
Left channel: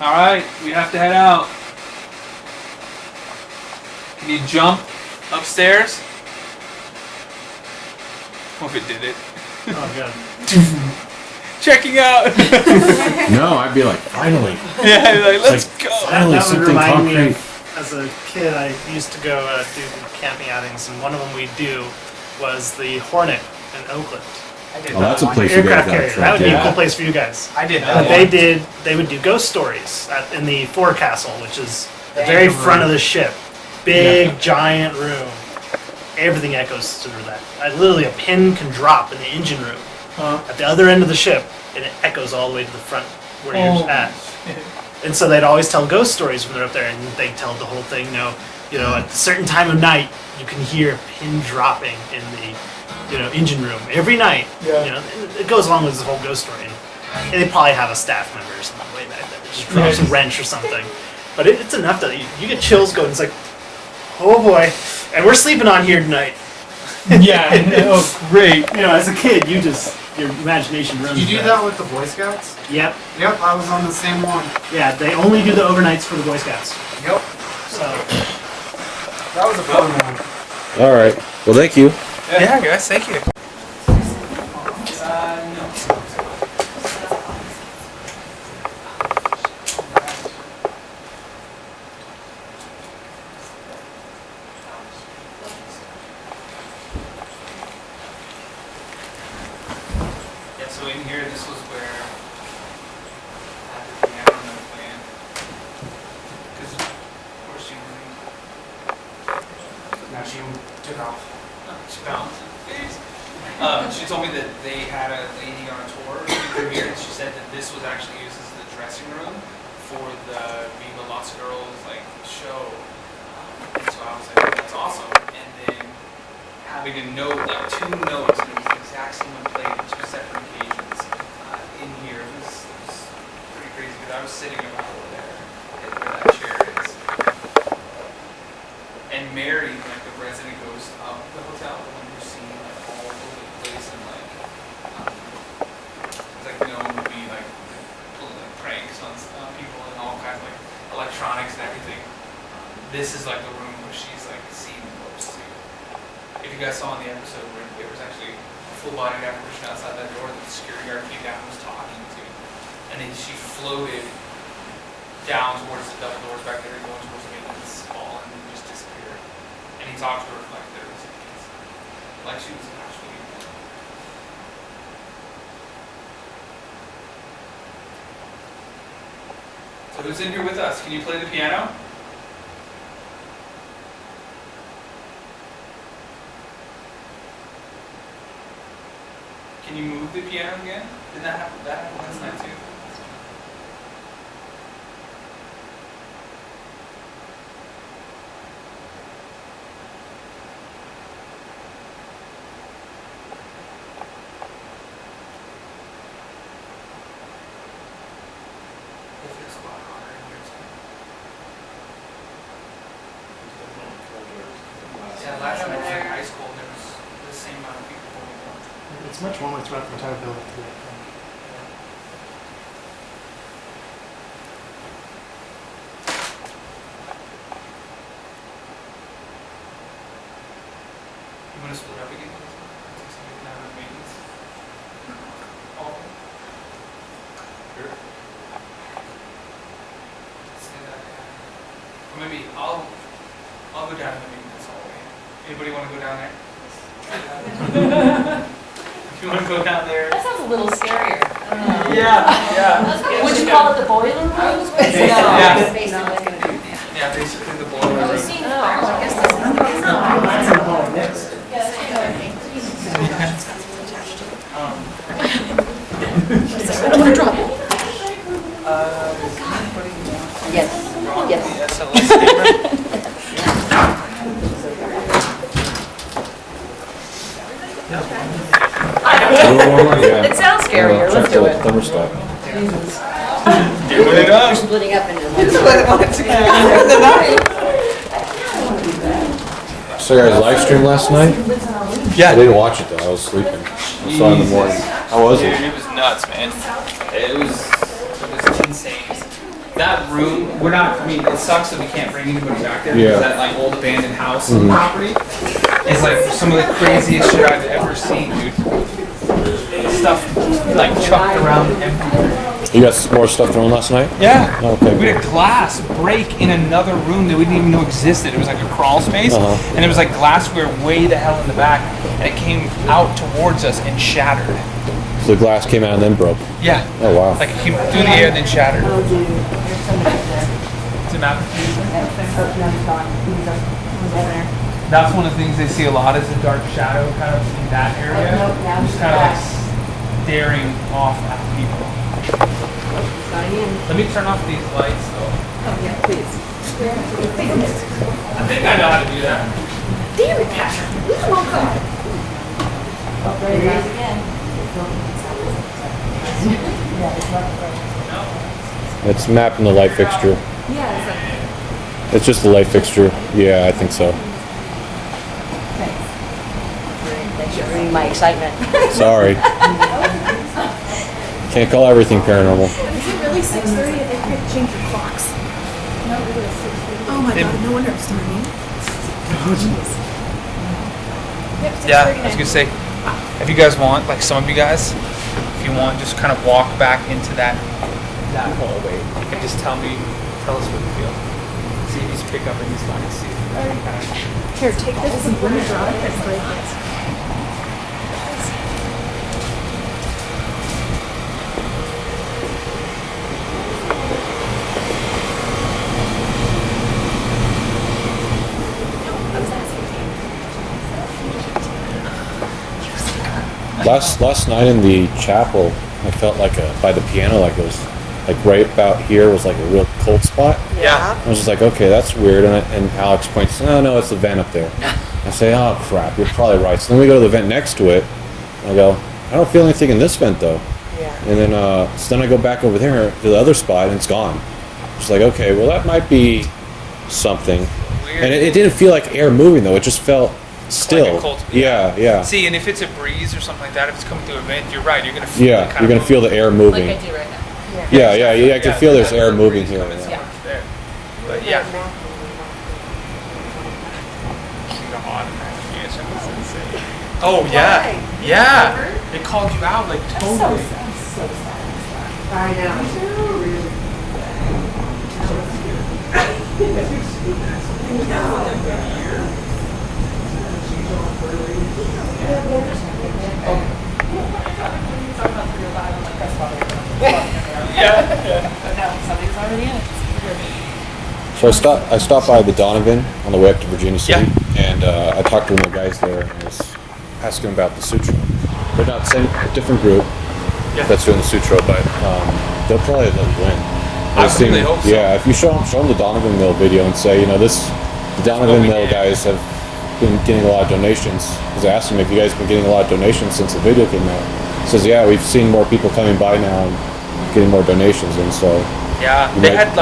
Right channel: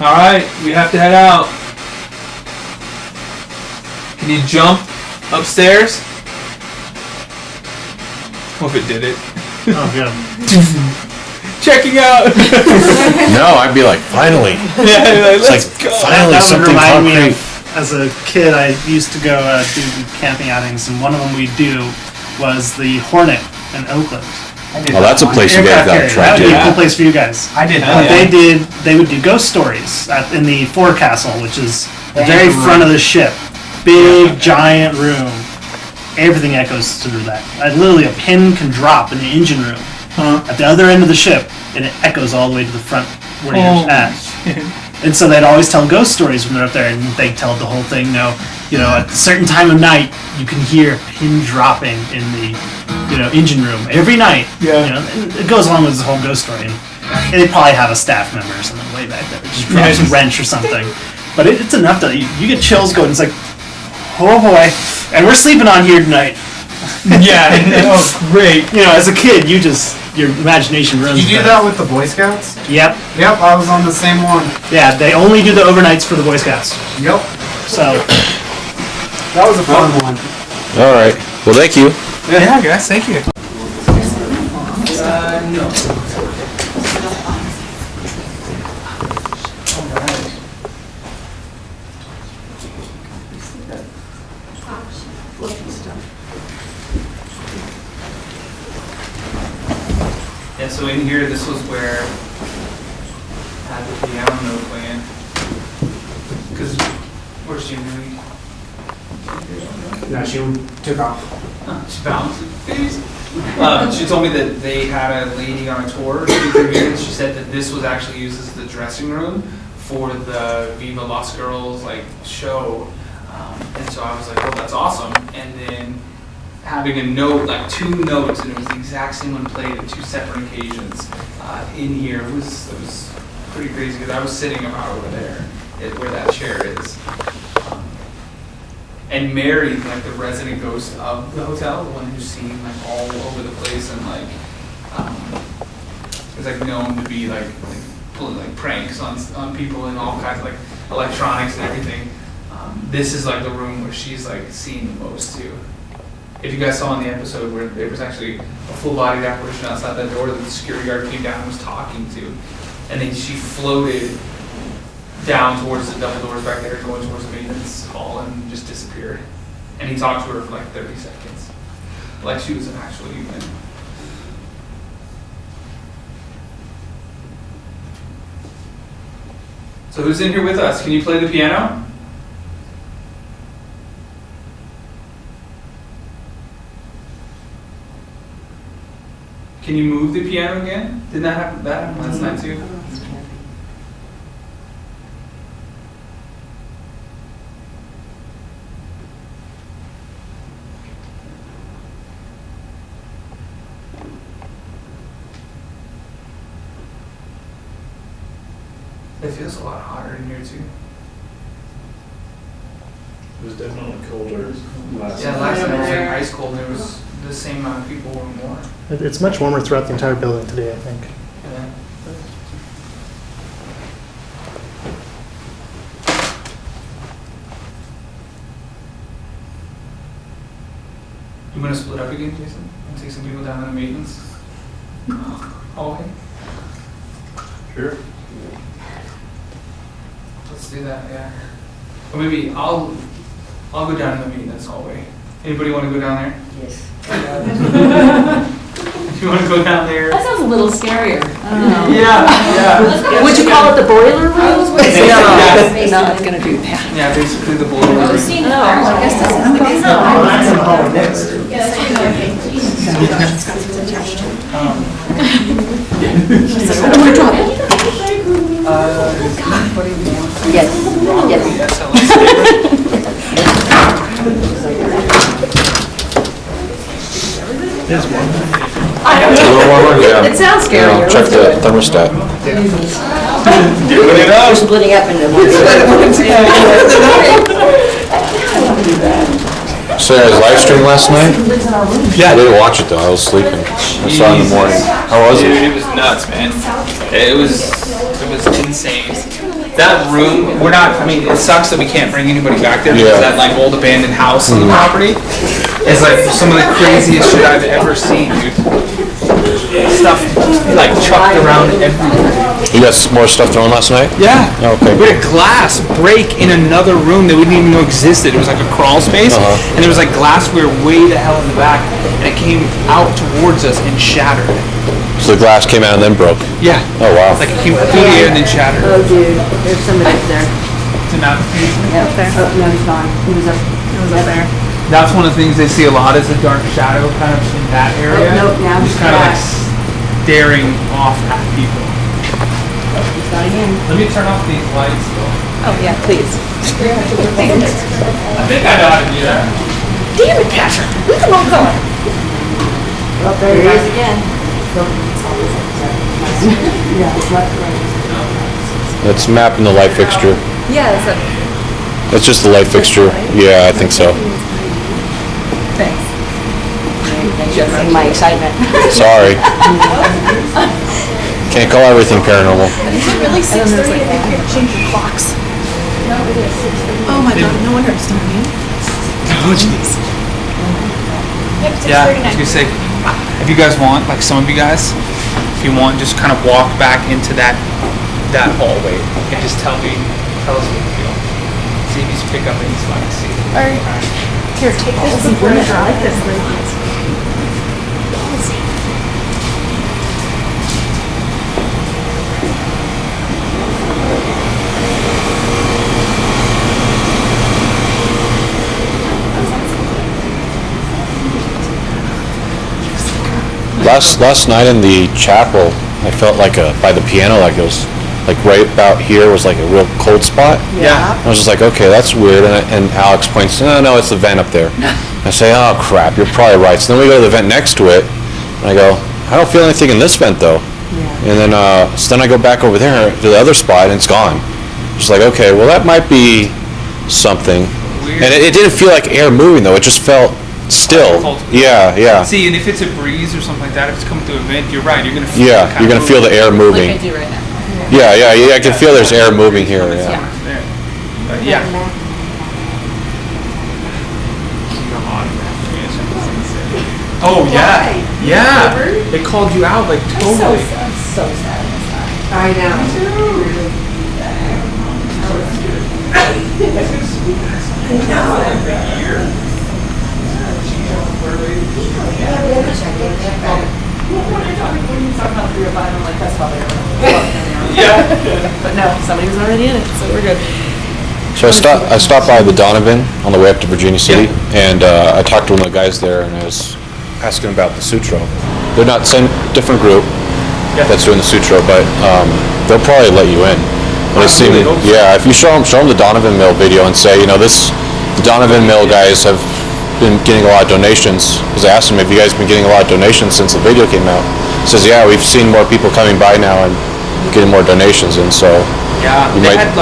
Alright, we have to head out. Can you jump upstairs? What if it did it? Oh, yeah. Checking out! No, I'd be like, finally. Yeah, like, let's It's go. Finally, That would something remind me concrete. of, as a kid, I used to go do camping outings, and one of them we'd do was the Hornet in Oakland. Well, that's a place you Aircraft guys carrier. That would be a Yeah. cool place for you guys. I did What that. they would do ghost stories in the forecastle, which is the very front of the ship. Big, giant room. Everything echoes through that. Literally, a pin can drop in the engine room at the other end of the ship, and it echoes all the way to the front where you're at. And so they'd always tell ghost stories when they're up there, and they'd tell the whole thing. At a certain time of night, you can hear a pin dropping in the, engine room every night. Yeah. And it goes along with this whole ghost story. And they probably have a staff member or something way back there. Just drops a wrench or something. But it's enough to, you get chills going. It's like, oh boy. And we're sleeping on here tonight. Yeah, great. As a kid, your imagination runs. Did you do that with the Boy Scouts? Yep. Yep, I was on the same one. Yeah, they only do the overnights for the Boy Scouts. Yep. So, that was a fun one. All right. Well, thank you. Yeah, guys, thank you. No. Yeah, so in here, this was where I had the piano note playing. Because, where's she moving? No, she took off. Oh, she bounced. She told me that they had a lady on a tour through here, and she said that this was actually used as the dressing room for the Viva Las Girls show. And so I was like, oh, that's awesome. And then having a note, two notes, and it was the exact same one played at 2 separate occasions in here. It was pretty crazy because I was sitting about over there where that chair is. And Mary, the resident ghost of the hotel, the one who's seen all over the place and is known to be pulling pranks on people and all kinds of electronics and everything. This is the room where she's seen the most too. If you guys saw in the episode where there was actually a full-bodied apparition outside that door that the security guard came down and was talking to, and then she floated down towards the double doors back there, going towards the maintenance hall, and just disappeared. And he talked to her for 30 seconds, like she was an actual human. So who's in here with us? Can you play the piano? Can you move the piano again? Didn't that happen last night too? It feels a lot hotter in here too. It was definitely colder. Yeah, last night it was ice cold and there was the same amount of people or more. It's much warmer throughout the entire building today, I think. Yeah. You want to split up again, Jason? And take some people down to the maintenance? Oh, okay. Sure. Let's do that, yeah. Or maybe I'll go down to the maintenance hallway. Anybody want to go down there? Yes. If you want to go down there. That sounds a little scarier. Yeah. Would you call it the boiler room? No, Yeah. it's not gonna do that. Yeah, basically the boiler room. I guess this is I don't want to drop it. Yes. It sounds scarier. Check Let's do the it. thermostat. Doing it up. We're splitting up into So there was a live stream last night? Yeah. I didn't watch it though, I was sleeping. I saw it in the morning. How was Dude, it? it was nuts, man. It was insane. That room, it sucks that we can't bring anybody back there because that old abandoned house on the property is some of the craziest shit I've ever seen, dude. Stuff chucked around everywhere. You got some more stuff going last night? Yeah. Okay. We had a glass break in another room that we didn't even know existed. It was like a crawl space, and there was glassware way the hell in the back, and it came out towards us and shattered. So the glass came out and then broke? Yeah. Oh wow. It came through the air and then shattered. Oh, dude, there's somebody up there. It's an application. Yeah, up there. Oh, no, he's gone. He was up there. That's one of the things they see a lot is a dark shadow kind of in that area. Oh, no, now just he's kind of back. staring off at people. Let me turn off these lights though. Oh, yeah, please. I think I know how to do that. Damn it, Patrick. Leave him alone. Well, there he is again. It's mapping the light fixture. Yeah, that's it. That's just the light fixture. Yeah, I think so. Thanks. Thanks for seeing my excitement. Sorry. Can't call everything paranormal. Is it really 6:30? I think you're changing clocks. Oh my God, no wonder it's morning. Oh, jeez. Yeah, I was gonna say, if you guys want, like some of you guys, if you want, just kind of walk back into that hallway and just tell us what you feel. See if you pick up these lights. Alright. Here, take this before you drive this way. Last night in the chapel, I felt like by the piano, like it was like right about here was like a real cold spot. Yeah. I was just like, okay, that's weird. And Alex points, no, it's the vent up there. I say, oh crap, you're probably right. So then we go to the vent next to it, and I go, I don't feel anything in this vent though. Yeah. And then so then I go back over there to the other spot, and it's gone. Just like, okay, well that might be something. Weird. And it didn't feel like air moving though. It just felt still. Like cold. Yeah. See, and if it's a breeze or something like that, if it's coming through a vent, you're right. You're gonna feel it kind you're of gonna feel the air moving. Like I do right now. Yeah, I can feel there's air moving here. Coming Yeah. somewhere there. But yeah. Oh yeah, yeah. They called you out like totally. So sad. I know. But no, somebody was already in it, so we're good. So I stopped by the Donovan on the way up to Virginia City, and I talked to one of the guys there, and I was asking about the Sutro. They're not different group that's doing the Sutro, but they'll probably let you in. I really hope so. Yeah, if you show them the Donovan Mill video and say, the Donovan Mill guys have been getting a lot of donations, because I asked him if you guys have been getting a lot of donations since the video came out. He says, yeah, we've seen more people coming by now and getting more donations, and so. Yeah, they had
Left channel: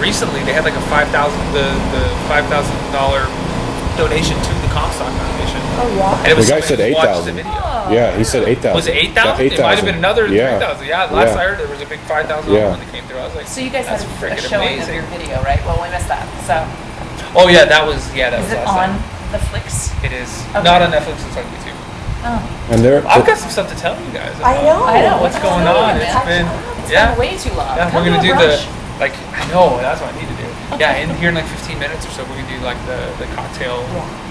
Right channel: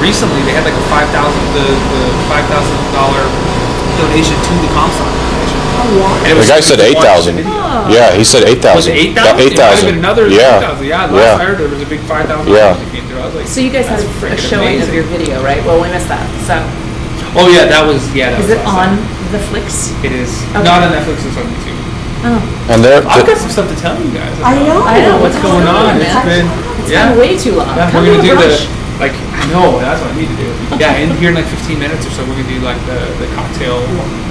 recently they had like a $5,000 donation to the Comstock Foundation. Oh wow. And it was the guy said 8,000. Yeah, he said 8,000. Was it 8,000? It might have been another 3,000. Yeah, last I heard there was a big 5,000 that came through. I was like, so you guys had a showing of your video, right? Well, we missed that. So. Oh yeah, that was Is it on the Flicks? It is. Okay. Not on Netflix, it's on YouTube. Oh. And I've got some stuff to tell you guys about. I know. What's going on? It's been way too long. Yeah, we're gonna do I know, that's what I need to do. Yeah, here in like 15 minutes or so, we're gonna do like the cocktail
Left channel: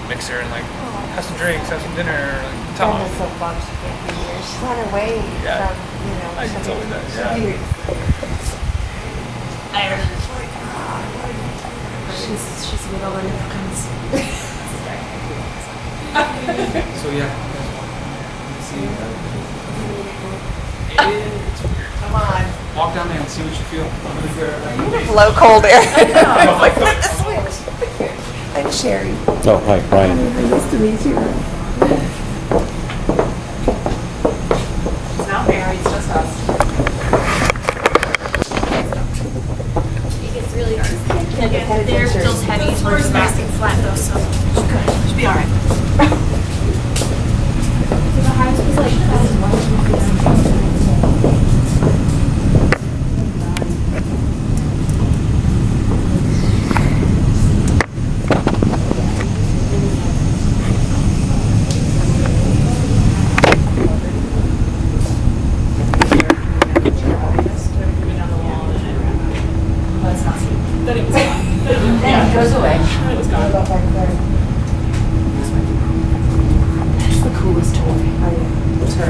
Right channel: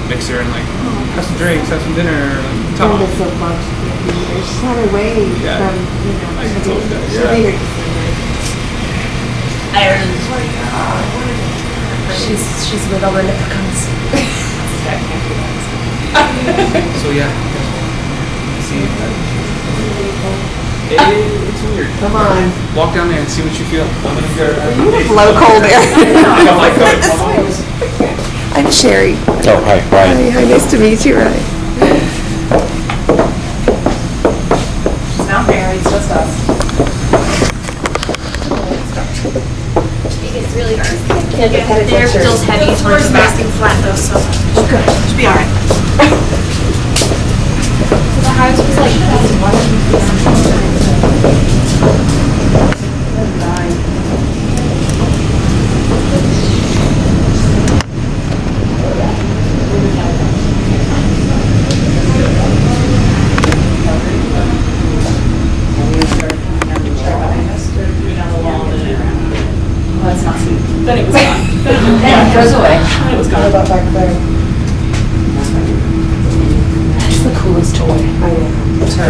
mixer and like have some drinks, have some dinner, like talk. Brenda so bummed she can't be here. She's on her way from, I can tell you that, she'll be here. She's with all the leprechauns. So yeah. It's weird. Come on. Walk down there and see what you feel. You have low cold air. I'm Sherry. Hi, nice to meet you, Ray. She's not married, it's just us. It gets really dark. Can't get headed Their pictures. feels heavy towards the back and flat though, so. Good. Should be alright. The house was like That's not sweet. Then it was gone. Then it goes away. Then it was gone. About back there. It's the coolest toy. I know. It's her. I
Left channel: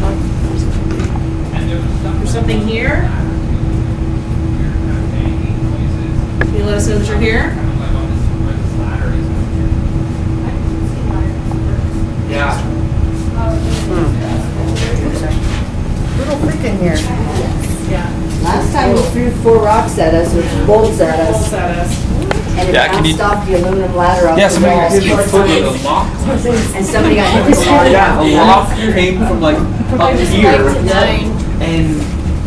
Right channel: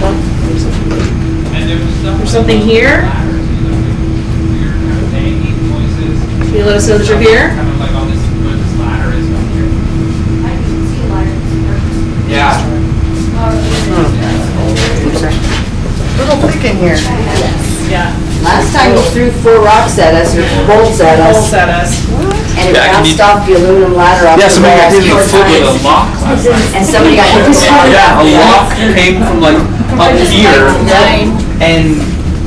love it. There's something here. Can you let us know that you're here? Yeah. here. Yeah. Last time he threw 4 rocks at us, or bolts at us. Bolts at us. And it Yeah, can bounced you- off the aluminum ladder off Yeah, the somebody got wall hit 4 with a times. lock last night. And somebody got hit with Yeah, a lock came from like up here, Nine. and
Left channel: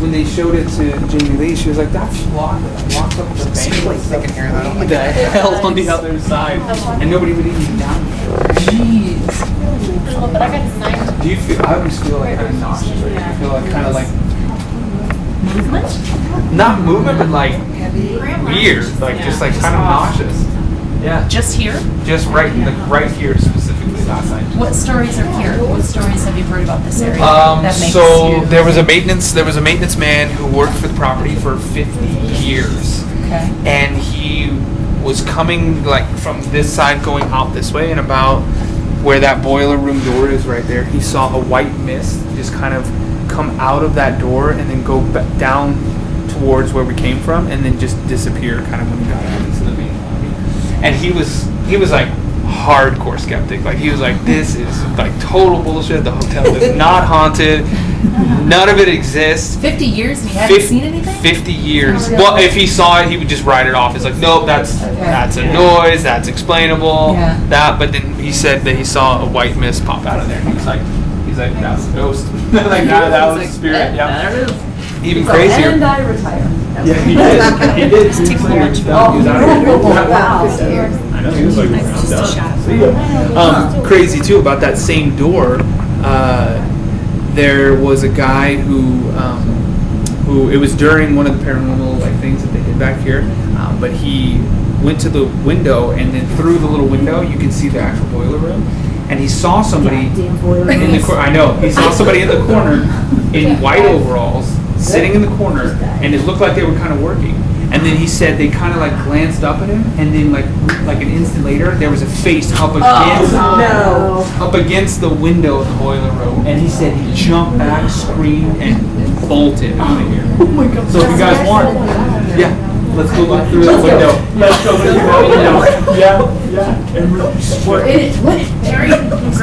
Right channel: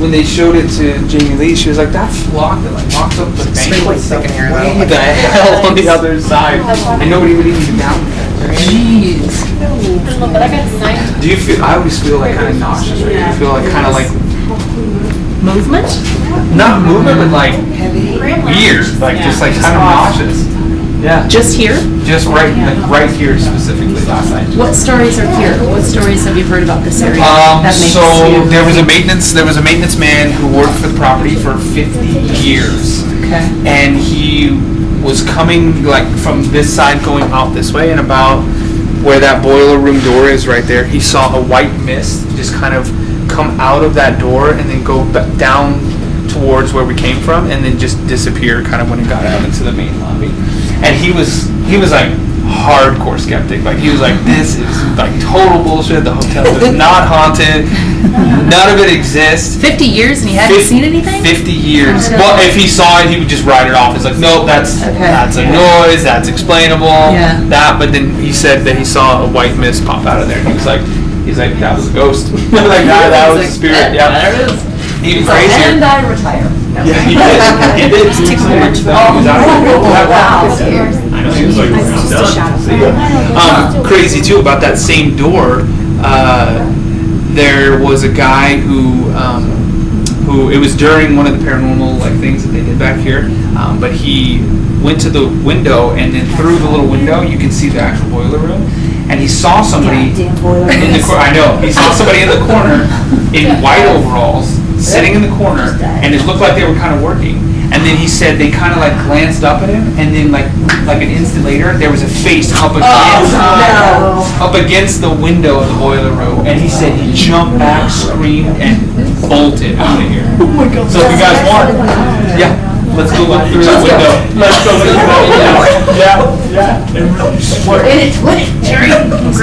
when they showed it to Jamie Lee, she was like, "That's locked." And like locked up the Extremely thick in here, though. What the hell on the other side? And nobody would even be down there. Jeez. I don't know, but I got 9. Do you feel? I always feel like kind of nauseous. Right? You feel like kind of like Movement? not movement, but like weird, like just like kind of nauseous. Yeah. Just here? Just right here specifically last night. What stories are here? What stories have you heard about this area? that makes So you... there was a maintenance man who worked for the property for 50 years. Okay. And he was coming like from this side going out this way, and about where that boiler room door is right there, he saw a white mist just kind of come out of that door and then go back down towards where we came from, and then just disappear kind of when it got out into the main lobby. And he was like hardcore skeptic. Like he was like, this is like total bullshit. The hotel is not haunted. None of it exists. 50 years and you haven't seen anything? 50 years. Well, if he saw it, he would just write it off. It's like, nope, that's a noise. That's explainable. Yeah. That. But then he said that he saw a white mist pop out of there, and he's like, that was a ghost. Like that was a spirit. Yeah. There it is. Even crazier. And I retire. Yeah, he did. He did. Just take a whole bunch of Just a shadow. Crazy too about that same door. There was a guy who it was during one of the paranormal like things that they did back here, but he went to the window, and then through the little window you can see the actual boiler room, and he saw somebody in the corner. I know he saw somebody in the corner in white overalls sitting in the corner, and it looked like they were kind of working. And then he said they kind of like glanced up at him, and then like an instant later, there was a face up against the window of the boiler room, and he said he jumped back, screamed, and bolted out of here. So if you guys, let's go out through the window. Let's go through the window. We're in it, Jerry.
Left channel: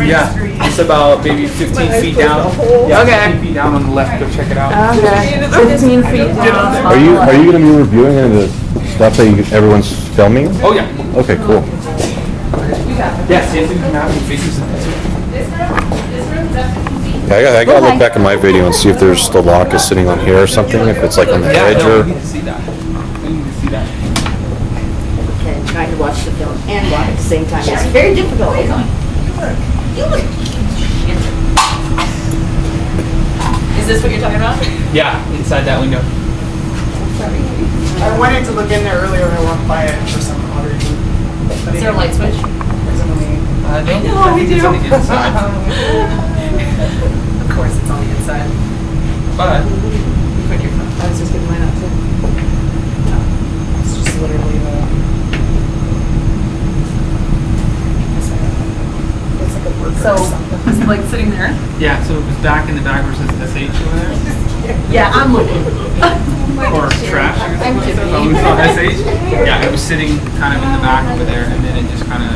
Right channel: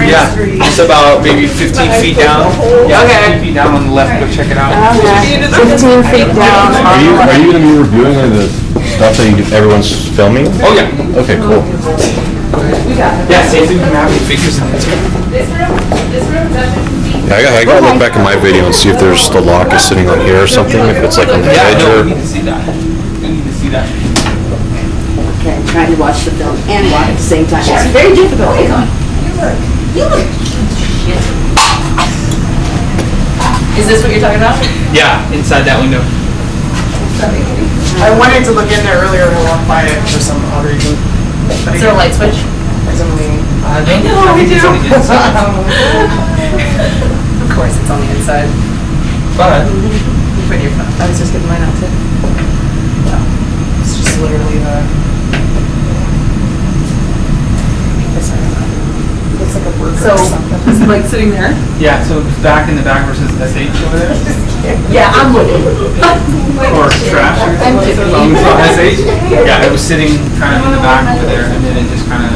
Yeah, it's about maybe 15 feet down. Yeah, 15 feet down on the left. Go check it out. 15 feet down on the left. Are you going to be reviewing the stuff that everyone's filming? Oh yeah. Okay. We got it. Yeah, see if you can have figures on it too. This room's up 15 feet. I gotta go back in my video and see if there's still lock sitting right here or something. Yeah, I know. I need to see that. I need to see that. Okay, I'm trying to watch the film and walk at the same time. It's very difficult. You look shit. Is this what you're talking about? Yeah, inside that window. I wanted to look in there earlier and I walked by it for some odd reason. But Is there a light switch? I don't know, we think it's do. on the inside. Of course, it's on the inside. But You put your phone. I was just getting mine out too. No, it's just literally the. It's like a worker or something. Is it like sitting there? yeah, so it's back in the back versus SH over there, Yeah, I'm looking. or trash. I'm tipping. SH. Yeah, it was sitting kind of in the back over there, and then it just kind of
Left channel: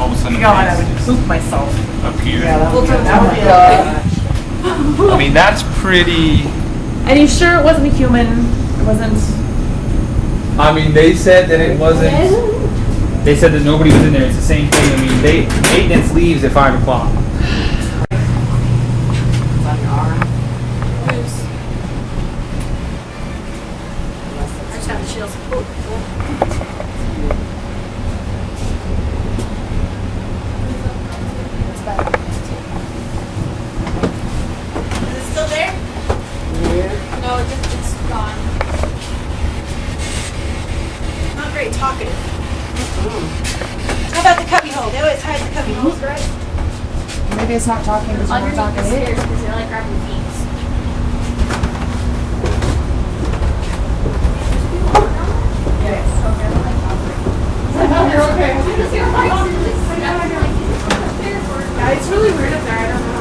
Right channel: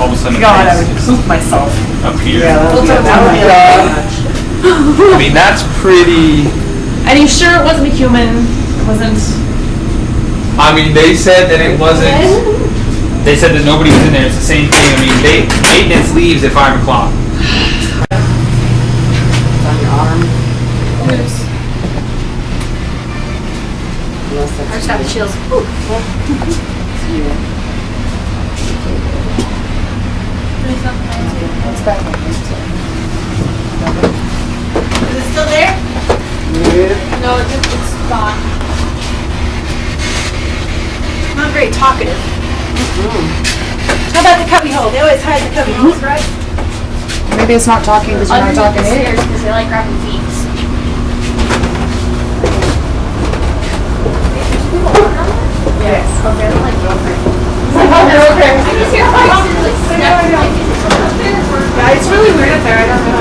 all of a sudden God, I would poop myself. appeared. We'll do that one. I mean, that's pretty. And you sure it wasn't a human? Wasn't? I mean, they said that it wasn't. They said that nobody was in there. It's the same thing. I mean, maintenance leaves at 5 o'clock. It's on your arm. I just have the chills. Is it still there? No, it's gone. Not very talkative. How about the cubby hole? They always hide the cubby holes, right? Maybe it's not talking because you're not talking to it. Because they like grabbing feet. Yes. Yeah, it's really weird up there. I don't know.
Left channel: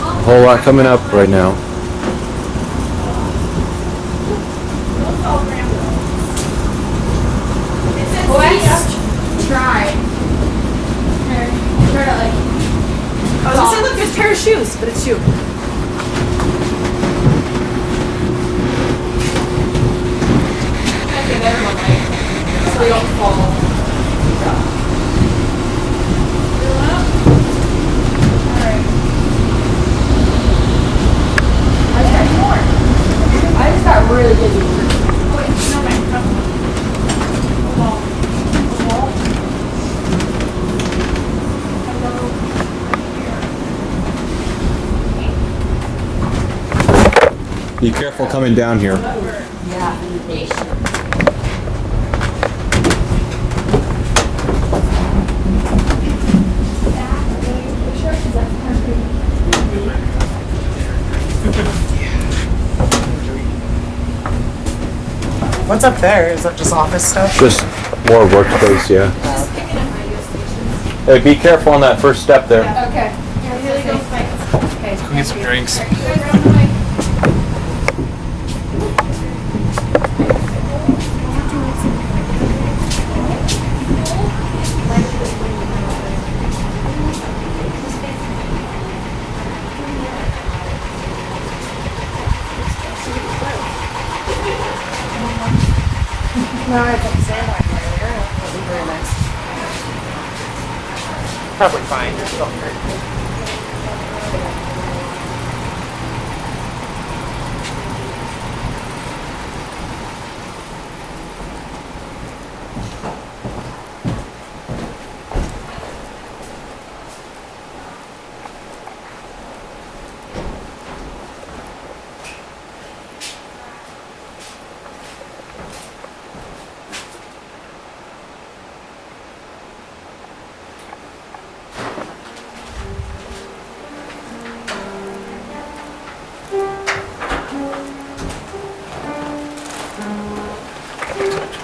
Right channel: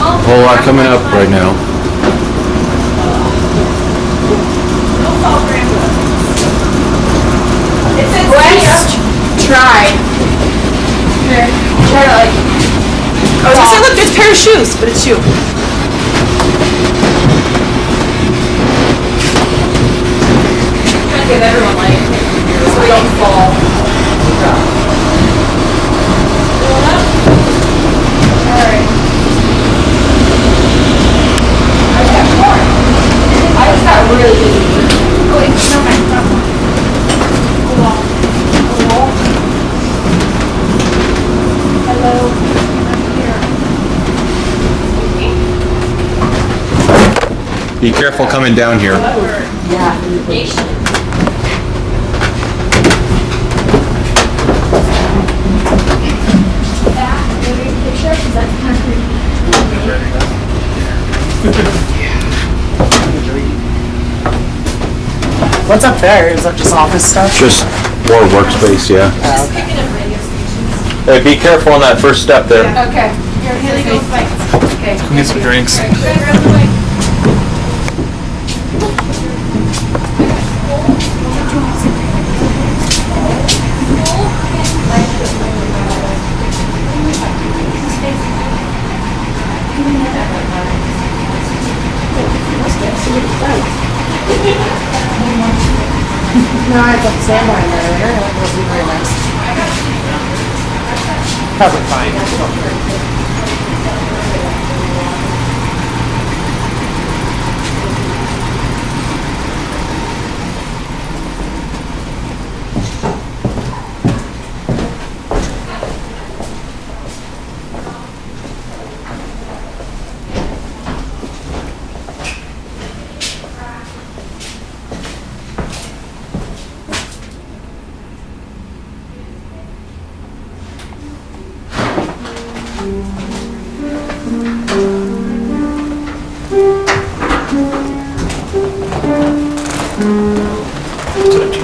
Oh, I'm coming up right now. West tried. Try to like I was gonna say, look, there's a pair of shoes, but it's you. Give everyone light, so we don't fall. Alright. I just got really busy. Oh, wait, no, my front one. Hold on. Hello. Right here. Be careful coming down here. Yeah. What's up there? Is that just office stuff? Just more workspace, yeah. Oh, okay. Hey, be careful on that first step there. Okay. Here they go, fights. Okay. Let's go get some drinks. Probably fine. Don't worry.